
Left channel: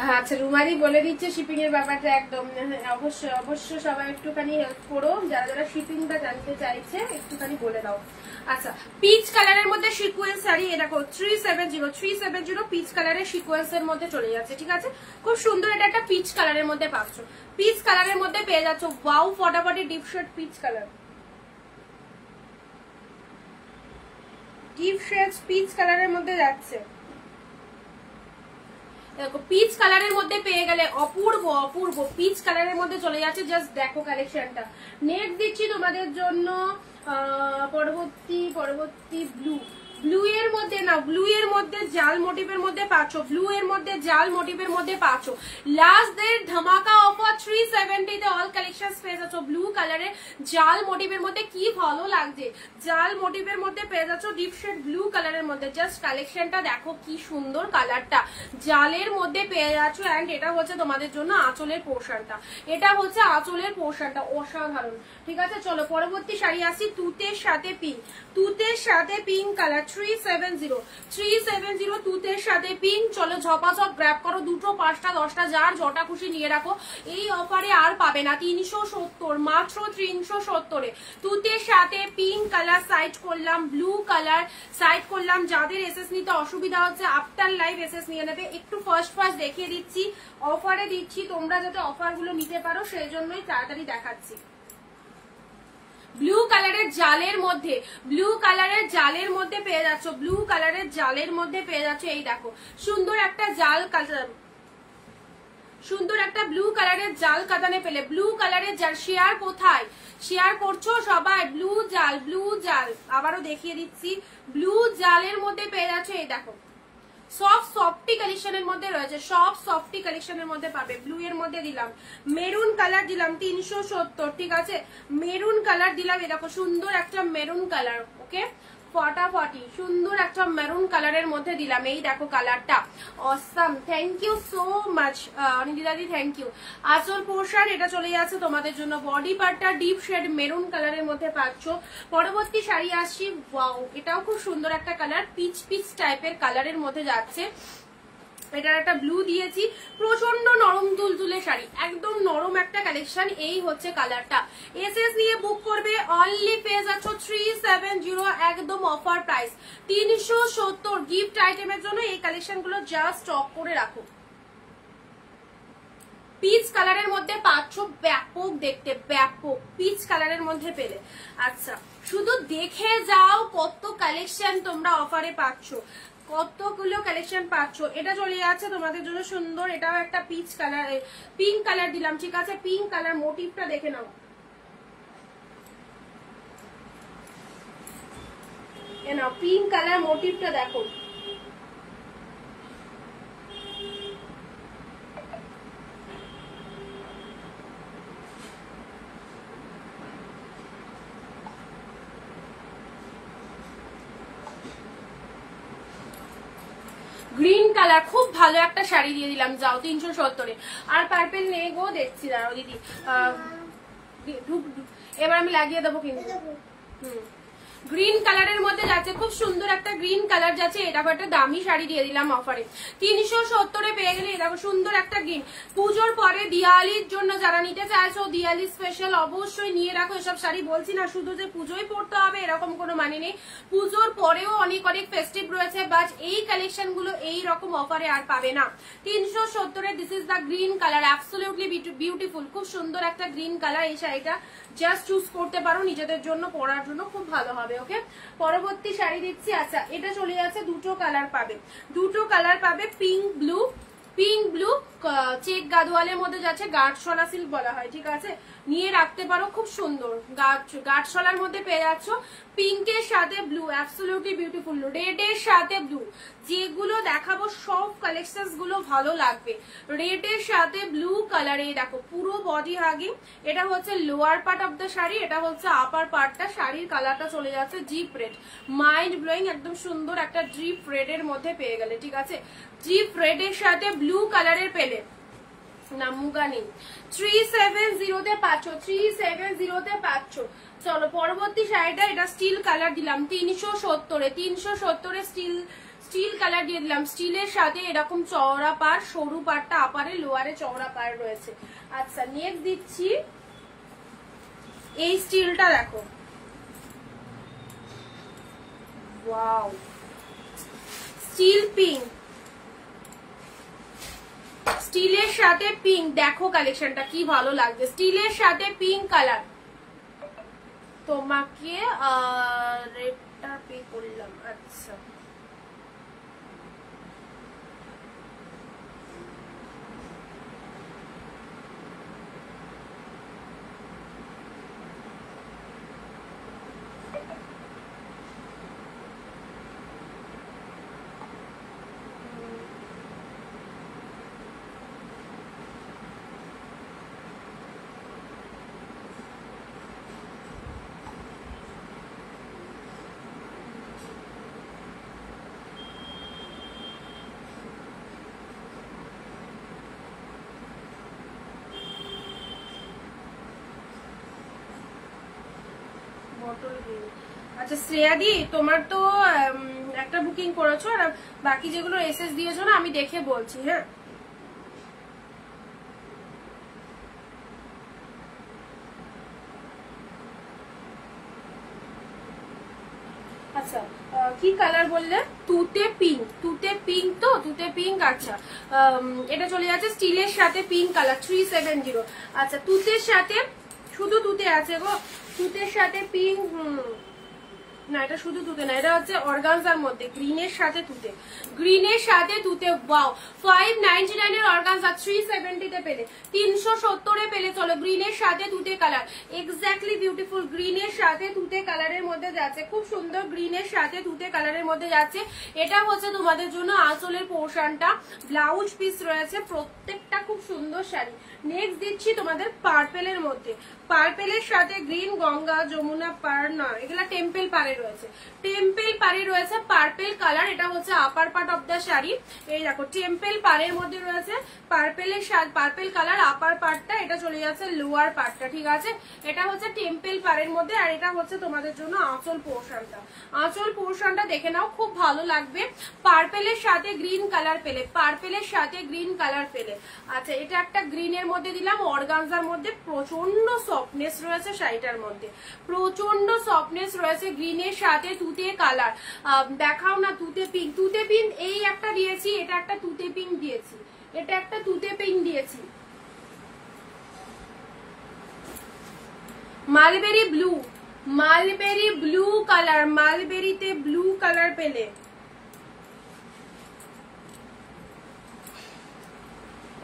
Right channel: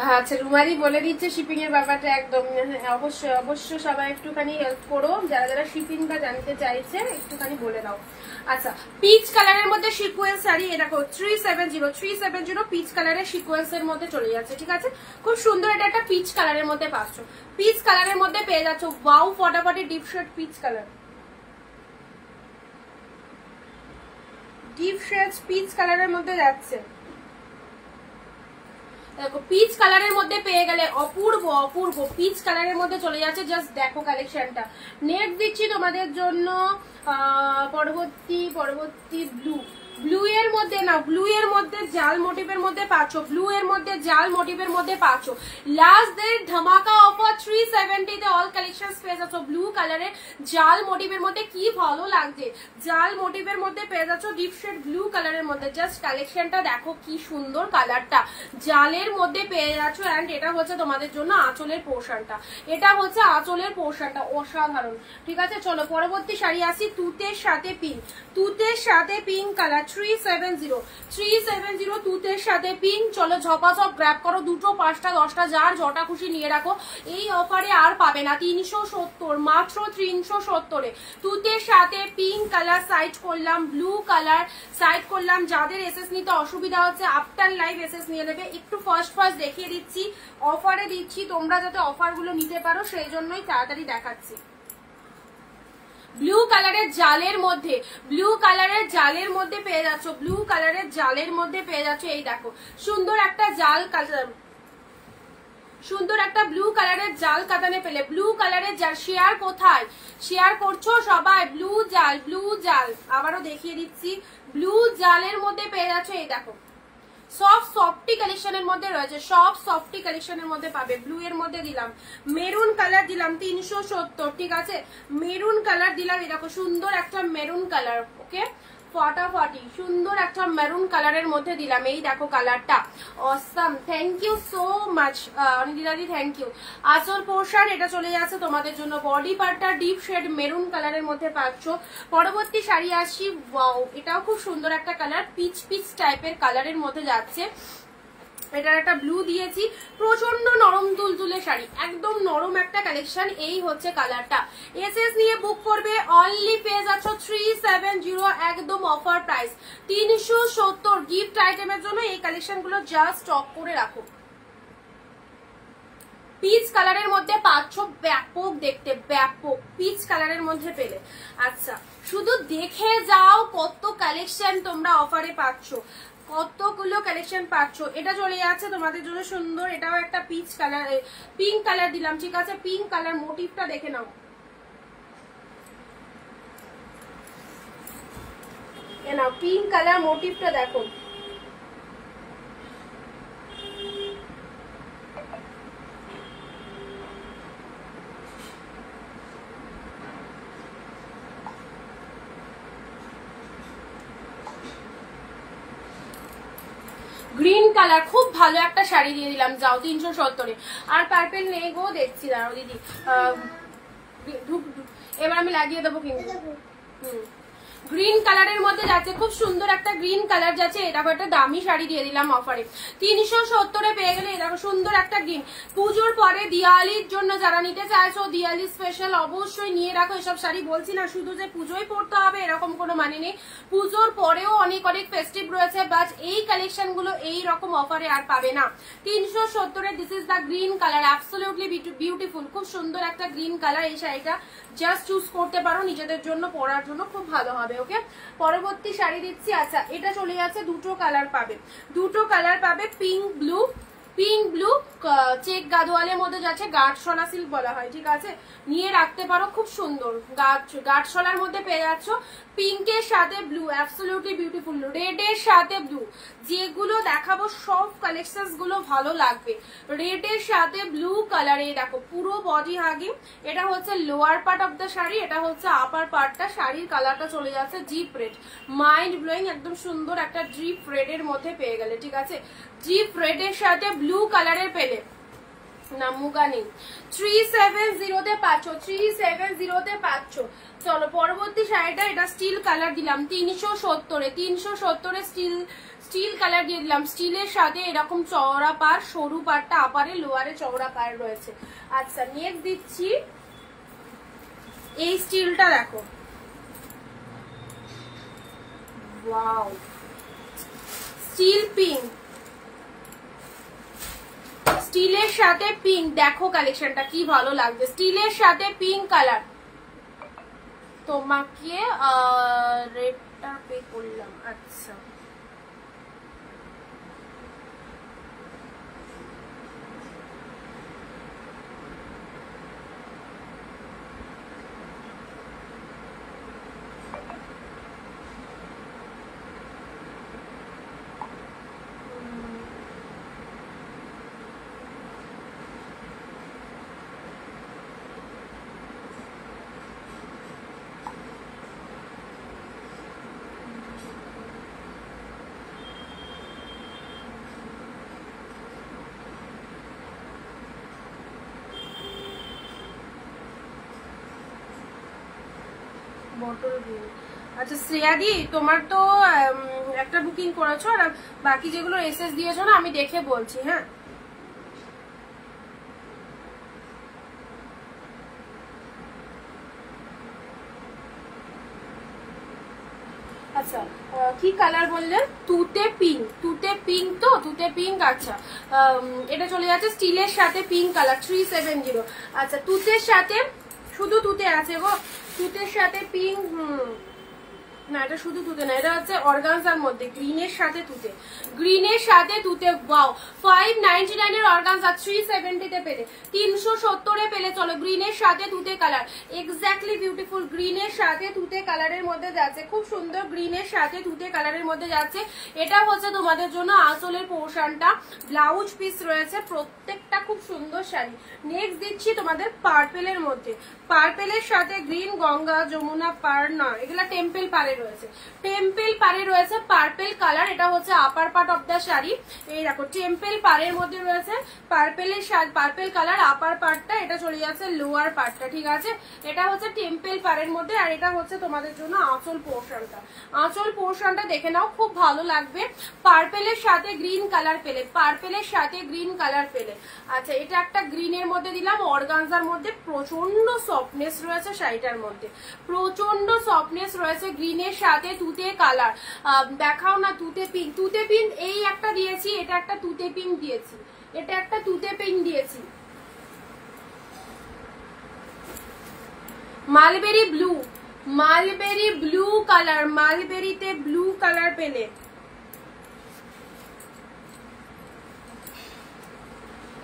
আচ্ছা রুমারি বলে দিচ্ছে শিপিং এর ব্যাপারটা একদম অবশ্যই অবশ্যই সবাই একটুখানি হেল্প করো, যারা যারা শিপিংটা জানতে চাইছে একটুখানি বলে দাও। আচ্ছা পিচ কালারের মধ্যে সিকোয়েন্স শাড়ি, এটা 370 পিচ কালারের সিকোয়েন্স এর মধ্যে চলে যাচ্ছে, ঠিক আছে খুব সুন্দর। এটা একটা পিচ কালারের মধ্যে পাচ্ছ, পিচ কালারের মধ্যে পেয়ে যাচ্ছ। ওয়াও ফটাফটি deep shade peach colour, deep shade peach কালারের মধ্যে যাচ্ছে। দেখো পিচ কালারের মধ্যে পেয়ে গেলে অপূর্ব অপূর্ব পিচ কালারের মধ্যে চলে যাচ্ছে। জাস্ট দেখো কালেকশনটা। নেক্সট দিচ্ছি তোমাদের জন্য পরবর্তী ব্লু। ব্লু এর মধ্যে না, ব্লু এর মধ্যে জাল মোটিভের মধ্যে পাচ্ছ, ব্লু এর মধ্যে জাল মোটিভের মধ্যে পাচ্ছ। লাস্ট ডে ধামাকা অফার 370 তে অল কালেকশন পেয়ে যাচ্ছ। ব্লু কালারের জাল মোটিভের মধ্যে কি ভালো লাগছে, জাল মোটিভের মধ্যে পেয়ে যাচ্ছ ডিপ শেড ব্লু কালারের মধ্যে। জাস্ট কালেকশনটা দেখো কি সুন্দর কালারটা, জালের মধ্যে পেয়ে যাচ্ছ। এন্ড এটা হচ্ছে তোমাদের জন্য আঁচলের পোর্শনটা, এটা হচ্ছে আঁচলের পোর্শনটা, অসাধারণ। ঠিক আছে চলো পরবর্তী শাড়ি আসি। তুতের সাথে পিঙ্ক, তুতের সাথে পিঙ্ক কালার 370 তুতের সাথে পিঙ্ক। চলো ঝপাঝপ গ্র্যাব করো, 2টো 5টা 10টা যার যটা খুশি নিয়ে রাখো। এই অফারে আর পাবে না, 370 মাত্র 370 এ তুতের সাথে পিঙ্ক কালার। সাইড করলাম ব্লু কালার, সাইড করলাম। যাদের এসএস নিতে অসুবিধা হচ্ছে আফটার লাইভ এসএস নিয়ে নেবে। একটু ফার্স্ট দেখিয়ে দিচ্ছি, অফারে দিচ্ছি, তোমরা যাতে অফার গুলো নিতে পারো সেই জন্যই তাড়াতাড়ি দেখাচ্ছি। ব্লু কালারের জালের মধ্যে, ব্লু কালারের জালের মধ্যে পেয়ে যাচ্ছ, ব্লু কালারের জালের মধ্যে পেয়ে যাচ্ছ। এই দেখো সুন্দর একটা জাল কালার, সুন্দর একটা ব্লু কালারের জাল কাতানে পেলে। ব্লু কালারের জাল শেয়ার কোথায় শেয়ার করছো সবাই? ব্লু জাল, ব্লু জাল আবারও দেখিয়ে দিচ্ছি, ব্লু জালের মধ্যে পেয়ে যাচ্ছ। এই দেখো সব সফটি কালেকশনের মধ্যে রয়েছে, সব সফটি কালেকশনের মধ্যে পাবে। ব্লু এর মধ্যে দিলাম, মেরুন কালার দিলাম 370, ঠিক আছে মেরুন কালার দিলাম। দেখো সুন্দর একটা মেরুন কালার, ওকে ফটাফটি সুন্দর একটা মেরুন কালারের মধ্যে দিলাম। এই দেখো কালারটা awesome, thank you so much অনিন্দিতাদি, থ্যাংক ইউ। আসল পোর্শন এটা চলে যাচ্ছে তোমাদের জন্য। বডি পার্টটা ডিপ শেড মেরুন কালারের মধ্যে পাচ্ছ। পরবর্তী শাড়ি আসছি, ওয়াও এটাও খুব সুন্দর একটা কালার, পিচ পিচ টাইপের কালারের মধ্যে যাচ্ছে। এটার একটা ব্লু দিয়েছি, প্রচন্ড নরম তুলতুলে শাড়ি, একদম নরম একটা কালেকশন। এই হচ্ছে কালারটা। এসএস নিয়ে বুক করবে, অনলি পেয়ে যাচ্ছ 370, একদম অফার প্রাইস 370। গিফট আইটেমের জন্য এই কালেকশন গুলো জাস্ট স্টক করে রাখো। পিচ কালারের মধ্যে পাচ্ছ, ব্যাপক দেখতে, ব্যাপক পিচ কালারের মধ্যে পেলে। আচ্ছা শুধু দেখে যাও কত কালেকশন তোমরা অফারে পাচ্ছ, কতগুলো কালেকশন পাচ্ছ। এটা চলে যাচ্ছে তোমাদের জন্য সুন্দর, এটাও একটা পিচ কালার, পিঙ্ক কালার দিলাম, ঠিক আছে পিঙ্ক কালার। মোটিভটা দেখে নাও, পিঙ্ক কালার মোটিভটা দেখো। গ্রিন কালার খুব ভালো একটা শাড়ি দিয়ে দিলাম, যাও 370। আর পার্পেল নেই গো, দেখছি দাঁড়াও দিদি, এবার আমি লাগিয়ে দেবো কিন্তু। গ্রিন কালারের মধ্যে যাচ্ছে, খুব সুন্দর একটা গ্রিন কালার যাচ্ছে। এটা একটা দামি শাড়ি দিয়ে দিলাম অফারে, 370 পেয়ে গেলে। দেখো সুন্দর একটা গ্রিন। পুজোর পরে দিওয়ালির জন্য যারা নিতে চাইছো, দিওয়ালি স্পেশাল অবশ্যই নিয়ে রাখো এসব শাড়ি। বলছি না শুধু যে পুজোই পড়তে হবে এরকম কোনো মানে নেই, পুজোর পরেও অনেক অনেক ফেস্টিভ রয়েছে, বাট এই কালেকশন গুলো এই রকম অফারে আর পাবে না। 370 this is the green colour, absolutely beautiful, খুব সুন্দর একটা গ্রিন কালার। এই শাড়িটা জাস্ট চুজ করতে পারো নিজেদের জন্য, পরার জন্য খুব ভালো হবে। ওকে পরবর্তী শাড়ি দিচ্ছি। আচ্ছা এটা চলে যাচ্ছে, দুটো কালার পাবে, দুটো কালার পাবে, pink blue, pink blue check গাদোয়ালের মধ্যে যাচ্ছে, গাঢ়শলা সিল্ক বলা হয়, ঠিক আছে নিয়ে রাখতে পারো, খুব সুন্দর গাঢ়শলার মধ্যে পেয়ে যাচ্ছ। পিঙ্কের সাথে ব্লু, অ্যাবসলিউটলি বিউটিফুল। রেডের সাথে ব্লু, যেগুলো দেখাবো সব কালেকশন গুলো ভালো লাগবে। রেডের সাথে ব্লু কালারে দেখো পুরো বডি হাগিং। এটা হচ্ছে lower part of the sari, এটা হচ্ছে আপার পার্টটা। শাড়ির কালারটা চলে যাচ্ছে ডিপ রেড, মাইন্ড ব্লোয়িং, একদম সুন্দর একটা ডিপ রেডের মধ্যে পেয়ে গেলে, ঠিক আছে ডিপ রেডের সাথে ব্লু কালারের পেলে না, মুগা নেই। 370 তে পাচ্ছ, 370 তে পাচ্ছ। চলো পরবর্তী শাড়িটা, এটা স্টিল কালার দিলাম 370 এ, 370 এ স্টিল কালার দিয়ে দিলাম, স্টিলের সাথে এরকম চওড়া পার, সরু পারটা আপারে, লোয়ারে চওড়া পার রয়েছে। আচ্ছা নেক্সট দিচ্ছি এই স্টিলটা দেখো, ওয়াও স্টিল পিঙ্ক, স্টিলের সাথে পিঙ্ক, দেখো কালেকশনটা কি ভালো লাগছে, স্টিলের সাথে পিঙ্ক কালার। তোমাকে রেটটা পে করলাম। আচ্ছা বটল গ্রিন। আচ্ছা শ্রেয়াদি তোমার তো একটা বুকিং করেছো, আর বাকি যেগুলো এসএস দিয়েছো না আমি দেখে বলছি। হ্যাঁ আচ্ছা কি কালার বললে? তুতে পিঙ্ক, তুতে পিঙ্ক তো, তুতে পিঙ্ক। আচ্ছা এটা চলে যাচ্ছে স্টিলের সাথে পিঙ্ক কালার 370। আচ্ছা তুতের সাথে, শুধু তুতে আছে গো, তুতের সাথে পিঙ্ক, না এটা শুধু তুতে না, এটা হচ্ছে অর্গানজার মধ্যে গ্রিনের সাথে তুতে, গ্রিনের সাথে তুতে। ওয়াও 599 এর অর্গানজা 370 তে পেলে, 370 এ পেলে। চলো গ্রিনের সাথে তুতে কালার, এক্স্যাক্টলি বিউটিফুল, গ্রিনের সাথে তুতে কালারের মধ্যে যাচ্ছে, খুব সুন্দর গ্রিনের সাথে তুতে কালারের মধ্যে যাচ্ছে। এটা হচ্ছে তোমাদের জন্য আঁচলের পোর্শনটা, ব্লাউজ পিস রয়েছে, প্রত্যেকটা খুব সুন্দর শাড়ি। নেক্সট দিচ্ছি তোমাদের পার্পেলের মধ্যে, পার্পেলের সাথে গ্রিন, গঙ্গা যমুনা পার, না এগুলা টেম্পল পারে রয়েছে, টেম্পল পারে রয়েছে পার্পেল কালার। এটা হচ্ছে upper part of the sari, এই দেখো টেম্পল পারের মধ্যে রয়েছে পার্পেলের, পার্পেল কালার আপার পার্টটা, এটা চলে যাচ্ছে লোয়ার পার্টটা, ঠিক আছে। এটা হচ্ছে টেম্পল পারের মধ্যে, আর এটা হচ্ছে তোমাদের জন্য আঁচল পোর্শনটা। আঁচল পোর্শনটা দেখে নাও, খুব ভালো লাগবে। পার্পেলের সাথে গ্রিন কালার পেলে, পার্পেলের সাথে গ্রিন কালার পেলে। আচ্ছা এটা একটা গ্রিনের মধ্যে দিলাম, অর্গানজার মধ্যে, প্রচন্ড সফটনেস রয়েছে শাড়িটার মধ্যে, প্রচন্ড সফটনেস রয়েছে, গ্রিনের সাথে তুতে কালার। দেখাও না তুতে পিঙ্ক, তুতে পিঙ্ক এই একটা দিয়েছি, এটা একটা তুতে পিঙ্ক দিয়েছি, এটা একটা তুতে পিঙ্ক দিয়েছি। Mulberry blue, mulberry blue colour, মালবেরিতে ব্লু কালার পেলে।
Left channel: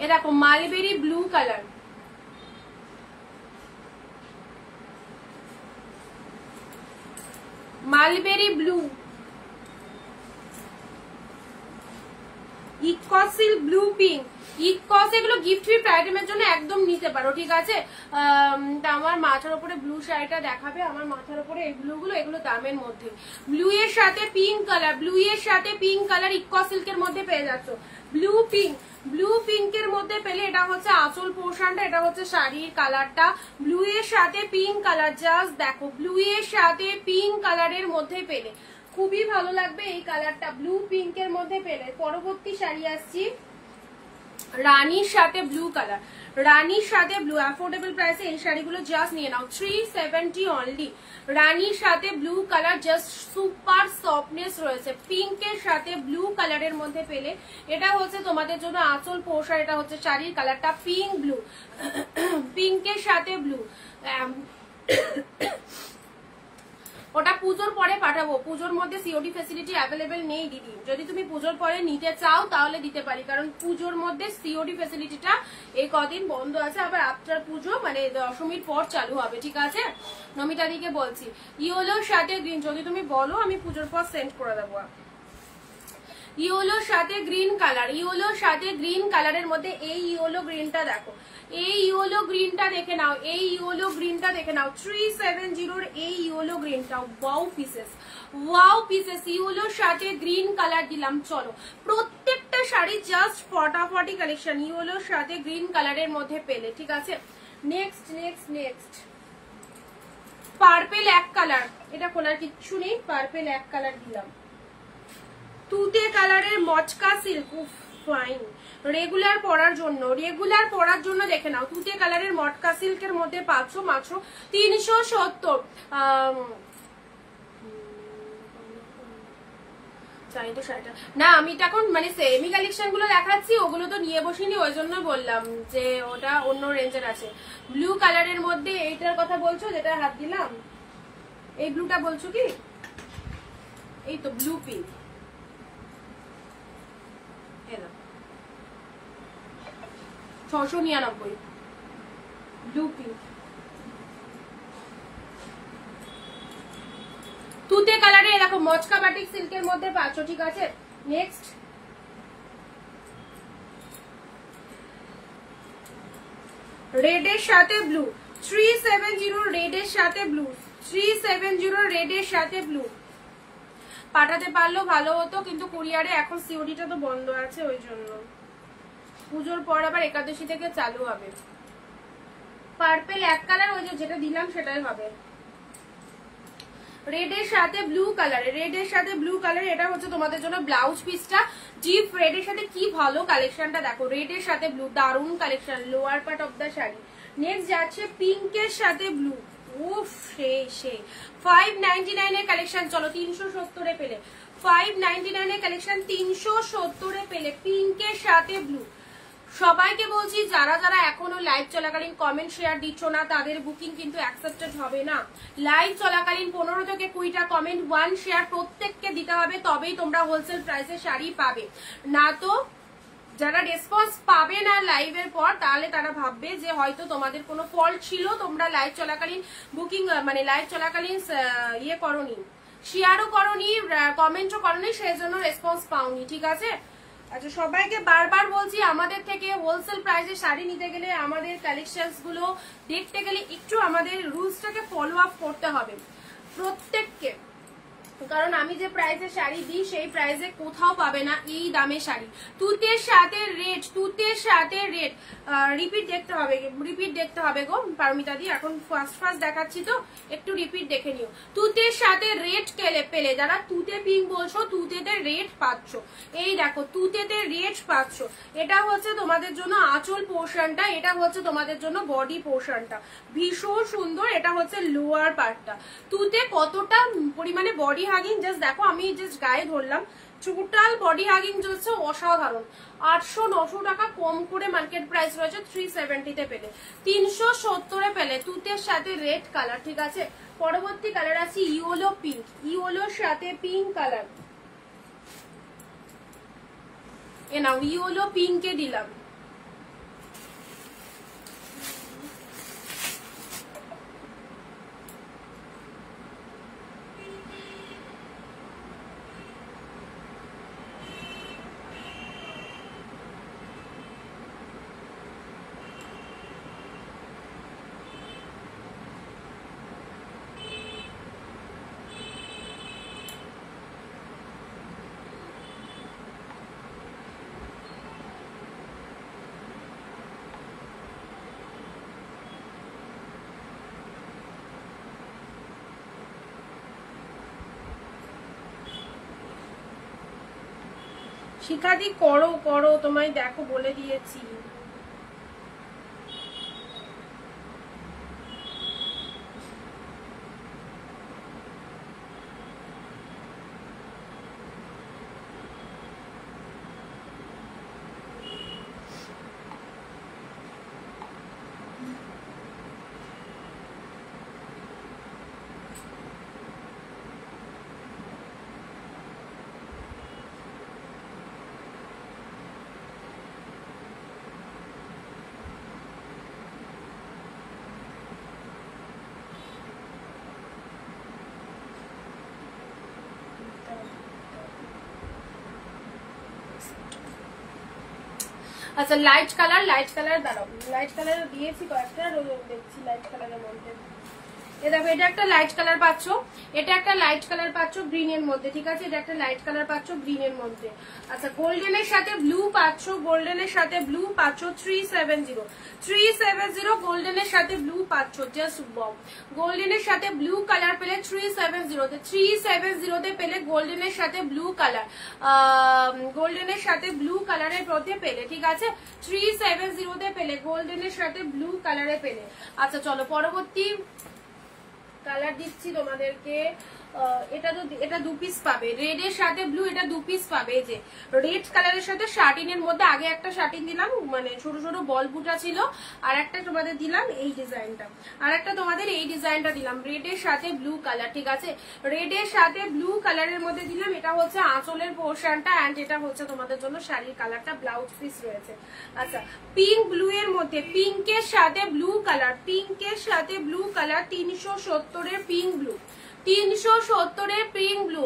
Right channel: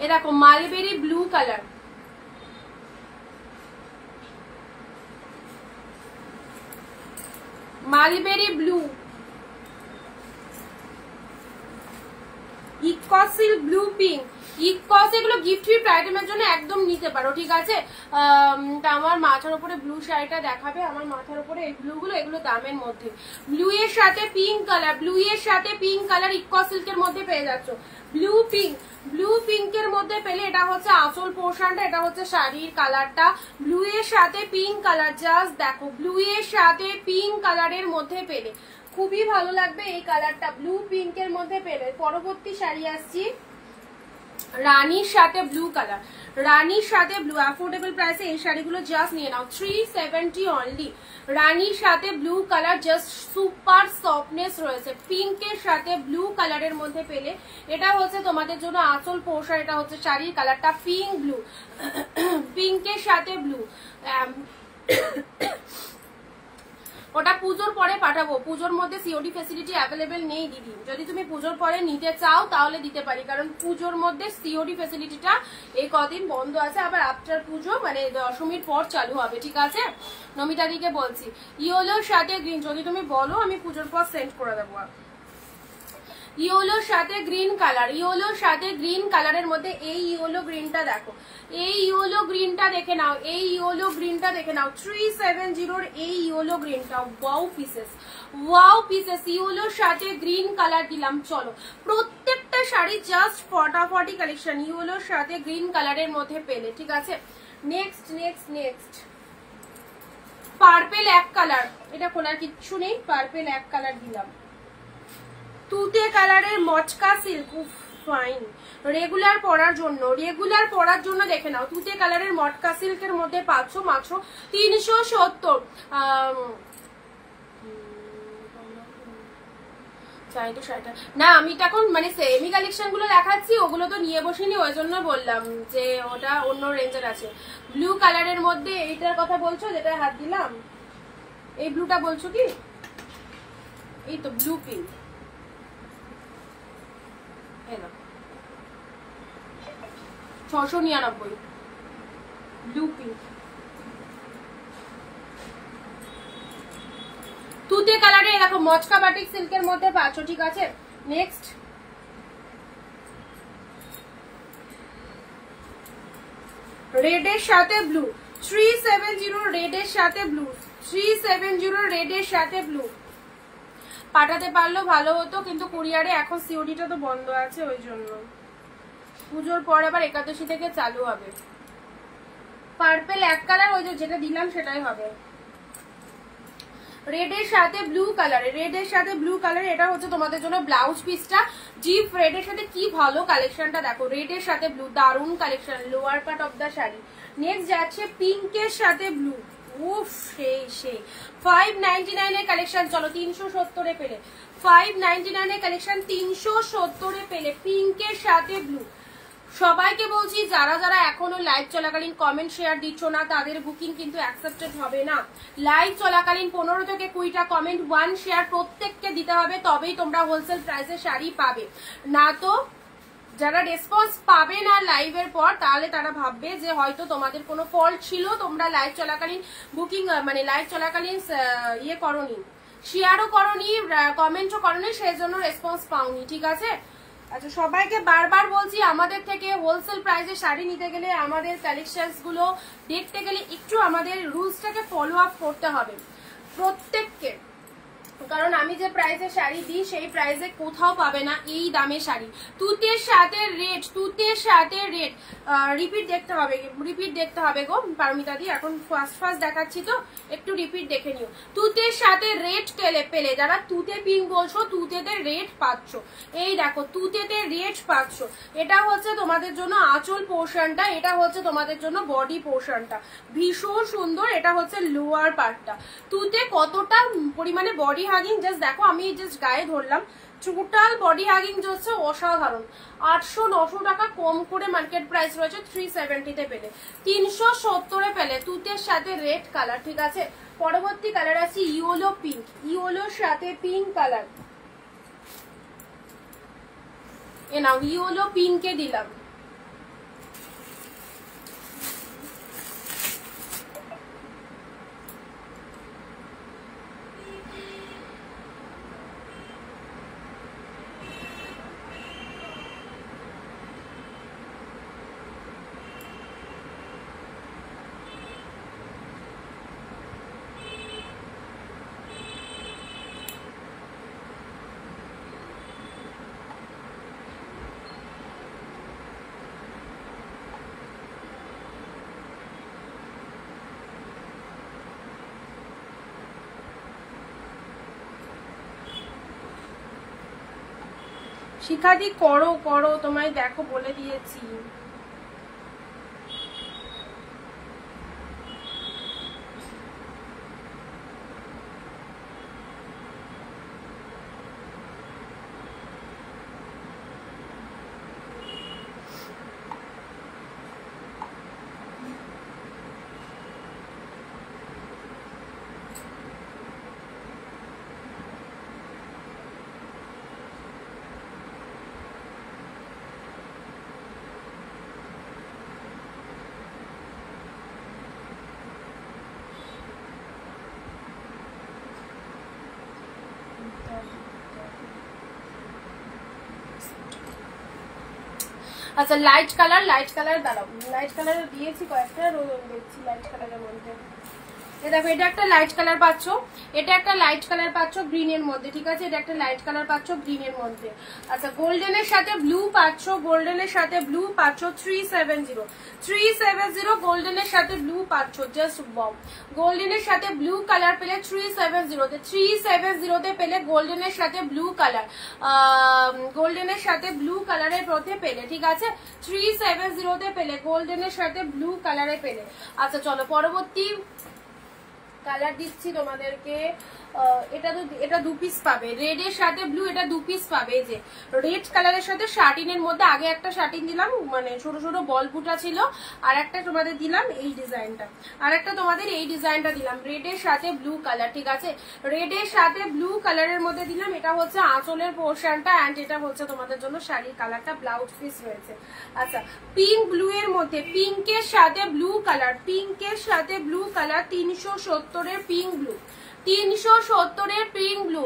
এরকম mulberry blue colour, mulberry blue, ইকসিল ব্লু পিঙ্ক, ইকস, এগুলো গিফট ফিফট আইটেমের জন্য একদম নিতে পারো, ঠিক আছে। আমার মাথার উপরে ব্লু শাড়িটা দেখাবে, আমার মাথার উপরে এই ব্লু গুলো, এগুলো দামের মধ্যে। ব্লু এর সাথে পিঙ্ক কালার, ব্লু এর সাথে পিঙ্ক কালার ইকস সিল্কের মধ্যে পেয়ে যাচ্ছ, ব্লু পিঙ্ক, ব্লু পিঙ্কের মধ্যে পেলে। এটা হচ্ছে আঁচল পোর্শনটা, এটা হচ্ছে শাড়ির কালারটা, ব্লু এর সাথে পিঙ্ক কালার, জাস্ট দেখো ব্লু এর সাথে পিঙ্ক কালারের মধ্যে পেলে, খুবই ভালো লাগবে এই কালারটা, ব্লু পিঙ্কের মধ্যে পেলে। পরবর্তী শাড়ি আসছি রানীর সাথে ব্লু কালার, রানীর সাথে ব্লু, অ্যাফোর্ডেবল প্রাইসে এই শাড়িগুলো জাস্ট নিয়ে নাও, 370 অনলি। রানীর সাথে blue colour, just super softness রয়েছে, পিঙ্কের সাথে ব্লু কালারের মধ্যে পেলে। এটা হচ্ছে তোমাদের জন্য আঁচল পোর্শন, এটা হচ্ছে শাড়ির কালারটা পিঙ্ক ব্লু, পিঙ্কের সাথে ব্লু। ওটা পুজোর পরে পাঠাবো, পুজোর মধ্যে সিওডি ফেসিলিটি অ্যাভেলেবেল নেই দিদি, যদি তুমি পুজোর পরে নিতে চাও তাহলে দিতে পারি, কারণ পুজোর মধ্যে সিওডি ফেসিলিটিটা এই কদিন বন্ধ আছে, আবার আফটার পুজো মানে দশমীর পর চালু হবে, ঠিক আছে। নমিতাদিকে বলছি ইয়েলোর সাথে গ্রিন, যদি তুমি বলো আমি পুজোর পর সেন্ড করে দেবো। ইয়েলোর সাথে গ্রিন কালার, ইয়েলোর সাথে গ্রিন কালারের মধ্যে এই ইয়েলো গ্রিনটা দেখো, এই ইয়েলো গ্রিনটা দেখে নাও, এই ইয়েলো গ্রিনটা দেখে নাও, 370 এই ইয়েলো গ্রিনটা। ওয়াও পিসেস, ওয়াও পিসেস, ইয়েলোর সাথে গ্রিন কালার দিলাম। চলো প্রত্যেকটা শাড়ি জাস্ট ফটাফটি কালেকশন, ইয়েলোর সাথে গ্রিন কালারের মধ্যে পেলে, ঠিক আছে। নেক্সট নেক্সট নেক্সট পার্পেল এক কালার, এটা খোলার কিচ্ছু নেই, পার্পেল এক কালার দিলাম। তুতে কালারের মচকা সিল্ক, ফাইন। রেগুলার পরার জন্য দেখে নাও, তুতে কালারের মটকা সিল্কের মধ্যে পাচ্ছ মাত্র 370। না আমি তো এখন মানে সেমি কালেকশন গুলো দেখাচ্ছি, ওগুলো তো নিয়ে বসিনি, ওই জন্য বললাম যে ওটা অন্য রেঞ্জের আছে। ব্লু কালারের মধ্যে এইটার কথা বলছো যেটা হাত দিলাম, এই ব্লুটা বলছো কি? এই তো ব্লু পিঙ্ক, 699 ব্লু পিঙ্ক। তুতে কালারে দেখো মচকা বাটিক সিল্কের মধ্যে পাচ্ছ, ঠিক আছে। নেক্সট রেডের সাথে ব্লু, 370 রেডের সাথে ব্লু, 370 রেডের সাথে ব্লু। পাঠাতে পারলেও ভালো হতো, কিন্তু কুরিয়ারে এখন সিওডিটা তো বন্ধ আছে, ওই জন্য। পুজোর পর আবার একাদশী থেকে চালু হবে। পার্পেল এক কালার, ওই যে যেটা দিলাম সেটাই হবে। রেডের সাথে ব্লু কালার, রেডের সাথে ব্লু কালার, এটা হচ্ছে তোমাদের জন্য ব্লাউজ পিসটা। ডিপ রেডের সাথে কি ভালো কালেকশনটা দেখো, রেডের সাথে ব্লু, দারুন collection, lower part of the sari. Next যাচ্ছে পিঙ্কের সাথে ব্লু, উফ সেই 599 এর কালেকশন। চলো 370 এ পেলে, 599 এর কালেকশন 370 এ পেলে, পিঙ্কের সাথে ব্লু। সবাইকে বলছি যারা যারা এখনো লাইভ চলাকালীন কমেন্ট শেয়ার দিচ্ছ না, তাদের বুকিং কিন্তু অ্যাকসেপ্টেড হবে না। লাইভ চলাকালীন 15 থেকে 20টা কমেন্ট, 1 শেয়ার প্রত্যেককে দিতে হবে, তবেই তোমরা হোলসেল প্রাইসে শাড়ি পাবে। না তো যারা রেসপন্স পাবে না লাইভের পর, তাহলে তারা ভাববে যে হয়তো তোমাদের কোনো ফল্ট ছিল, তোমরা লাইভ চলাকালীন বুকিং মানে লাইভ চলাকালীন ইয়ে করনি, শেয়ারও করনি, কমেন্টও করনি, সেই জন্য রেসপন্স পাওনি, ঠিক আছে। আচ্ছা, সবাইকে বারবার বলছি, আমাদের থেকে হোলসেল প্রাইসে শাড়ি নিতে গেলে, আমাদের কালেকশনস গুলো দেখতে গেলে একটু আমাদের রুলসটাকে ফলো আপ করতে হবে প্রত্যেককে। কারণ আমি যে প্রাইসে শাড়ি দিই সেই প্রাইসে কোথাও পাবে না এই দামে শাড়ি। তুতের সাথে রেড, তুতের সাথে রেড, রিপিট দেখতে হবে গো পারমিতা দি, এখন ফার্স্ট দেখাচ্ছি তো একটু রিপিট দেখে নিও। তুতের সাথে রেড পেলে, যারা তুতে পিঙ্ক বলছো, তুতেতে রেড পাচ্ছ, এই দেখো তুতেতে রেড পাচ্ছ। এটা হচ্ছে তোমাদের জন্য আঁচল পোর্শনটা, এটা হচ্ছে তোমাদের জন্য বডি পোর্শনটা, ভীষণ সুন্দর। এটা হচ্ছে লোয়ার পার্টটা। তুতে কতটা পরিমাণে বডি হাগিং জাস্ট দেখো, আমি জাস্ট গায়ে ধরলাম, টোটাল বডি হাগিং হচ্ছে অসাধারণ। 800-900 টাকা কম করে মার্কেট প্রাইস রয়েছে, 370 তে পেলে, 370 এ পেলে তুতের সাথে রেড কালার, ঠিক আছে। পরবর্তী কালার আছে ইয়েলো পিঙ্ক, ইয়েলোর সাথে পিঙ্ক কালার। এ নাও ইয়েলো পিঙ্কে দিলাম। শিখাদি করো তোমায় দেখো বলে দিয়েছি। আচ্ছা, লাইট কালার দাঁড়াও, লাইট কালার দিয়েছি কয়েকটা, দেখছি লাইট কালারের মধ্যে এ দেখো এটা একটা লাইট কালার পাচ্ছ, এটা একটা লাইট কালার পাচ্ছ গ্রিনের মধ্যে, ঠিক আছে, এটা একটা লাইট কালার পাচ্ছ গ্রিনের মধ্যে। আচ্ছা গোল্ডেনের সাথে ব্লু পাচ্ছ, গোল্ডেনের সাথে ব্লু পাচ্ছ 370 গোল্ডেনের সাথে ব্লু পাচ্ছ, জাস্ট ওয়াও। গোল্ডেনের সাথে ব্লু কালার পেলে 370 তে পেলে গোল্ডেনের সাথে ব্লু কালার, গোল্ডেনের সাথে ব্লু কালারের মধ্যে পেলে, ঠিক আছে, 370 তে পেলে গোল্ডেনের সাথে ব্লু কালারে পেলে। আচ্ছা চলো পরবর্তী কালার দিচ্ছি তোমাদেরকে। এটা 2 পিস পাবে, রেড এর সাথে ব্লু, এটা 2 পিস পাবে। এই যে রেড কালারের সাথে শার্টিনের মধ্যে আগে একটা শার্টিন দিলাম, মানে ছোট ছোট বল বুটা ছিল, আর একটা তোমাদের দিলাম এই ডিজাইনটা, আর একটা তোমাদের এই ডিজাইনটা দিলাম, রেড এর সাথে ব্লু কালার, ঠিক আছে, রেড এর সাথে ব্লু কালারের মধ্যে দিলাম। এটা হচ্ছে আঁচলের পোর্শনটা, এন্ড এটা হচ্ছে তোমাদের জন্য শাড়ির কালারটা, ব্লাউজ পিস রয়েছে। আচ্ছা পিঙ্ক ব্লু এর মধ্যে, পিঙ্কের সাথে ব্লু কালার, পিঙ্কের সাথে ব্লু কালার 370 এর পিঙ্ক ব্লু, 370 এর পিঙ্ক ব্লু।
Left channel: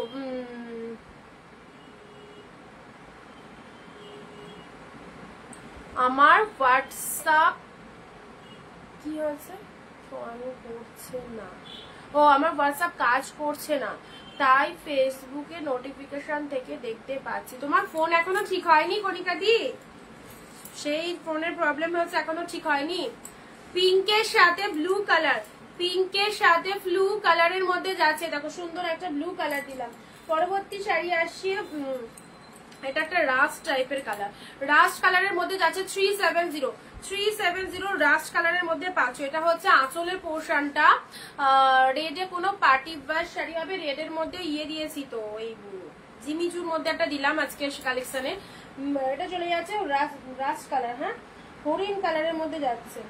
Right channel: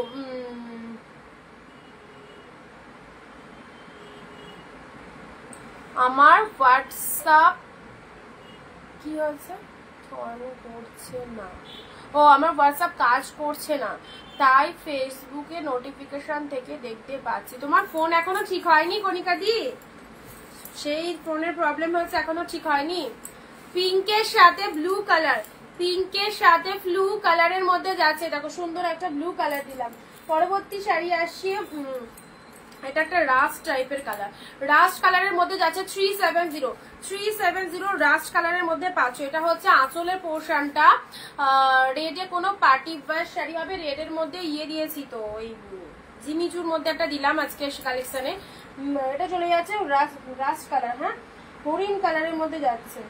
আমার হোয়াটসঅ্যাপ কি হয়েছে করছে না, ও আমার হোয়াটসঅ্যাপ কাজ করছে না, তাই ফেসবুকে নোটিফিকেশন থেকে দেখতে পাচ্ছি। তোমার ফোন এখনো ঠিক হয়নি কণিকা দি? সেই ফোনের প্রবলেম হচ্ছে, এখনো ঠিক হয়নি। পিঙ্কের সাথে ব্লু কালার, পিঙ্কের সাথে ব্লু কালারের মধ্যে যাচ্ছে, দেখো সুন্দর একটা ব্লু কালার দিলাম। পরবর্তী শাড়ি আসছে, এটা একটা রাস্ট টাইপের কালার, রাস্ট কালারের মধ্যে যাচ্ছে 370 রাস্ট কালারের মধ্যে পাচ্ছ। এটা হচ্ছে আঁচলের পোর্শনটা, রেডে কোনো পার্টি ওয়্যার শাড়ি হবে, রেডের মধ্যে ইয়ে দিয়েছি তো ওই জিমিচুর মধ্যে একটা দিলাম আজকে কালেকশনে। এটা চলে যাচ্ছে রাস্ট কালার, হ্যাঁ হরিণ কালারের মধ্যে যাচ্ছে।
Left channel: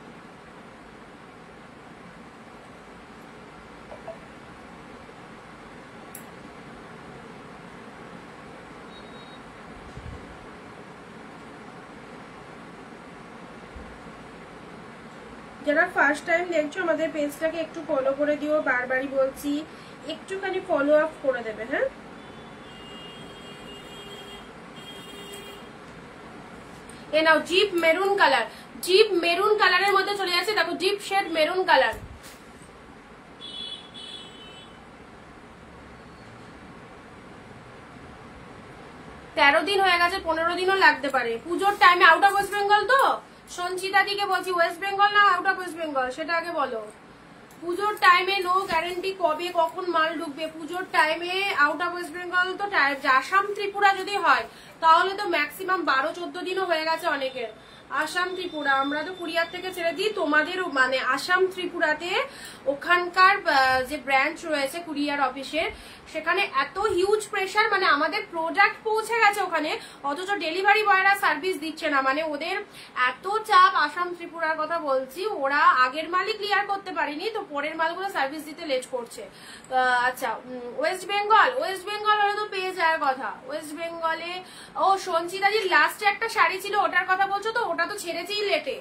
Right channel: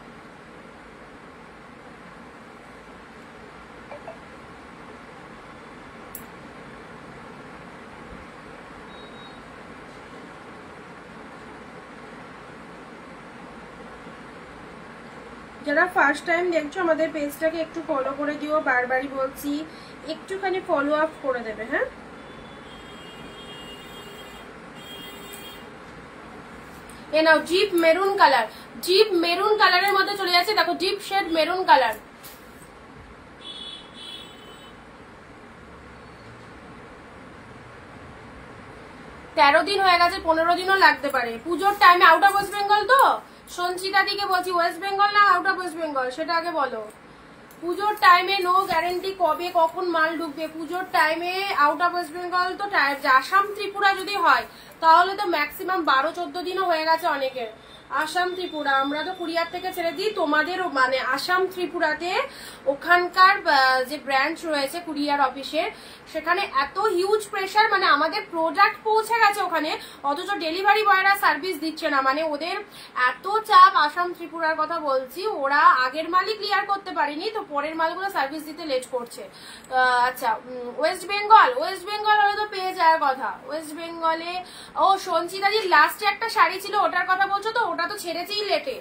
যারা ফার্স্ট টাইম দেখছো আমাদের পেজটাকে একটু ফলো করে দিও, বারবারই বলছি একটুখানি ফলো আপ করে দেবে, হ্যাঁ। এ নাও জিপ মেরুন কালার, জিপ মেরুন কালারের মধ্যে চলে যাচ্ছে, দেখো জিপ শেড মেরুন কালার। তেরো দিন হয়ে গেছে, 15 দিনও লাগতে পারে। পুজোর টাইমে আউট অফ ওয়েস্ট বেঙ্গল তো, সঞ্চিতা দিকে বলছি, ওয়েস্ট বেঙ্গল না আউট অফ ওয়েস্ট বেঙ্গল সেটা আগে বলো। পুজোর টাইমে নো গ্যারেন্টি কবে কখন মাল ঢুকবে। পুজোর টাইমে আউট অফ ওয়েস্ট বেঙ্গল তো আসাম ত্রিপুরা যদি হয় তাহলে তো ম্যাক্সিমাম 12-14 দিনও হয়ে গেছে অনেকের। আসাম ত্রিপুরা আমরা তো কুরিয়ার থেকে ছেড়ে দিই, তোমাদেরও মানে আসাম ত্রিপুরাতে ওখানকার যে ব্রাঞ্চ রয়েছে কুরিয়ার অফিসের, সেখানে এত হিউজ প্রেশার, মানে আমাদের প্রোডাক্ট পৌঁছে গেছে ওখানে, অথচ ডেলিভারি বয়রা সার্ভিস দিচ্ছে না। মানে ওদের এত চাপ, আসাম ত্রিপুরার কথা বলছি, ওরা আগের মালই ক্লিয়ার করতে পারেনি, তো পরের মালগুলো সার্ভিস দিতে লেট করছে। আচ্ছা ওয়েস্ট বেঙ্গল, ওয়েস্ট বেঙ্গল হলে তো পেয়ে যাওয়ার কথা। ওয়েস্ট বেঙ্গলে ও সঞ্চিতাজির লাস্টে একটা শাড়ি ছিল, ওটার কথা বলছো তো? ওটা তো ছেড়েছি লেটে,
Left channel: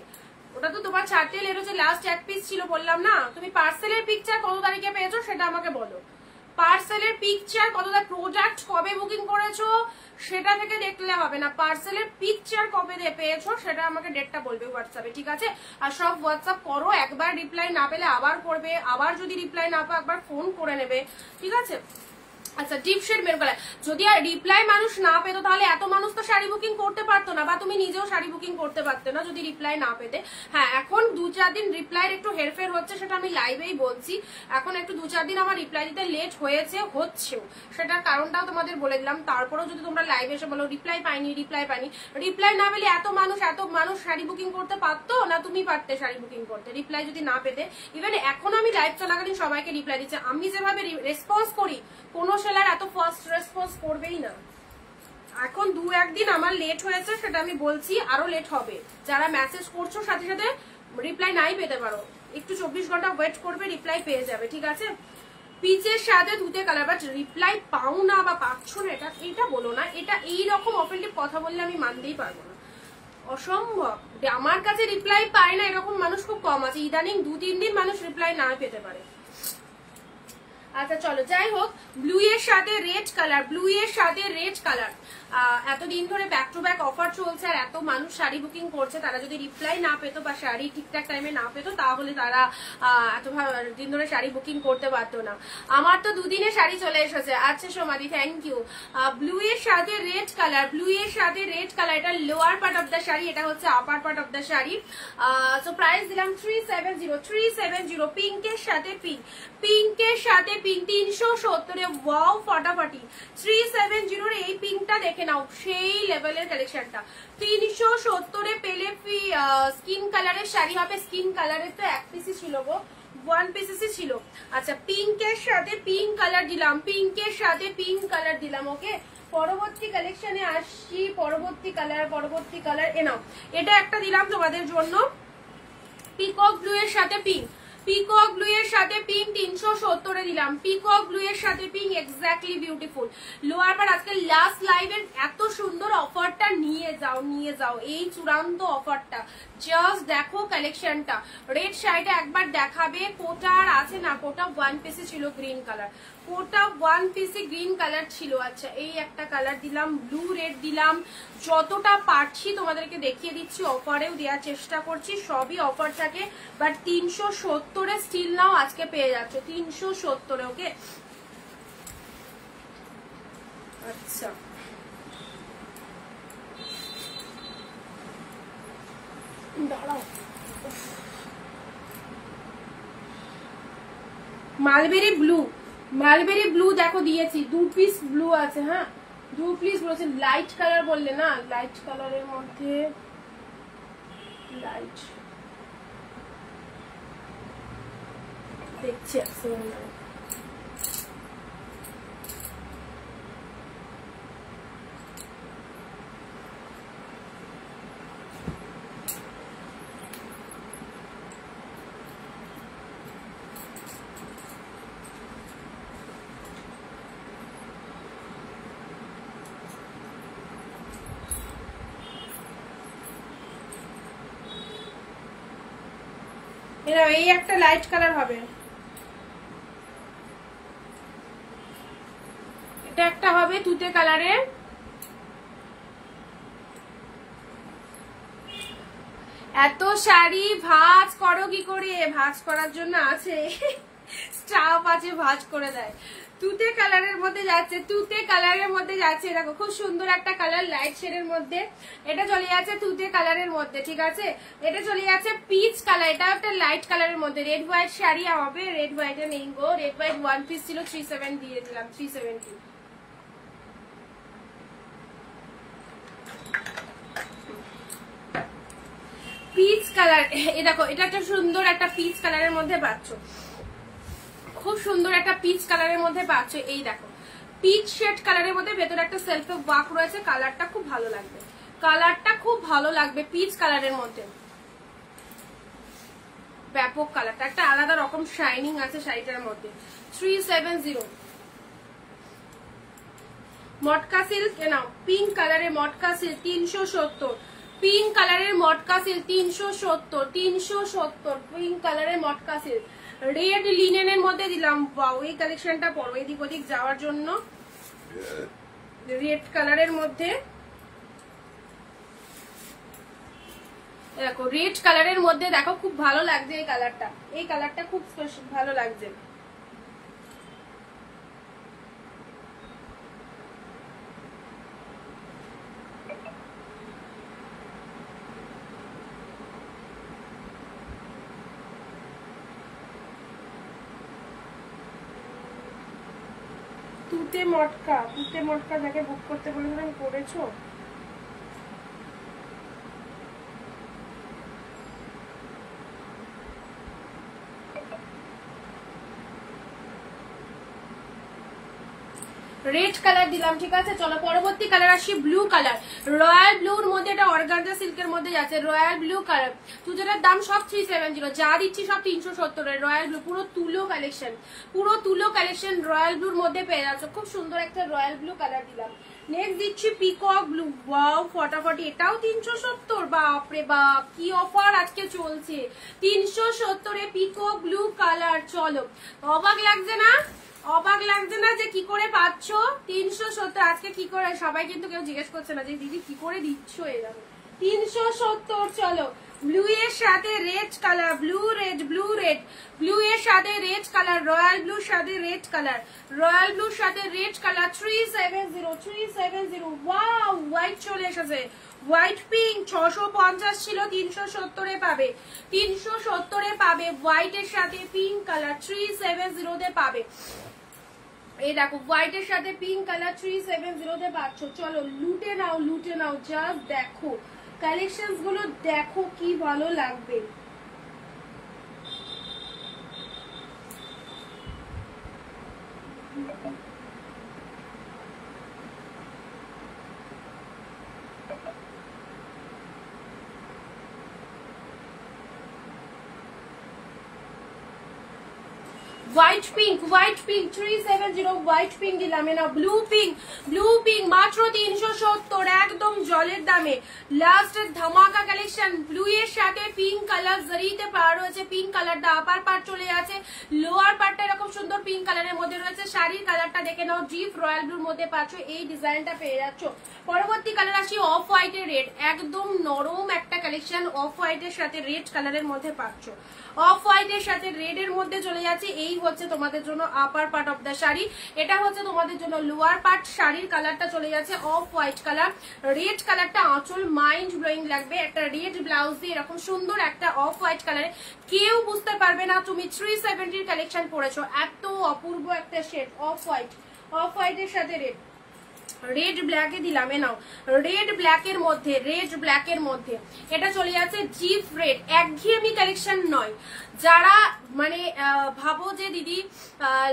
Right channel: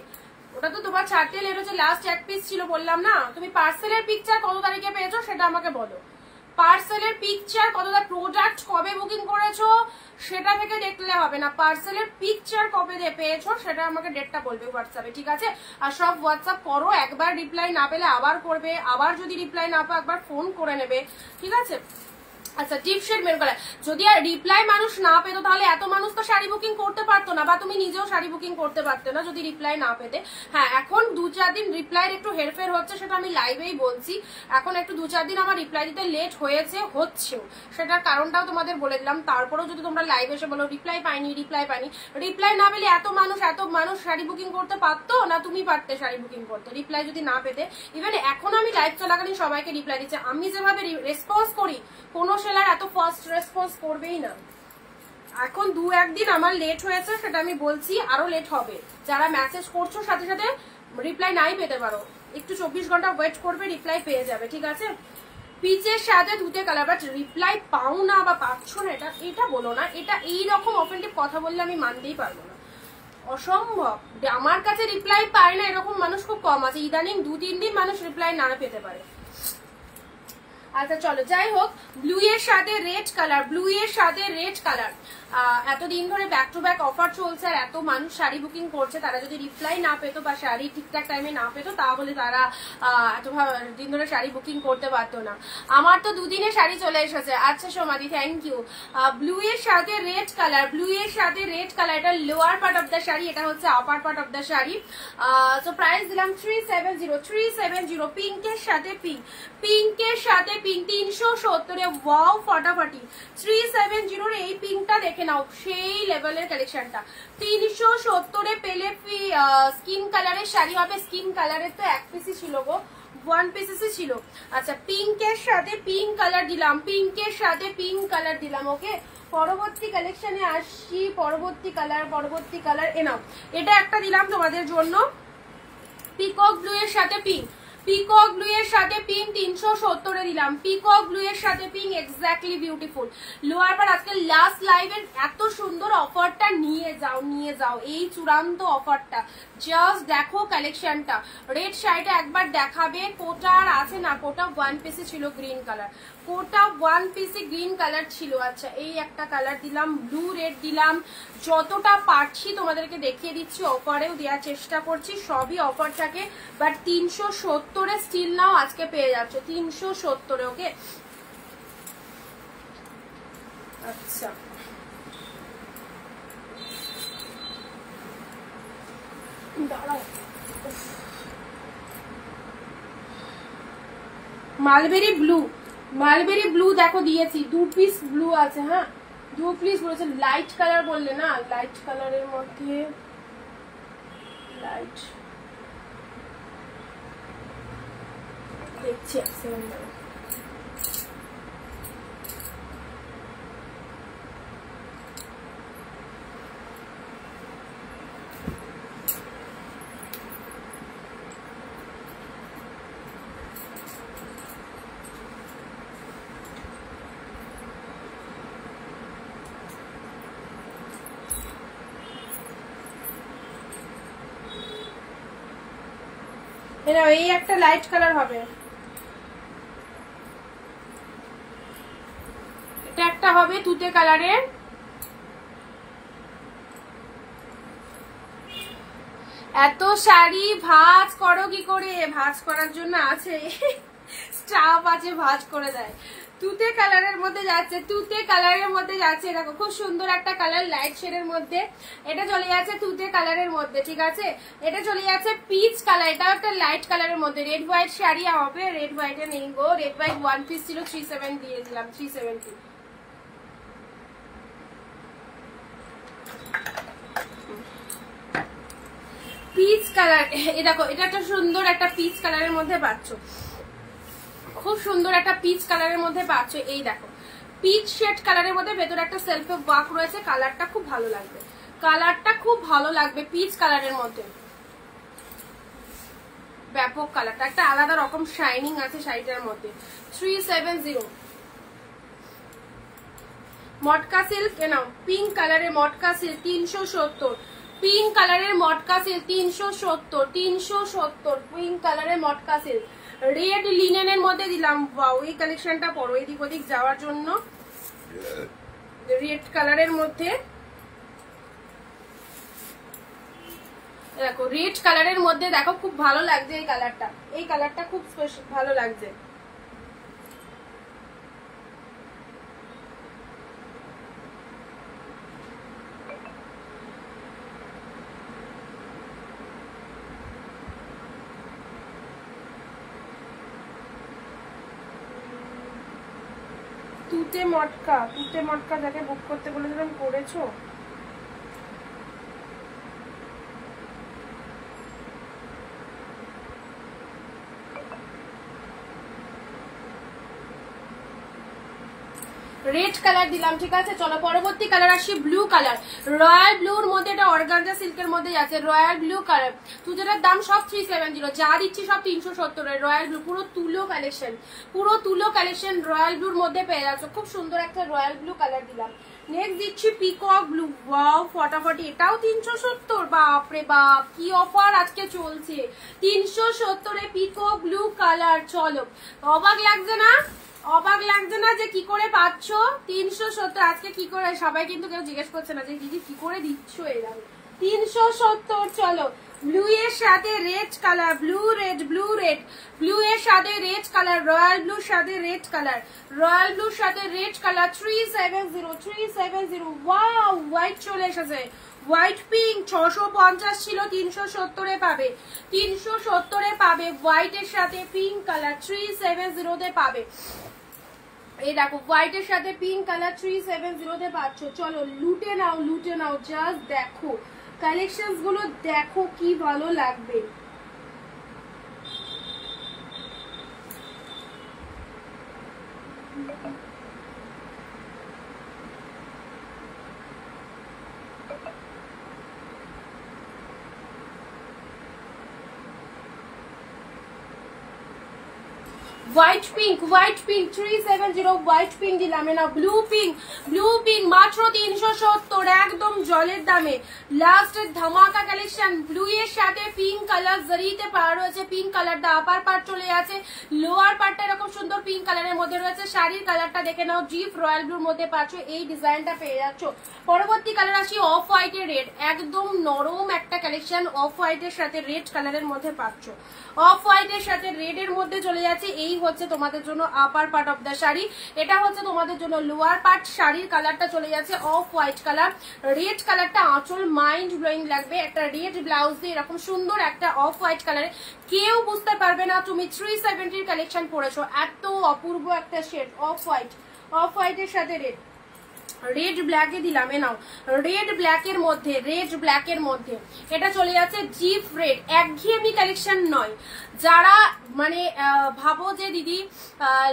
ওটা তো তোমার ছাড়তে লেট হচ্ছে, লাস্ট 1 পিস ছিল বললাম না। তুমি পার্সেলের পিকচার কত তারিখে পেয়েছো সেটা আমাকে বলো, পার্সেলের পিকচার কত, প্রোডাক্ট কবে বুকিং করেছো সেটা থেকে দেখলে হবে না, পার্সেলের পিকচার কবে পেয়েছো সেটা আমাকে ডেটটা বলবে হোয়াটসঅ্যাপে, ঠিক আছে। আর সব হোয়াটসঅ্যাপ করো, একবার রিপ্লাই না পেলে আবার করবে, আবার যদি রিপ্লাই না পাও একবার ফোন করে নেবে, ঠিক আছে। আচ্ছা ডিপ শেড মেরুন কালার, যদি আর রিপ্লাই মানুষ না পেত তাহলে এত মানুষ তো শাড়ি বুকিং করতে পারতো না, বা তুমি নিজেও শাড়ি বুকিং করতে পারতে না যদি রিপ্লাই না পেতে। হ্যাঁ এখন 2-4 দিন রিপ্লাইয়ের একটু হেরফের হচ্ছে, সেটা আমি লাইভেই বলছি। এখন একটু 2-4 দিন আমার রিপ্লাই দিতে লেট হয়েছে, হচ্ছেও, সেটার কারণটাও তোমাদের বলে দিলাম। তারপরেও যদি তোমরা লাইভে এসে বলো রিপ্লাই পাইনি, রিপ্লাই পাইনি, রিপ্লাই না পেলে এত মানুষ শাড়ি বুকিং করতে পারতো না? তুমি পারতে শাড়ি বুকিং করতে রিপ্লাই যদি না পেতে। ইভেন এখন আমি লাইভ চলাকালীন সবাইকে রিপ্লাই দিচ্ছি, আমি যেভাবে রেসপন্স করি কোনো সেলার এত ফাস্ট রেসপন্স করবেই না। এখন 2-1 দিন আমার লেট হয়েছে, সেটা আমি বলছি, আরো লেট হবে। যারা মেসেজ করছো সাথে সাথে রিপ্লাই নাই পেতে পারো, একটু 24 ঘন্টা ওয়েট করবে, রিপ্লাই পেয়ে যাবে, ঠিক আছে। পিচের সাথে ধুতে কালার, বাট রিপ্লাই পাও না বা পাচ্ছ না এটা বলো না, এটা এইরকম অফেন্টিভ কথা বললে আমি মানতেই পারবো না, অসম্ভব। আমার কাছে রিপ্লাই পায় না এরকম মানুষ খুব কম আছে, ইদানিং 2-3 দিন মানুষ রিপ্লাই না পেতে পারে। আচ্ছা চলো, যাই হোক, ব্লু এর সাথে রেড কালার, ব্লু এর সাথে রেড কালার। এতদিন ধরে ব্যাক টু ব্যাক অফার চলছে আর এত মানুষ শাড়ি বুকিং করছে, তারা যদি রিপ্লাই না পেতো বা শাড়ি ঠিকঠাক টাইমে না পেতো তাহলে তারা এত দিন ধরে শাড়ি বুকিং করতে পারতো না। আমার তো দুদিনে শাড়ি চলে এসেছে। আচ্ছা সোমাদি, থ্যাংক ইউ। ব্লু এর সাথে রেড কালার, ব্লু এর সাথে রেড কালার, এটা lower part of the sari, এটা হচ্ছে upper part of the sari. So price দিলাম 370, পিঙ্কের সাথে পিঙ্ক, পিঙ্কের সাথে পিঙ্ক 370-এ। ওয়াও ফাটাফাটি, 370 এই পিঙ্কটা দেখে নাও, সেই লেভেলের কালেকশনটা। 370-এ পেলে স্কিন কালারের শাড়ি হবে। স্কিন কালারের তো এক পিসই ছিল গো, 1 পিসেসই ছিল। আচ্ছা, পিঙ্কের সাথে পিঙ্ক কালার দিলাম, পিঙ্কের সাথে পিঙ্ক কালার দিলাম। ওকে, পরবর্তী কালেকশনে আসছি। পরবর্তী কালার এ নাও, এটা একটা দিলাম তোমাদের জন্য, পিকক ব্লু এর সাথে পিঙ্ক, পিকক ব্লু এর সাথে পিঙ্ক 370-এ দিলাম। পিকক ব্লু এর সাথে পিঙ্ক, এক্স্যাক্টলি বিউটিফুল। লোয়ার পার আজকে লাস্ট লাইভের এত সুন্দর অফারটা নিয়ে যাও, নিয়ে যাও এই চূড়ান্ত অফারটা। জাস্ট দেখো কালেকশনটা। রেড শাড়িটা একবার দেখাবে, কোটা আর আছে না, কোটা 1 পিসে ছিল গ্রিন কালার, কোটা 1 পিসে গ্রিন কালার ছিল। আচ্ছা, এই একটা কালার দিলাম, ব্লু রেড দিলাম, যতটা পারছি তোমাদেরকে দেখিয়ে দিচ্ছি, অফারেও দেওয়ার চেষ্টা করছি, সবই অফার থাকে, বাট 370-এ স্টিল নাও আজকে পেয়ে যাচ্ছ, 370-এ। ওকে, আচ্ছা দাঁড়াও, মালবেরি ব্লু, মালবেরি ব্লু দেখো দিয়েছি, 2 পিস ব্লু আছে। হ্যাঁ, 2 পিস বলেছে। লাইট কালার বললে না, লাইট কালারের মধ্যে লাইট দেখছি, এই একটা লাইট কালার হবে, এটা একটা হবে তুতে কালারের। এত শাড়ি ভাঁজ করো কি করে? ভাঁজ করার জন্য আছে, স্টাফ আছে, ভাঁজ করে দেয়। তুতে কালারের মধ্যে যাচ্ছে, তুতে কালারের মধ্যে যাচ্ছে। দেখো খুব সুন্দর একটা কালার, লাইট শেডের মধ্যে। এটা চলে যাচ্ছে তুতে কালারের মধ্যে, ঠিক আছে। এটা চলে যাচ্ছে পিচ কালার, এটা একটা লাইট কালারের মধ্যে। রেড হোয়াইট শাড়ি হবে, রেড হোয়াইটে নেই গো, রেড হোয়াইট 1 পিস ছিল, 370 দিয়ে দিলাম, 370। পিচ কালার, এ দেখো, এটা একটা সুন্দর একটা পিচ কালারের মধ্যে পাচ্ছ, খুব সুন্দর একটা পিচ কালারের মধ্যে পাচ্ছ। এই দেখো, পিচ শেড কালারের মধ্যে ভেতরে একটা সেলফে ওয়ার্ক রয়েছে। কালারটা খুব ভালো লাগবে, কালারটা খুব ভালো লাগবে পিচ কালারের মধ্যে। ব্যাপক কালারটা, একটা আলাদা রকম শাইনিং আছে শাড়িটার মধ্যে। 370। মটকা সিল্ক নাও, পিঙ্ক কালারের মটকা সিল্ক 370, পিঙ্ক কালারের মটকা সিল্ক 370, 370 পিঙ্ক কালারের মটকা সিল্ক। রেড লিনেনের মধ্যে দিলাম। ওয়াও, এই কালেকশনটা পরো, এদিক ওদিক যাওয়ার জন্য। রেড কালারের মধ্যে দেখো, রেড কালারের মধ্যে দেখো, খুব ভালো লাগছে এই কালারটা, এই কালারটা খুব ভালো লাগছে। তুতে মটকা, তুতে মটকা যাকে বুক করতে বলেছিলাম, করেছো? রেড কালার দিলাম, ঠিক আছে। চলো পরবর্তী কালার আসি, ব্লু কালার, রয়্যাল ব্লুর মধ্যে, এটা অর্গানজা সিল্কের মধ্যে যাচ্ছে, রয়্যাল ব্লু কালার। তুজেটার দাম সব 370, যা দিচ্ছি সব 370। রয়্যাল ব্লু, পুরো তুলো কালেকশন, পুরো তুলো কালেকশন রয়্যাল ব্লুর মধ্যে পেয়ে যাচ্ছে। খুব সুন্দর একটা রয়্যাল ব্লু কালার দিলাম। নেক্সট দিচ্ছি পিকক ব্লু। ওয়াও ফটাফটি, এটাও 370। বাপরে বাপ, কি অফার আজকে চলছে, 370-এ পিকক ব্লু কালার। চলো, অবাক লাগছে না? অবাক লাগছে না যে কি করে পাচ্ছ 370? আজকে কি করে, সবাই কিন্তু কেউ জিজ্ঞেস করছে না যে দিদি কি করে দিচ্ছ এরকম 370। চলো ব্লু এর সাথে red colour, blue red, blue red, blue এর সাথে রেড কালার, রয়্যাল ব্লুর সাথে রেড কালার, রয়্যাল ব্লুর সাথে রেড কালার 370 370। ওয়াও, হোয়াইট চলে এসেছে, হোয়াইট পিঙ্ক 650 ছিল 370 পাবে, 370 পাবে। হোয়াইট এর সাথে পিঙ্ক কালার 370 পাবে। এই দেখো হোয়াইট এর সাথে পিঙ্ক কালার 370 পাচ্ছ। চলো লুটে নাও, লুটে নাও, জাস্ট দেখো কালেকশনস গুলো, দেখো কি ভালো লাগবে। White pink, white pink 370, white pink দিলাম। না ব্লু পিঙ্ক, ব্লু পিঙ্ক মাত্র 370, একদম জলের দামে। লাস্টের ধামাকা কালেকশন, ব্লু এর সাথে পিঙ্ক কালার জরিতে পাওয়া রয়েছে। পিঙ্ক কালারটা আপার পার্ট চলে আছে, লোয়ার পার্টটা এরকম সুন্দর পিঙ্ক কালারের মধ্যে রয়েছে। শাড়ির কালারটা দেখে নাও, ডিপ রয়্যাল ব্লুর মধ্যে পাচ্ছ, এই ডিজাইনটা পেয়ে যাচ্ছ। পরবর্তী কালার আসি অফ হোয়াইটের রেড, একদম নরম একটা কালেকশন, অফ হোয়াইটের সাথে রেড কালারের মধ্যে পাচ্ছ। অফ হোয়াইটের সাথে রেড এর মধ্যে চলে যাচ্ছে। এই হচ্ছে তোমাদের জন্য upper part of the sari, এটা হচ্ছে তোমাদের জন্য লোয়ার পার্ট। শাড়ির কালারটা চলে যাচ্ছে অফ হোয়াইট কালার, রেড কালারটা আঁচল মাইন্ড ব্লোয়িং লাগবে। একটা রেড ব্লাউজ দিয়ে এরকম সুন্দর একটা অফ হোয়াইট কালারে, কেউ বুঝতে পারবে না তুমি 370 কালেকশন পরেছো। এত অপূর্ব একটা শেড অফ হোয়াইট, অফ হোয়াইটের সাথে রেড, রেড ব্ল্যাকে দিলাম। এ নাও রেড ব্ল্যাকের মধ্যে, রেড ব্ল্যাকের মধ্যে এটা চলে যাচ্ছে জিপ রেড। একঘেয়েমি কালেকশন নয়, যারা মানে ভাবো যে দিদি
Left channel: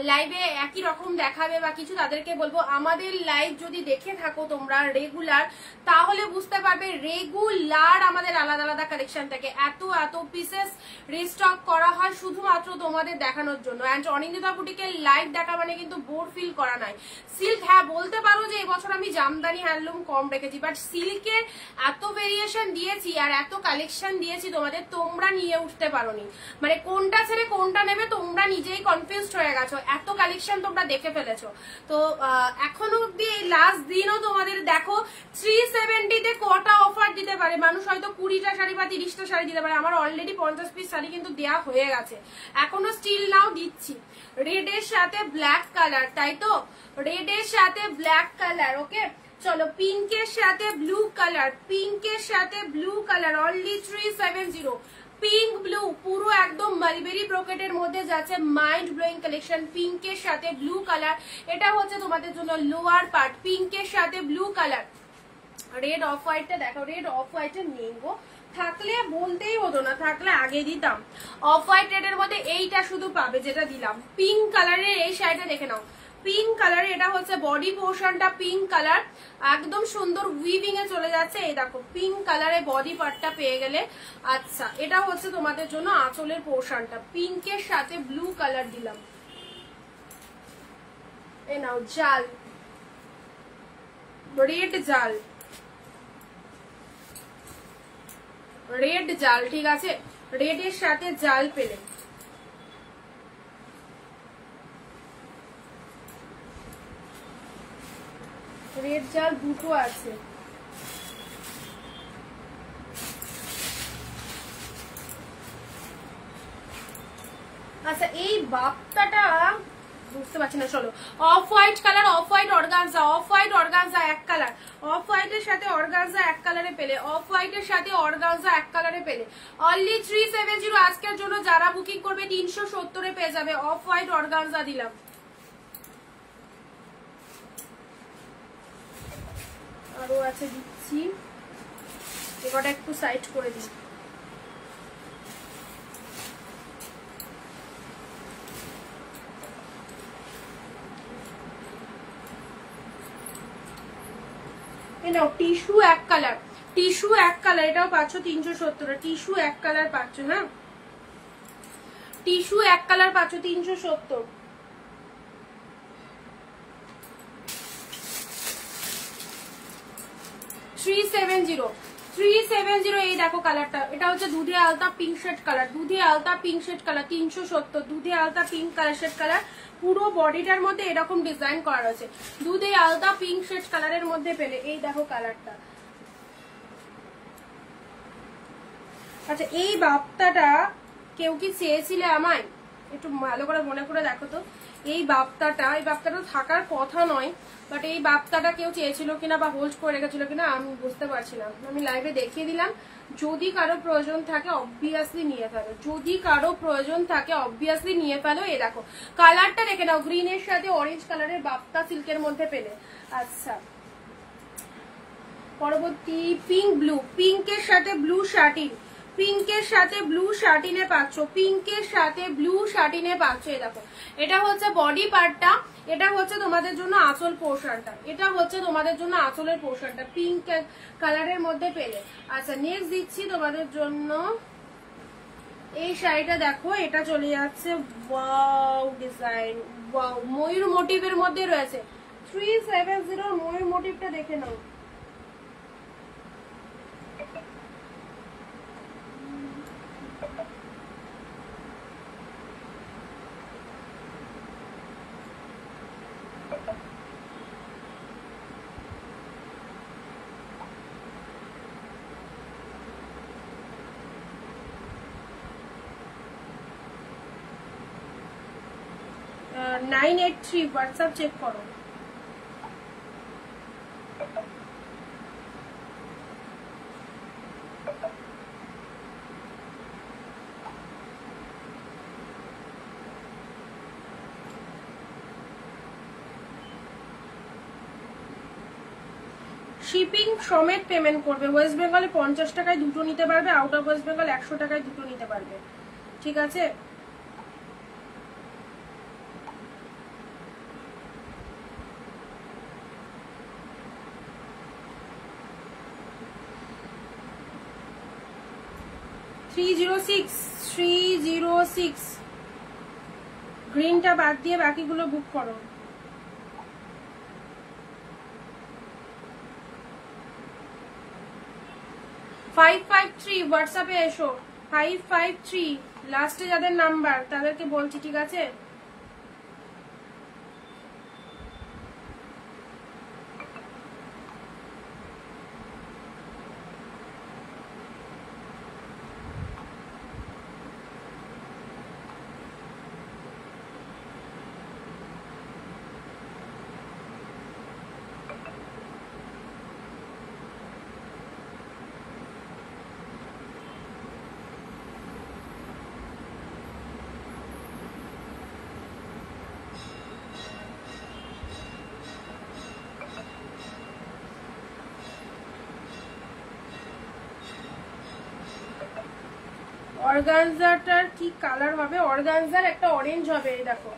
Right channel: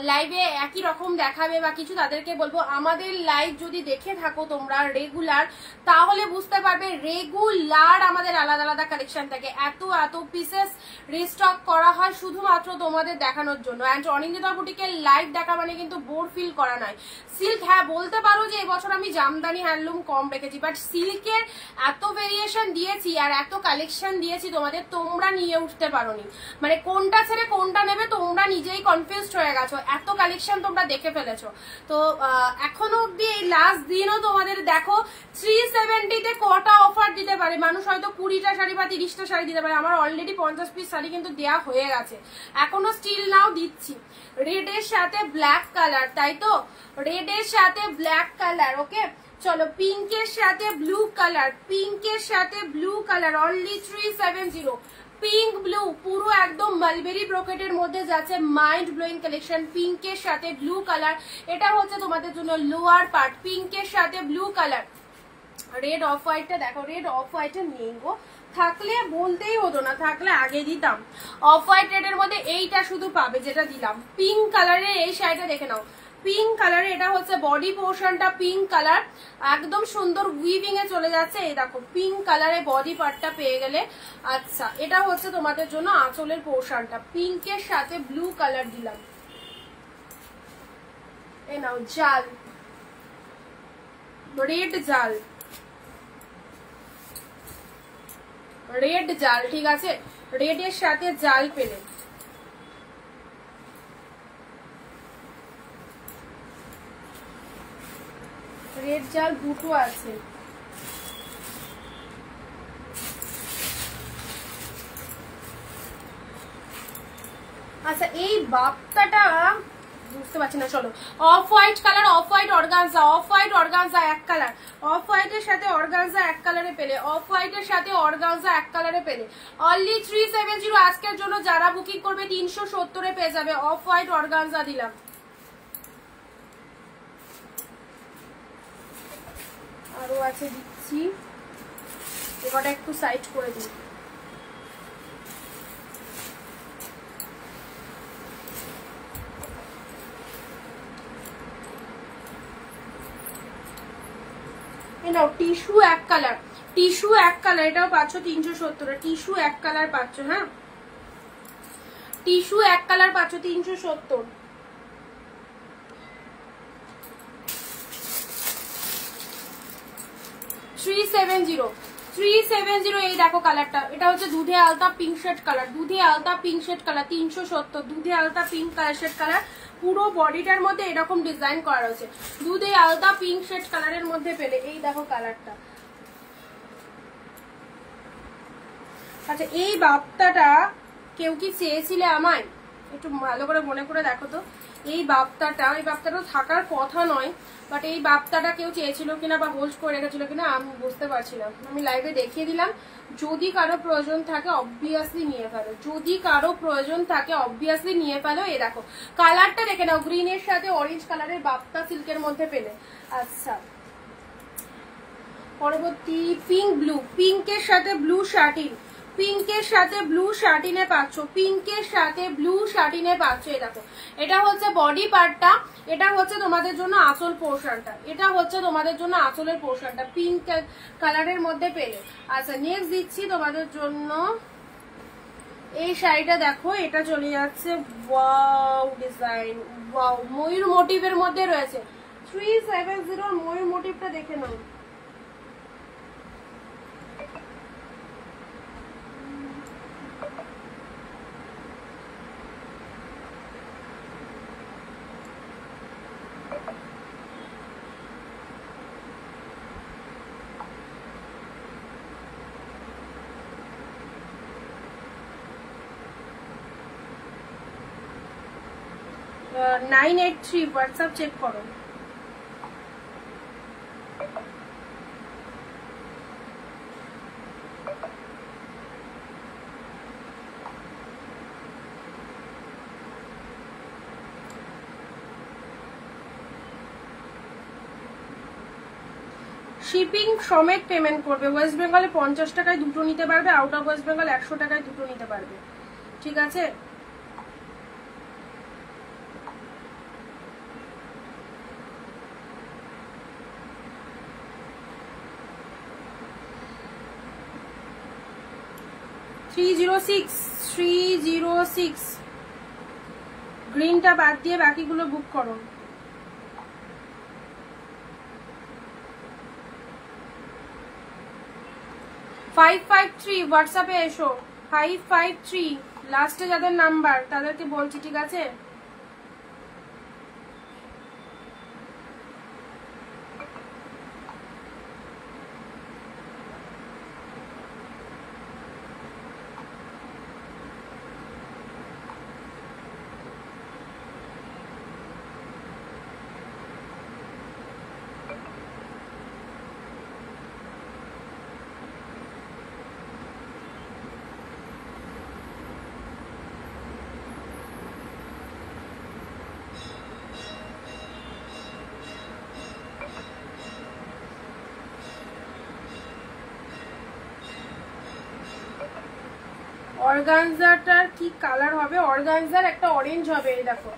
লাইভে একই রকম দেখাবে বা কিছু, তাদেরকে বলবো আমাদের লাইভ যদি দেখে থাকো তোমরা রেগুলার, তাহলে বুঝতে পারবে রেগুলার আমাদের আলাদা আলাদা কালেকশন থাকে। এত এত পিসেস রিস্টক করা হয় শুধুমাত্র তোমাদের দেখানোর জন্য। অ্যান্ড অনিন্দিতা বুটিকের লাইভ দেখা মানে কিন্তু বোর ফিল করা নয়। সিল্ক, হ্যাঁ বলতে পারো যে এবছর আমি জামদানি হ্যান্ডলুম কম রেখেছি, বাট সিল্কের এত ভেরিয়েশন দিয়েছি আর এত কালেকশন দিয়েছি তোমাদের, তোমরা নিয়ে উঠতে পারোনি। মানে কোনটা ছেড়ে কোনটা নেবে তোমরা নিজেই কনফিউজড হয়ে গেছো, এত কালেকশন তোমরা দেখে ফেলেছো। তো এখনো অব্দি এই লাস্ট দিনও তোমাদের দেখো 370 কটা অফার দিতে পারে মানুষ, হয়তো 20টা শাড়ি বা 30টা শাড়ি দিতে পারে। আমার অলরেডি 50 পিস শাড়ি কিন্তু দেওয়া হয়ে গেছে, এখনো স্টিল নাও দিচ্ছি। রেড এর সাথে ব্ল্যাক কালার, তাই তো রেড এর সাথে ব্ল্যাক কালার। ওকে চলো পিঙ্কের সাথে ব্লু কালার, পিঙ্কের সাথে blue colour only 370। Pink blue পুরো একদম মালবেরি ব্রোকেটের মধ্যে যাচ্ছে, মাইন্ড ব্লোয়িং কালেকশন। পিঙ্কের সাথে ব্লু কালার, এটা হচ্ছে তোমাদের জন্য লোয়ার পার্ট, পিঙ্কের সাথে ব্লু কালার। রেড অফ হোয়াইটটা দেখো, রেড অফ হোয়াইটটা নিয়ে গো, থাকলে বলতেই হতো না, থাকলে আগে দিতাম। অফ হোয়াইট রেড এর মধ্যে এইটা শুধু পাবে যেটা দিলাম। পিঙ্ক কালারের এই শাড়িটা দেখে নাও, পিঙ্ক কালারে, এটা হচ্ছে বডি পোর্শনটা পিঙ্ক কালার, একদম সুন্দর উইভিং এ চলে যাচ্ছে। এই দেখো পিঙ্ক কালারে বডি পার্টটা পেয়ে গেলে। আচ্ছা এটা হচ্ছে তোমাদের জন্য আঁচলের পোর্শনটা, পিঙ্কের সাথে ব্লু কালার দিলাম। এই নাও জাল, রেড জাল, রেড জাল, ঠিক আছে রেড এর সাথে জাল পেলে। রেড জাল দুটো আছে। আচ্ছা এই বাপ্তাটা বুঝতে পারছি না। চলো off white colour, off white organza, off white organza এক কালার, অফ হোয়াইটের সাথে অর্গানজা এক কালারে পেলে, অফ হোয়াইটের সাথে অর্গানজা এক কালারে পেলে অনলি 370। আজকের জন্য যারা বুকিং করবে 370 পেয়ে যাবে। অফ হোয়াইট অর্গানজা দিলাম। আরো আছে দিচ্ছি, এবারটা একটু সাইড করে দিই। টিস্যু এক কালার, টিস্যু এক কালার, এটাও পাচ্ছ 370। টিস্যু এক কালার পাচ্ছ, হ্যাঁ টিস্যু এক কালার পাচ্ছ 370। এই দেখো কালারটা, এটা হচ্ছে দুধে আলতা পিঙ্ক শেড কালার, দুধে আলতা পিঙ্ক শেড কালার 370, দুধে আলতা পিঙ্ক কালার শেড কালার পুরো বডিটার মধ্যে এরকম ডিজাইন করা রয়েছে। দুধে আলাদা পিঙ্ক শেড কালারের মধ্যে পেলে, এই দেখো কালারটা। আচ্ছা এই বাপ্তাটা কেউ কি চেয়েছিলে আমায়? একটু ভালো করে মনে করে দেখো তো, এই বাপ্তাটা থাকার কথা নয়, বাট এই বাপ্তাটা কেউ চেয়েছিল কিনা বা হোল্ড করে রেখেছিল কিনা আমি বুঝতে পারছিলাম। আমি লাইভে দেখিয়ে দিলাম, যদি কারো প্রয়োজন থাকে অবভিয়াসলি নিয়ে ফেলো, যদি কারো প্রয়োজন থাকে অবভিয়াসলি নিয়ে ফেলো। এই দেখো কালারটা দেখে নাও, গ্রিনের সাথে অরেঞ্জ কালারের বাপ্তা সিল্কের মধ্যে পেলে। আচ্ছা পরবর্তী পিঙ্ক ব্লু, পিঙ্কের সাথে ব্লু শার্টিন, পিঙ্কের সাথে ব্লু শার্টিনে পাচ্ছ, পিঙ্কের সাথে ব্লু শার্টিনে পাচ্ছ। এই দেখো এটা হচ্ছে বডি পার্টটা, এটা হচ্ছে তোমাদের জন্য আঁচল পোর্শনটা, এটা হচ্ছে তোমাদের জন্য আঁচলের পোর্শনটা পিঙ্ক কালারের মধ্যে পেলে। আচ্ছা নেক্সট দিচ্ছি তোমাদের জন্য এই শাড়িটা। দেখো এটা চলে যাচ্ছে ওয়াও ডিজাইন, ওয়াও ময়ূর মোটিভের মধ্যে রয়েছে। 370 ময়ূর মোটিভটা দেখে নাও। আহ 983 হোয়াটসঅ্যাপ চেক করো। শিপিং সমেত পেমেন্ট করবে। ওয়েস্ট বেঙ্গলে 50 টাকায় দুটো নিতে পারবে, আউট অফ ওয়েস্ট বেঙ্গল 100 টাকায় দুটো নিতে পারবে, ঠিক আছে? $306 গ্রিনটা বাদ দিয়ে বাকিগুলো বুক করো। 553 হোয়াটসঅ্যাপে এসো, 553 লাস্টে যাদের নাম্বার তাদেরকে বলছি, ঠিক আছে? অর্গানজাটার কি কালার হবে? অর্গানজার একটা অরেঞ্জ হবে, এই দেখো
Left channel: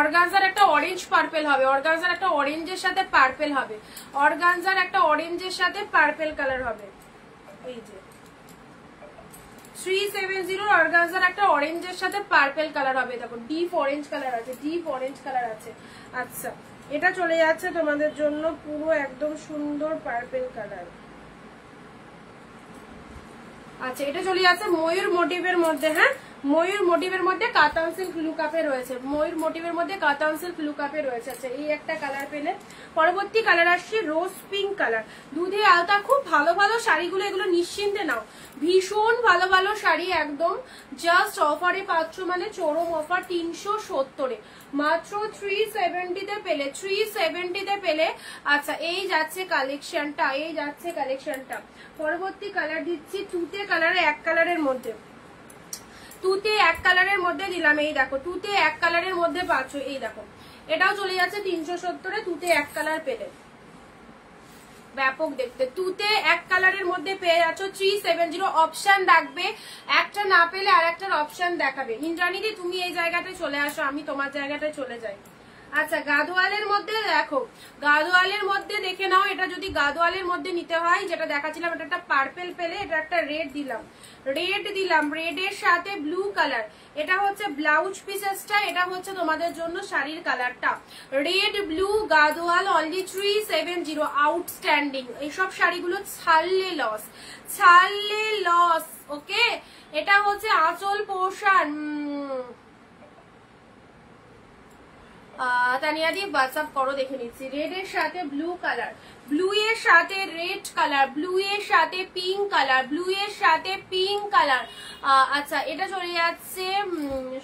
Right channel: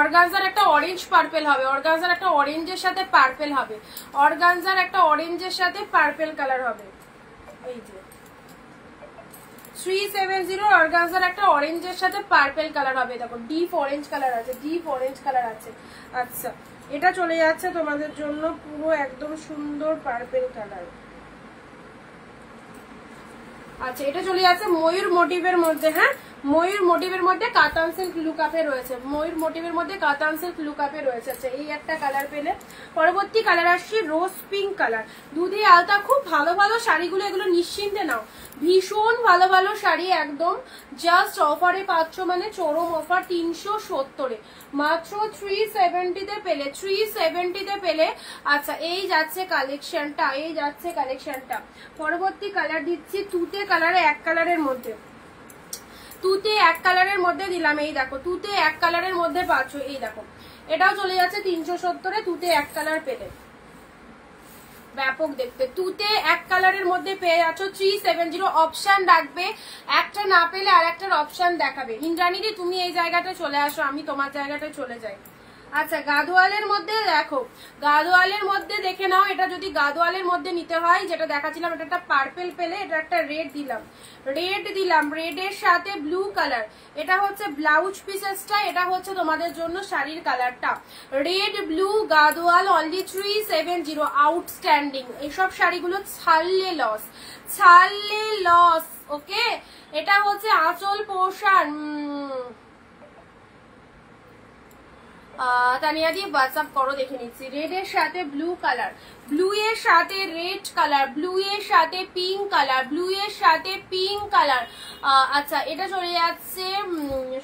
অর্গানজার একটা অরেঞ্জ পার্পেল হবে, অর্গানজার একটা অরেঞ্জের সাথে পার্পেল হবে, অর্গানজার একটা অরেঞ্জের সাথে পার্পেল কালার হবে। এই যে 370 অর্গানজার একটা অরেঞ্জের সাথে পার্পেল কালার হবে, দেখো ডিপ অরেঞ্জ কালার আছে, ডিপ অরেঞ্জ কালার আছে। আচ্ছা এটা চলে যাচ্ছে তোমাদের জন্য পুরো একদম সুন্দর পার্পেল কালার। আচ্ছা এটা চলে যাচ্ছে ময়ূর মোটিভের মধ্যে, হ্যাঁ ময়ূর মোটিভের মধ্যে কাতান সিল্ক লুকআপে রয়েছে, ময়ূর মোটিভের মধ্যে কাতান সিল্ক লুকআপে রয়েছে। আচ্ছা এই একটা কালার পেলে। পরবর্তী কালার আসছে রোজ পিঙ্ক কালার, দুধে আলতা। খুব ভালো ভালো শাড়িগুলো, এগুলো নিশ্চিন্তে নাও, ভীষণ ভালো ভালো শাড়ি, একদম জাস্ট অফারে পাচ্ছ, মানে চরম অফার 370-এ মাত্র 370-তে পেলে, 370-তে পেলে। আচ্ছা এই যাচ্ছে কালেকশনটা, এই যাচ্ছে কালেকশনটা। পরবর্তী কালার দিচ্ছি তুতে কালারে, এক কালারের মধ্যে, তুতে এক কালারের মধ্যে দিলাম। এই দেখো তুতে এক কালারের মধ্যে পাচ্ছ, এই দেখো এটাও চলে যাচ্ছে 370-এ, তুতে এক কালার পেলে, ব্যাপক দেখতে। তুতে এক কালারের মধ্যে পেয়ে যাচ্ছ 370। অপশন রাখবে, একটা না পেলে আর একটার অপশন দেখাবে। ইন্দ্রাণীদি তুমি এই জায়গাটা চলে আসো, আমি তোমার জায়গাটায় চলে যাই। আচ্ছা গাদোয়ালের মধ্যে দেখো, গাদোয়ালের মধ্যে দেখে নাও, এটা যদি গাদোয়ালের মধ্যে নিতে হয় যেটা দেখাচ্ছিলাম, এটা একটা পার্পেল পেলে, এটা একটা রেড দিলাম, রেড দিলাম, রেডের সাথে ব্লু কালার। এটা হচ্ছে ব্লাউজ পিসেসটা, এটা হচ্ছে তোমাদের জন্য শাড়ির কালারটা, red blue Gadwal, only 370। Outstanding, এইসব শাড়িগুলো ছাড়লে লস, ছাড়লে লস। ওকে এটা হচ্ছে আঁচল পোর্শন, তানিয়া দি হোয়াটসঅ্যাপ করো, দেখে নিচ্ছি। রেড এর সাথে ব্লু কালার, ব্লু এর সাথে রেড কালার, ব্লু এর সাথে পিঙ্ক কালার, ব্লু এর সাথে পিঙ্ক কালার। আচ্ছা এটা চলে যাচ্ছে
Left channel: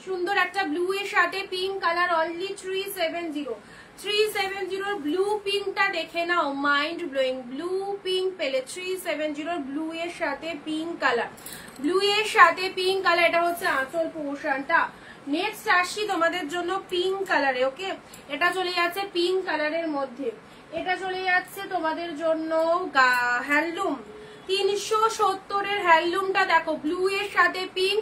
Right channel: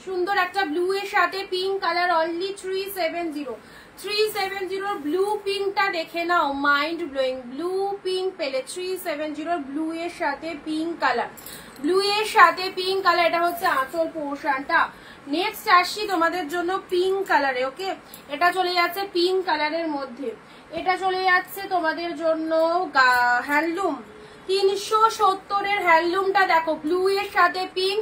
সুন্দর একটা ব্লু এর সাথে পিঙ্ক কালার, অনলি 370। 370 ব্লু পিঙ্কটা দেখে নাও, মাইন্ড ব্লোয়িং। ব্লু পিঙ্ক পেলে 370 ব্লু এর সাথে পিঙ্ক কালার, ব্লু এর সাথে পিঙ্ক কালার। এটা হচ্ছে আঁচল পোর্শনটা। নেক্সট আসছি তোমাদের জন্য পিঙ্ক কালারে। ওকে, এটা চলে যাচ্ছে পিঙ্ক কালারের মধ্যে। এটা চলে যাচ্ছে তোমাদের জন্য হ্যান্ডলুম 370 এর হ্যান্ডলুমটা দেখো, ব্লু এর সাথে পিঙ্ক।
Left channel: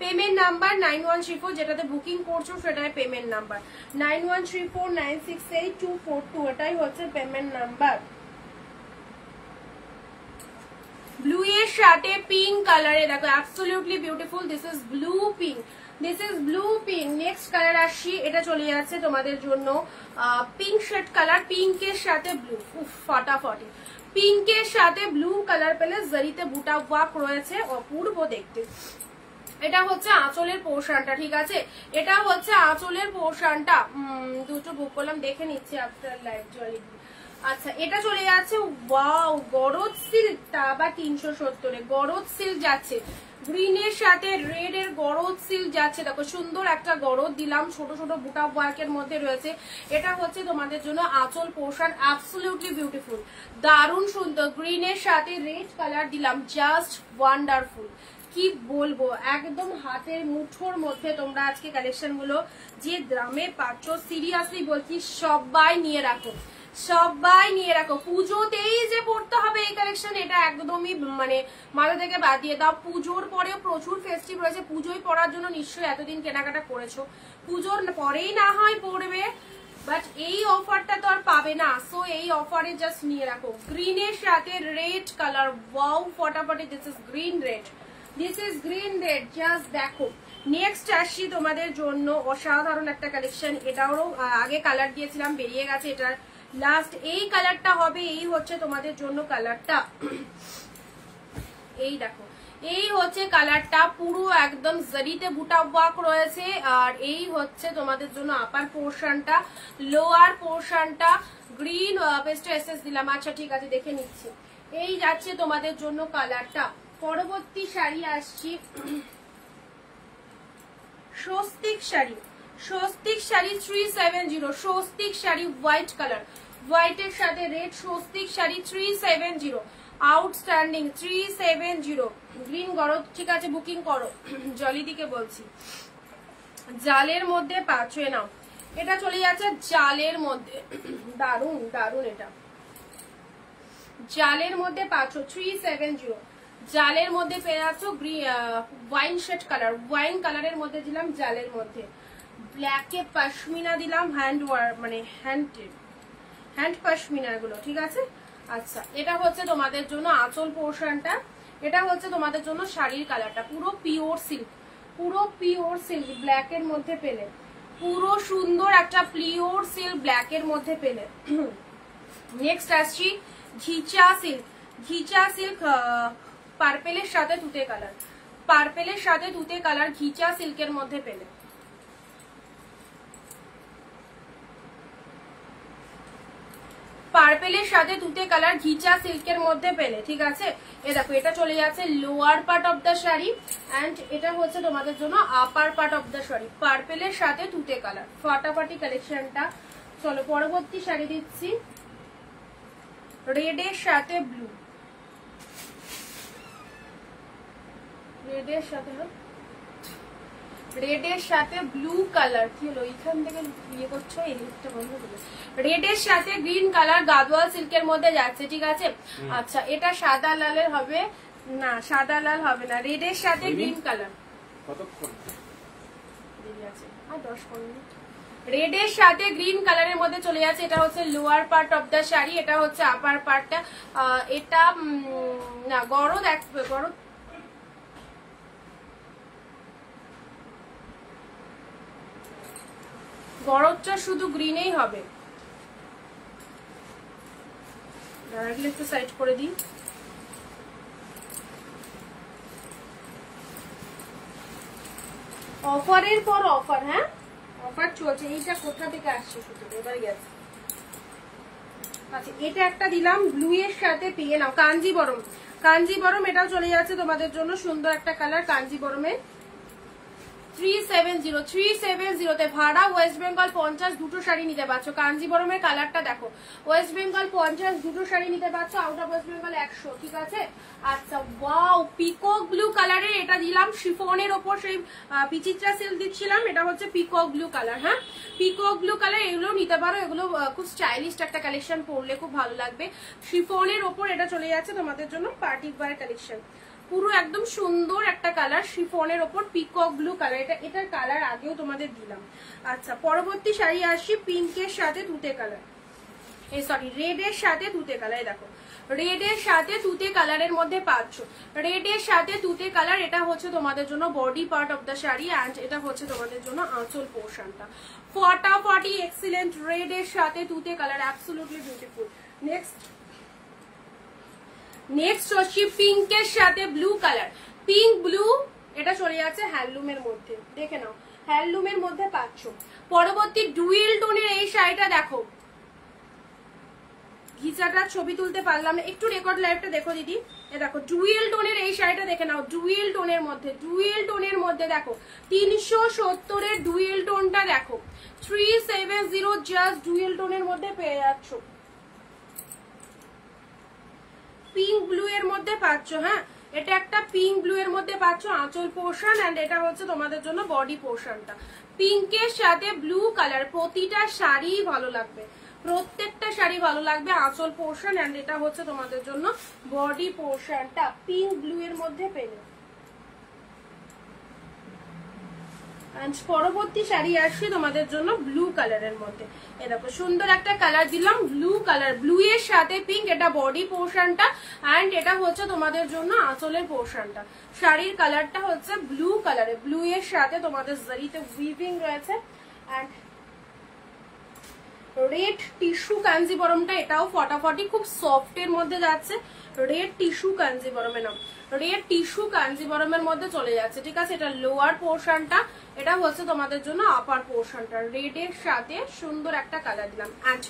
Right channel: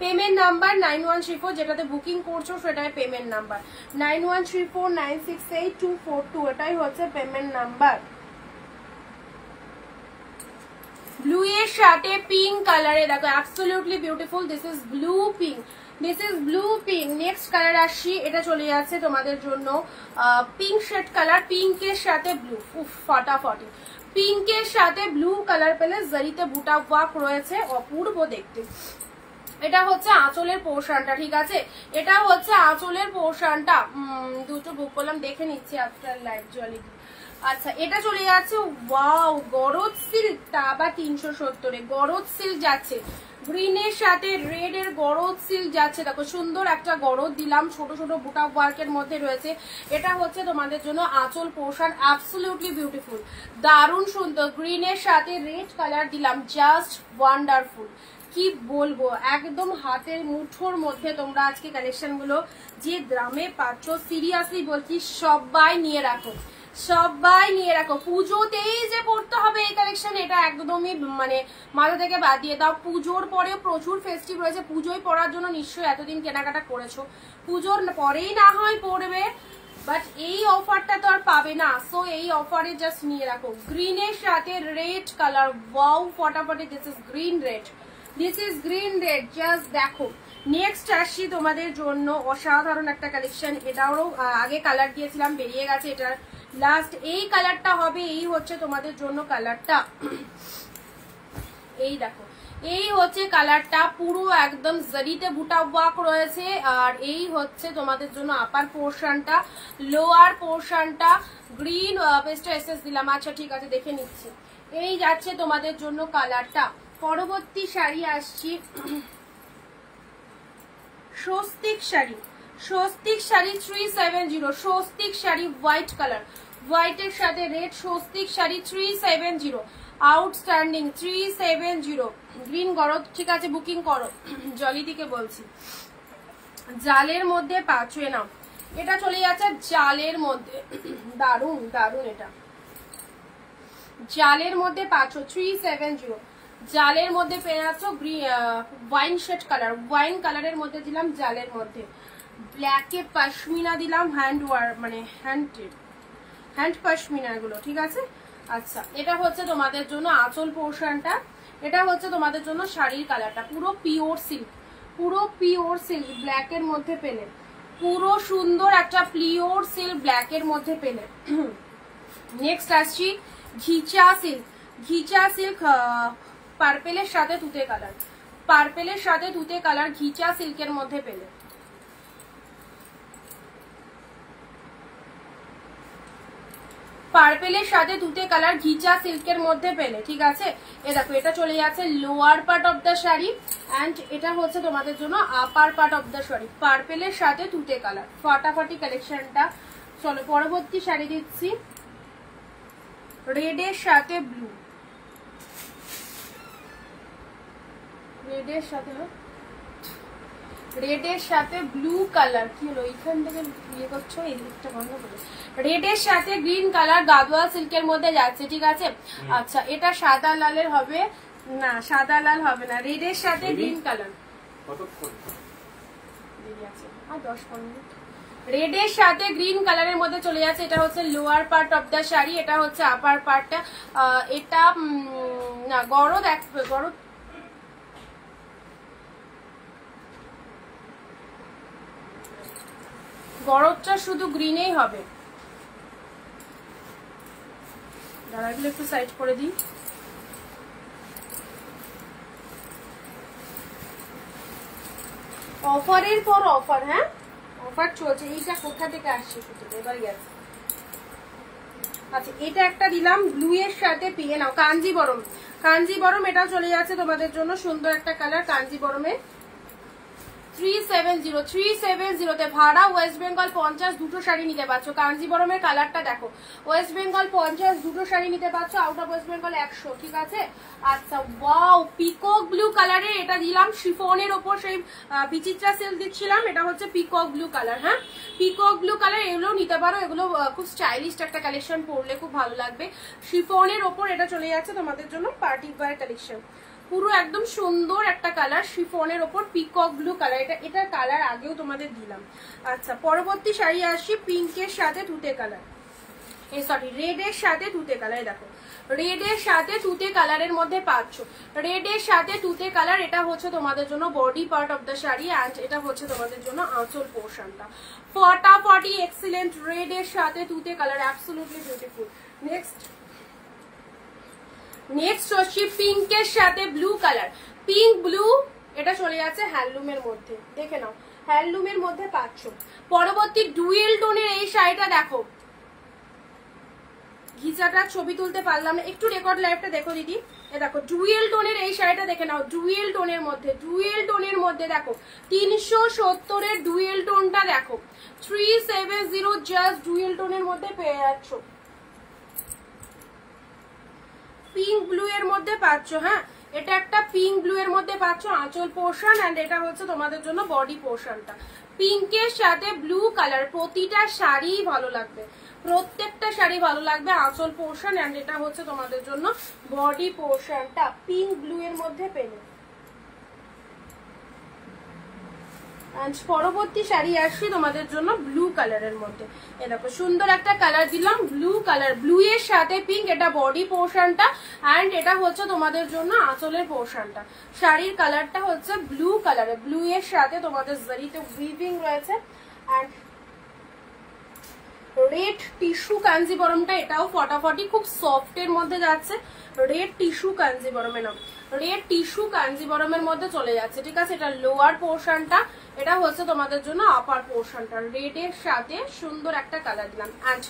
পেমেন্ট নাম্বার 9134, যেটাতে বুকিং করছো সেটাই পেমেন্ট নাম্বার 9134968242, এটাই হচ্ছে পেমেন্ট নাম্বার। ব্লু এর সাথে পিঙ্ক কালারে দেখো, absolutely beautiful. This is blue pink, this is blue pink. Next colour আসছি, এটা চলে যাচ্ছে তোমাদের জন্য পিঙ্ক শেড কালার, পিঙ্কের সাথে ব্লু। উফ ফাটাফাটি, পিঙ্কের সাথে ব্লু কালার পেলে জারিতে বুটা ওয়ার্ক রয়েছে, অপূর্ব দেখতে। এটা হচ্ছে আঁচলের পোর্শনটা, ঠিক আছে, এটা হচ্ছে আঁচলের পোর্শনটা। দুটো বুক করলাম, দেখে নিচ্ছি আফটার লাইভ জলি। আচ্ছা এটা চলে যাচ্ছে ওয়াও গরজ সিল্কটা আবার 370 গরজ সিল্ক যাচ্ছে, গ্রিনের সাথে রেড এর গরজ সিল্ক যাচ্ছে। দেখো সুন্দর একটা গরজ দিলাম, ছোট ছোট বুটা ওয়ার্কের মধ্যে রয়েছে। এটা হচ্ছে তোমাদের জন্য আঁচল পোর্শন, অ্যাবসলিউটলি বিউটিফুল, দারুণ সুন্দর। গ্রিনের সাথে রেড কালার দিলাম, জাস্ট ওয়ান্ডারফুল। কি বলবো, একদম হাতের মুঠোর মধ্যে তোমরা আজকে কালেকশন গুলো যে দামে পাচ্ছ, সিরিয়াসলি বলছি সবাই নিয়ে রাখো, সবাই নিয়ে রাখো। পুজোতেই যে পড়তে হবে এই কালেকশন, এটা একদমই মানে মাথা থেকে বাদ দিয়ে দাও। পুজোর পরে প্রচুর ফেস্টিভ রয়েছে, পুজোয় পড়ার জন্য নিশ্চয়ই এতদিন কেনাকাটা করেছো, পুজোর পরেই না হয় পড়বে, বাট এই অফারটা তো আর পাবে না। সো এই অফারে জাস্ট নিয়ে রাখো। গ্রিনের সাথে রেড কালার, ওয়াও ফটাফটি, this is green red, this is green red, just দেখো। নেক্সট আসছি তোমাদের জন্য অসাধারণ একটা কালেকশন, এটাও আগে কালার দিয়েছিলাম, বেরিয়ে গেছে, এটা লাস্ট। এই কালারটা হবে, এই হচ্ছে তোমাদের জন্য কালারটা, এই দেখো এই হচ্ছে কালারটা, পুরো একদম জারিতে বুটা ওয়ার্ক রয়েছে। আর এই হচ্ছে তোমাদের জন্য আপার পোর্শনটা, লোয়ার পোর্শনটা গ্রিন পেস্ট এসএস দিলাম। আচ্ছা ঠিক আছে, দেখে নিচ্ছি। এই যাচ্ছে তোমাদের জন্য কালারটা। পরবর্তী শাড়ি আসছি, স্বস্তিক শাড়ি, স্বস্তিক শাড়ি 370, স্বস্তিক শাড়ি হোয়াইট কালার, হোয়াইটের সাথে red, Swastik sari 370, outstanding 370। Green গরজ, ঠিক আছে বুকিং করো, জলিদিকে বলছি। জালের মধ্যে পাঁচুয়ে নাও, এটা চলে যাচ্ছে জালের মধ্যে, দারুন দারুন। এটা জালের মধ্যে পাঁচো 370, জালের মধ্যে পেয়ে যাচ্ছ ওয়াইন শেড কালার, ওয়াইন কালারের মধ্যে দিলাম জালের মধ্যে, ব্ল্যাকে পশমিনা দিলাম, হ্যান্ড ওয়ার্ক মানে হ্যান্ড পশমিনা গুলো, ঠিক আছে। আচ্ছা এটা হচ্ছে তোমাদের জন্য আঁচল পোর্শনটা, এটা হচ্ছে তোমাদের জন্য শাড়ির কালারটা, পুরো পিওর সিল্ক, পুরো পিওর সিল্ক ব্ল্যাকের মধ্যে পেলে, পুরো সুন্দর একটা পিওর সিল্ক ব্ল্যাকের মধ্যে পেলে। নেক্সট আসছি ঘিচা সিল্ক, ঘিচা সিল্ক পার্পেলের সাথে তুতে কালার, পার্পেলের সাথে তুতে কালার ঘিচা সিল্কের মধ্যে পেলে। পার্পেলের সাথে তুতে কালার ঘিচা সিল্কের মধ্যে পেলে, ঠিক আছে। এ দেখো এটা চলে যাচ্ছে lower part of the sari, and এটা হচ্ছে তোমাদের জন্য upper part of the sari, পার্পেলের সাথে তুতে কালার, ফাটাফাটি কালেকশনটা। চলো পরবর্তী শাড়ি দিচ্ছি, রেডের সাথে ব্লু, রেডের সাথে রেডের সাথে ব্লু কালার, কি হলো এখান থেকে ইয়ে করছো, এই দিকটা বন্ধ করে। রেডের সাথে গ্রিন কালার গাদোয়াল সিল্কের মধ্যে যাচ্ছে, ঠিক আছে। আচ্ছা এটা সাদা লালের হবে না, সাদা লাল হবে না, রেডের সাথে গ্রিন কালার, 10-15 মিনিট। রেডের সাথে গ্রিন কালারের মধ্যে চলে যাচ্ছে, এটা হচ্ছে lower part of the sari, এটা হচ্ছে আপার পার্টটা। এটা না গরদ, এক গরদ গরদটা শুধু গ্রিনেই হবে, দাঁড়াগুলো একটু সাইড করে দিই। অফারের পর অফার, হ্যাঁ অফার চলছে। এইটা কোথা থেকে আসছে এবার গেছে। আচ্ছা এটা একটা দিলাম ব্লু এর সাথে পিয়ে নাও, কাঞ্জিবরম, কাঞ্জিবরম এটাও চলে যাচ্ছে তোমাদের জন্য, সুন্দর একটা কালার কাঞ্জিবরমে 370 ভাড়া ওয়েস্ট বেঙ্গল 50 দুটো শাড়ি নিতে পারছো। কাঞ্জিবরমের কালারটা দেখো, ওয়েস্ট বেঙ্গল 50 দুটো শাড়ি নিতে পারছো, আউট অফ ওয়েস্ট বেঙ্গল 100, ঠিক আছে। আচ্ছা ওয়াও পিকক ব্লু কালারের এটা দিলাম শিফনের ওপর, সেই বিচিত্রা সেল দিচ্ছিলাম, এটা হচ্ছে পিকক ব্লু কালার। হ্যাঁ পিকক ব্লু কালার, এগুলো নিতে পারো, এগুলো খুব স্টাইলিশ একটা কালেকশন, পরলে খুব ভালো লাগবে। শিফনের ওপর এটা চলে যাচ্ছে তোমাদের জন্য পার্টি ওয়্যার কালেকশন, পুরো একদম সুন্দর একটা কালার শিফনের ওপর পিকক ব্লু কালার, এটার কালার আগেও তোমাদের দিলাম। আচ্ছা পরবর্তী শাড়ি আসি পিঙ্কের সাথে তুতে কালার, সরি রেড এর সাথে তুতে কালার। দেখো রেড এর সাথে তুতে কালারের মধ্যে পাচ্ছ, রেড এর সাথে তুতে কালার, এটা হচ্ছে তোমাদের জন্য body part of the sari and এটা হচ্ছে তোমাদের জন্য আঁচল পোর্শনটা। ফটাফটি এক্সিলেন্ট, রেড এর সাথে তুতে কালার, অ্যাবসলিউটলি বিউটিফুল। নেক্সট হচ্ছে পিঙ্কের সাথে ব্লু কালার, পিঙ্ক ব্লু, এটা চলে যাচ্ছে হ্যান্ডলুমের মধ্যে, দেখে নাও হ্যান্ডলুমের মধ্যে পাচ্ছ। পরবর্তী ডুয়েল টোনের এই শাড়িটা দেখো, ঘিচাটা ছবি তুলতে পারলাম না, একটু রেকর্ড লাইভটা দেখো দিদি। এ দেখো ডুয়েল টোনের এই শাড়িটা দেখে নাও, ডুয়েল টোনের মধ্যে, ডুয়েল টোনের মধ্যে দেখো 370 ডুয়েল টোনটা দেখো, 370 জাস্ট ডুয়েল টোনের মধ্যে পেয়ে যাচ্ছ, পিঙ্ক ব্লু এর মধ্যে পাচ্ছ। হ্যাঁ এটা একটা পিঙ্ক ব্লু এর মধ্যে পাচ্ছ আঁচল পোর্শন এন্ড এটা হচ্ছে তোমাদের জন্য বডি পোর্শনটা। পিঙ্কের সাথে ব্লু কালার, প্রতিটা শাড়ি ভালো লাগবে, প্রত্যেকটা শাড়ি ভালো লাগবে, আঁচল পোর্শন এন্ড এটা হচ্ছে তোমাদের জন্য বডি পোর্শনটা পিঙ্ক ব্লু এর মধ্যে পেলে। পরবর্তী শাড়ি আসছি তোমাদের জন্য ব্লু কালারের মধ্যে, এ দেখো সুন্দর একটা কালার দিলাম ব্লু কালার, ব্লু এর সাথে পিঙ্ক, এটা বডি পোর্শনটা এন্ড এটা হচ্ছে তোমাদের জন্য আঁচলের পোর্শনটা। শাড়ির কালারটা হচ্ছে ব্লু কালারে, ব্লু এর সাথে তোমাদের জারিতে উইভিং রয়েছে এন্ড রেড টিস্যু কাঞ্জিবরমটা, এটাও ফটাফটি খুব সফট এর মধ্যে যাচ্ছে, রেড টিস্যু কাঞ্জিবরমে নাও, রেড টিস্যু কাঞ্জিবরমের মধ্যে চলে যাচ্ছে, ঠিক আছে। এটা লোয়ার পোর্শনটা, এটা হচ্ছে তোমাদের জন্য আপার পোর্শনটা, রেড এর সাথে সুন্দর একটা কালার দিলাম এন্ড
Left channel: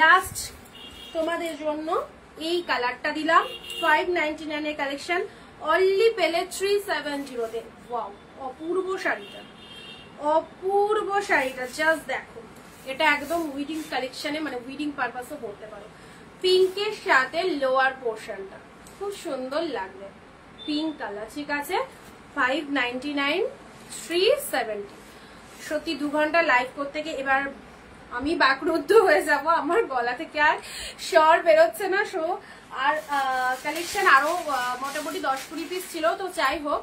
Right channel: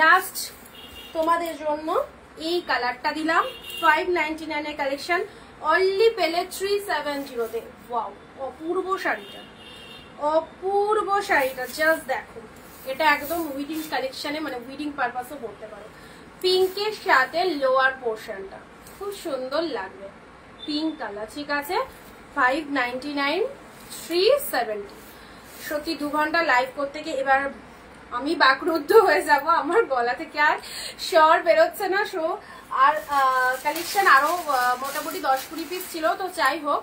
লাস্ট তোমাদের জন্য এই কালারটা দিলাম 599 এর কালেকশন, অনলি পেলে 370 তে। ওয়াও অপূর্ব শাড়িটা, অপূর্ব শাড়িটা জাস্ট দেখো, এটা একদম উইডিং কালেকশনে মানে উইডিং পারপাসে পড়তে পারো। পিঙ্কের সাথে লোয়ার পোর্শনটা খুব সুন্দর লাগবে, পিঙ্ক কালার, ঠিক আছে। 599 370। সত্যি 2 ঘন্টা লাইভ করতে গিয়ে এবার আমি বাকরুদ্ধ হয়ে যাব, আমার গলা থেকে আর স্বর বেরোচ্ছে না। শো আর কালেকশন আরো মোটামুটি 10-20 পিস ছিল, তো যাই হোক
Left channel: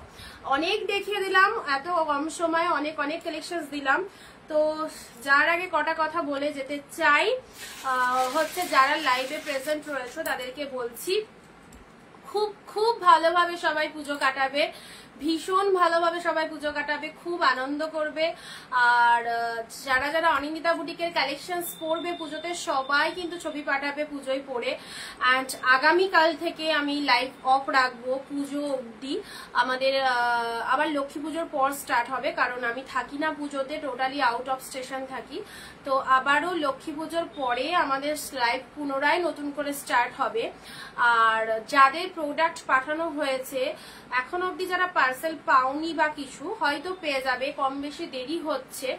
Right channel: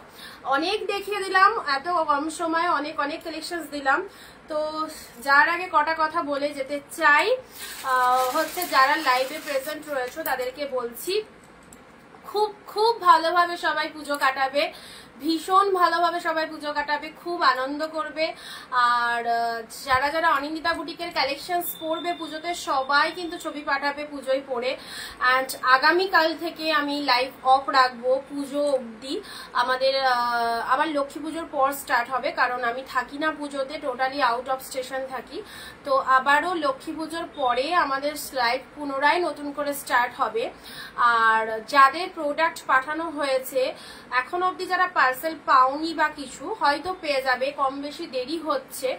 অনেক দেখিয়ে দিলাম, এত কম সময়ে অনেক অনেক কালেকশন দিলাম। তো যার আগে কটা কথা বলে যেতে চাই, হচ্ছে যারা লাইভে প্রেজেন্ট রয়েছে তাদেরকে বলছি খুব খুব ভালোভাবে সবাই পুজো কাটাবে, ভীষণ ভালোভাবে সবাই পুজো কাটাবে, খুব আনন্দ করবে। আর যারা যারা অনিন্দিতা বুটিকের কালেকশনস পরবে পুজোতে সবাই কিন্তু ছবি পাঠাবে পুজোয় পরে। অ্যান্ড আগামীকাল থেকে আমি লাইভ অফ রাখবো পুজো অবধি, আমাদের আবার লক্ষ্মী পুজোর পর স্টার্ট হবে, কারণ আমি থাকি না পুজোতে, টোটালি আউট অফ স্টেশন থাকি। তো আবারও লক্ষ্মী পুজোর পরে আমাদের লাইভ পুনরায় নতুন করে স্টার্ট হবে। আর যাদের প্রোডাক্ট পাঠানো হয়েছে এখন অবধি যারা পার্সেল পাওনি বা কিছু হয়তো পেয়ে যাবে, কম বেশি দেরি হচ্ছে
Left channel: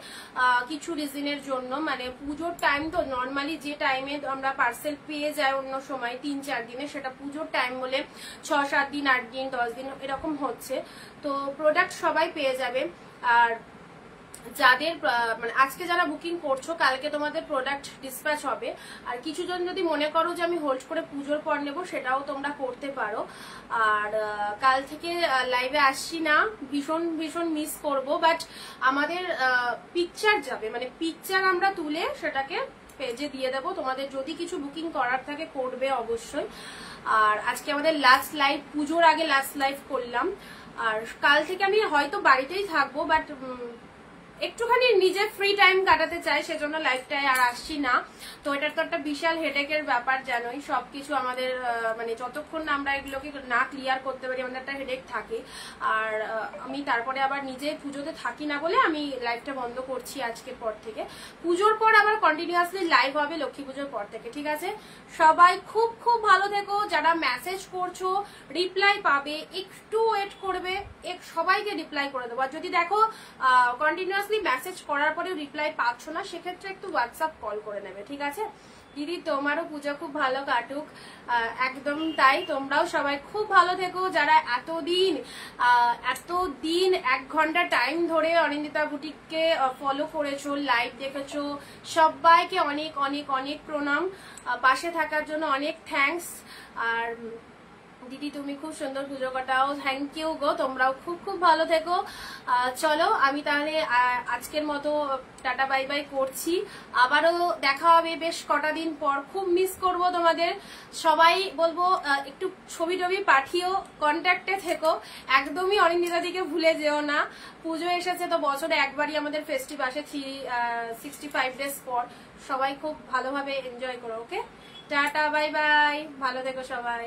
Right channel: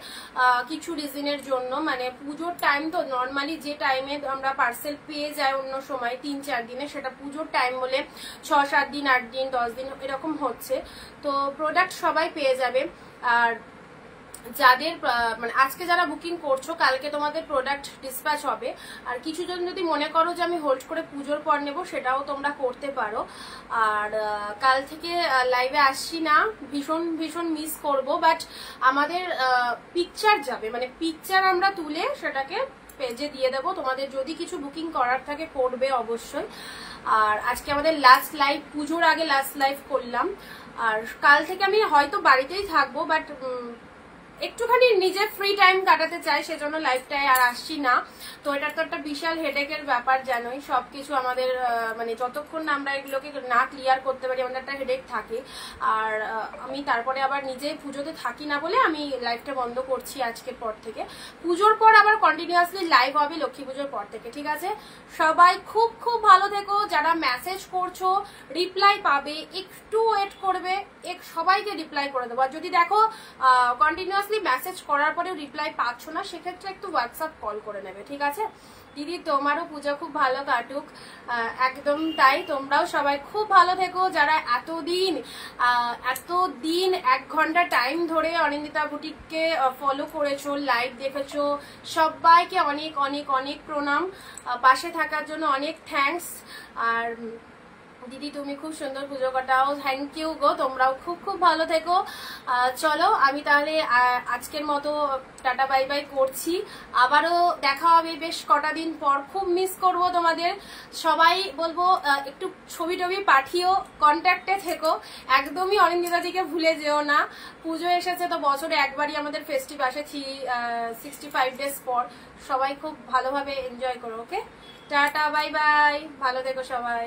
কিছু রিজনের জন্য, মানে পুজোর টাইম তো নর্মালি যে টাইমে আমরা পার্সেল পেয়ে যাই অন্য সময় 3-4 দিনে, সেটা পুজোর টাইম বলে 6-7 দিন 8 দিন 10 দিন এরকম হচ্ছে। তো প্রোডাক্ট সবাই পেয়ে যাবে। আর যাদের মানে আজকে যারা বুকিং করছো কালকে তোমাদের প্রোডাক্ট ডিসপ্যাচ হবে। আর কিছুজন যদি মনে করো যে আমি হোল্ড করে পুজোর পর নেবো সেটাও তোমরা করতে পারো। আর কাল থেকে লাইভে আসছি না, ভীষণ ভীষণ মিস করবো, বাট আমাদের পিকচার যাবে, মানে পিকচার আমরা তুলে সেটাকে পেজে দিয়ে দেবো, তোমাদের যদি কিছু বুকিং করার থাকে করবে অবশ্যই। আর আজকে আমাদের লাস্ট লাইভ, পুজোর আগে লাস্ট লাইভ করলাম। আর কাল থেকে আমি হয়তো বাড়িতেই থাকবো, বাট একটুখানি নিজের ফ্রি টাইম কাটাতে চাই, সেজন্য লাইভটায় আর আসছি না। তো এটা তো একটা বিশাল হেডেকের ব্যাপার, জানোই সবকিছু আমাদের মানে যতক্ষণ না আমরা এগুলোকে না ক্লিয়ার করতে পারি আমাদের একটা হেডেক থাকে। আর আমি তারপরে আবার নিজে পুজোতে থাকি না বলে আমি লাইভটা বন্ধ করছি আজকের পর থেকে। পুজোর পর আবার কন্টিনিউয়াসলি লাইভ হবে লক্ষ্মী পুজোর পর থেকে, ঠিক আছে? সবাই খুব খুব ভালো থেকো। যারা মেসেজ করছো রিপ্লাই পাবে, একটু ওয়েট করবে, সবাইকে রিপ্লাই করে দেবো। আর যদি দেখো কন্টিনিউয়াসলি মেসেজ করার পরেও রিপ্লাই পাচ্ছ না, সেক্ষেত্রে একটু হোয়াটসঅ্যাপ কল করে নেবে, ঠিক আছে? দিদি তোমারও পুজো খুব ভালো কাটুক। একদম তাই, তোমরাও সবাই খুব ভালো থেকো। যারা এতদিন 1 ঘন্টা টাইম ধরে অনিন্দিতা বুটিককে ফলো করেছো, লাইভ দেখেছো, সবাইকে অনেক অনেক অনেক প্রণাম। পাশে থাকার জন্য অনেক থ্যাঙ্কস। আর দিদি তুমি খুব সুন্দর পুজো কাটাও, থ্যাংক ইউ গো। তোমরাও খুব খুব ভালো থেকো। চলো আমি তাহলে আজকের মতো টাটা বাই বাই করছি। আবারও দেখা হবে বেশ কটা দিন পর। খুব মিস করব তোমাদের। সবাই বলবো একটু ছবি টবি পাঠিও, কন্ট্যাক্টে থেকো, একদমই অনিন্দিতাদিকে ভুলে যেও না। পুজো এসেছে তো বছরে একবারই আমাদের ফেস্টিভ আসে 365 ডেজ পর। সবাই খুব ভালোভাবে এনজয় করো, ওকে? টাটা বাই বাই, ভালো থেকো সবাই।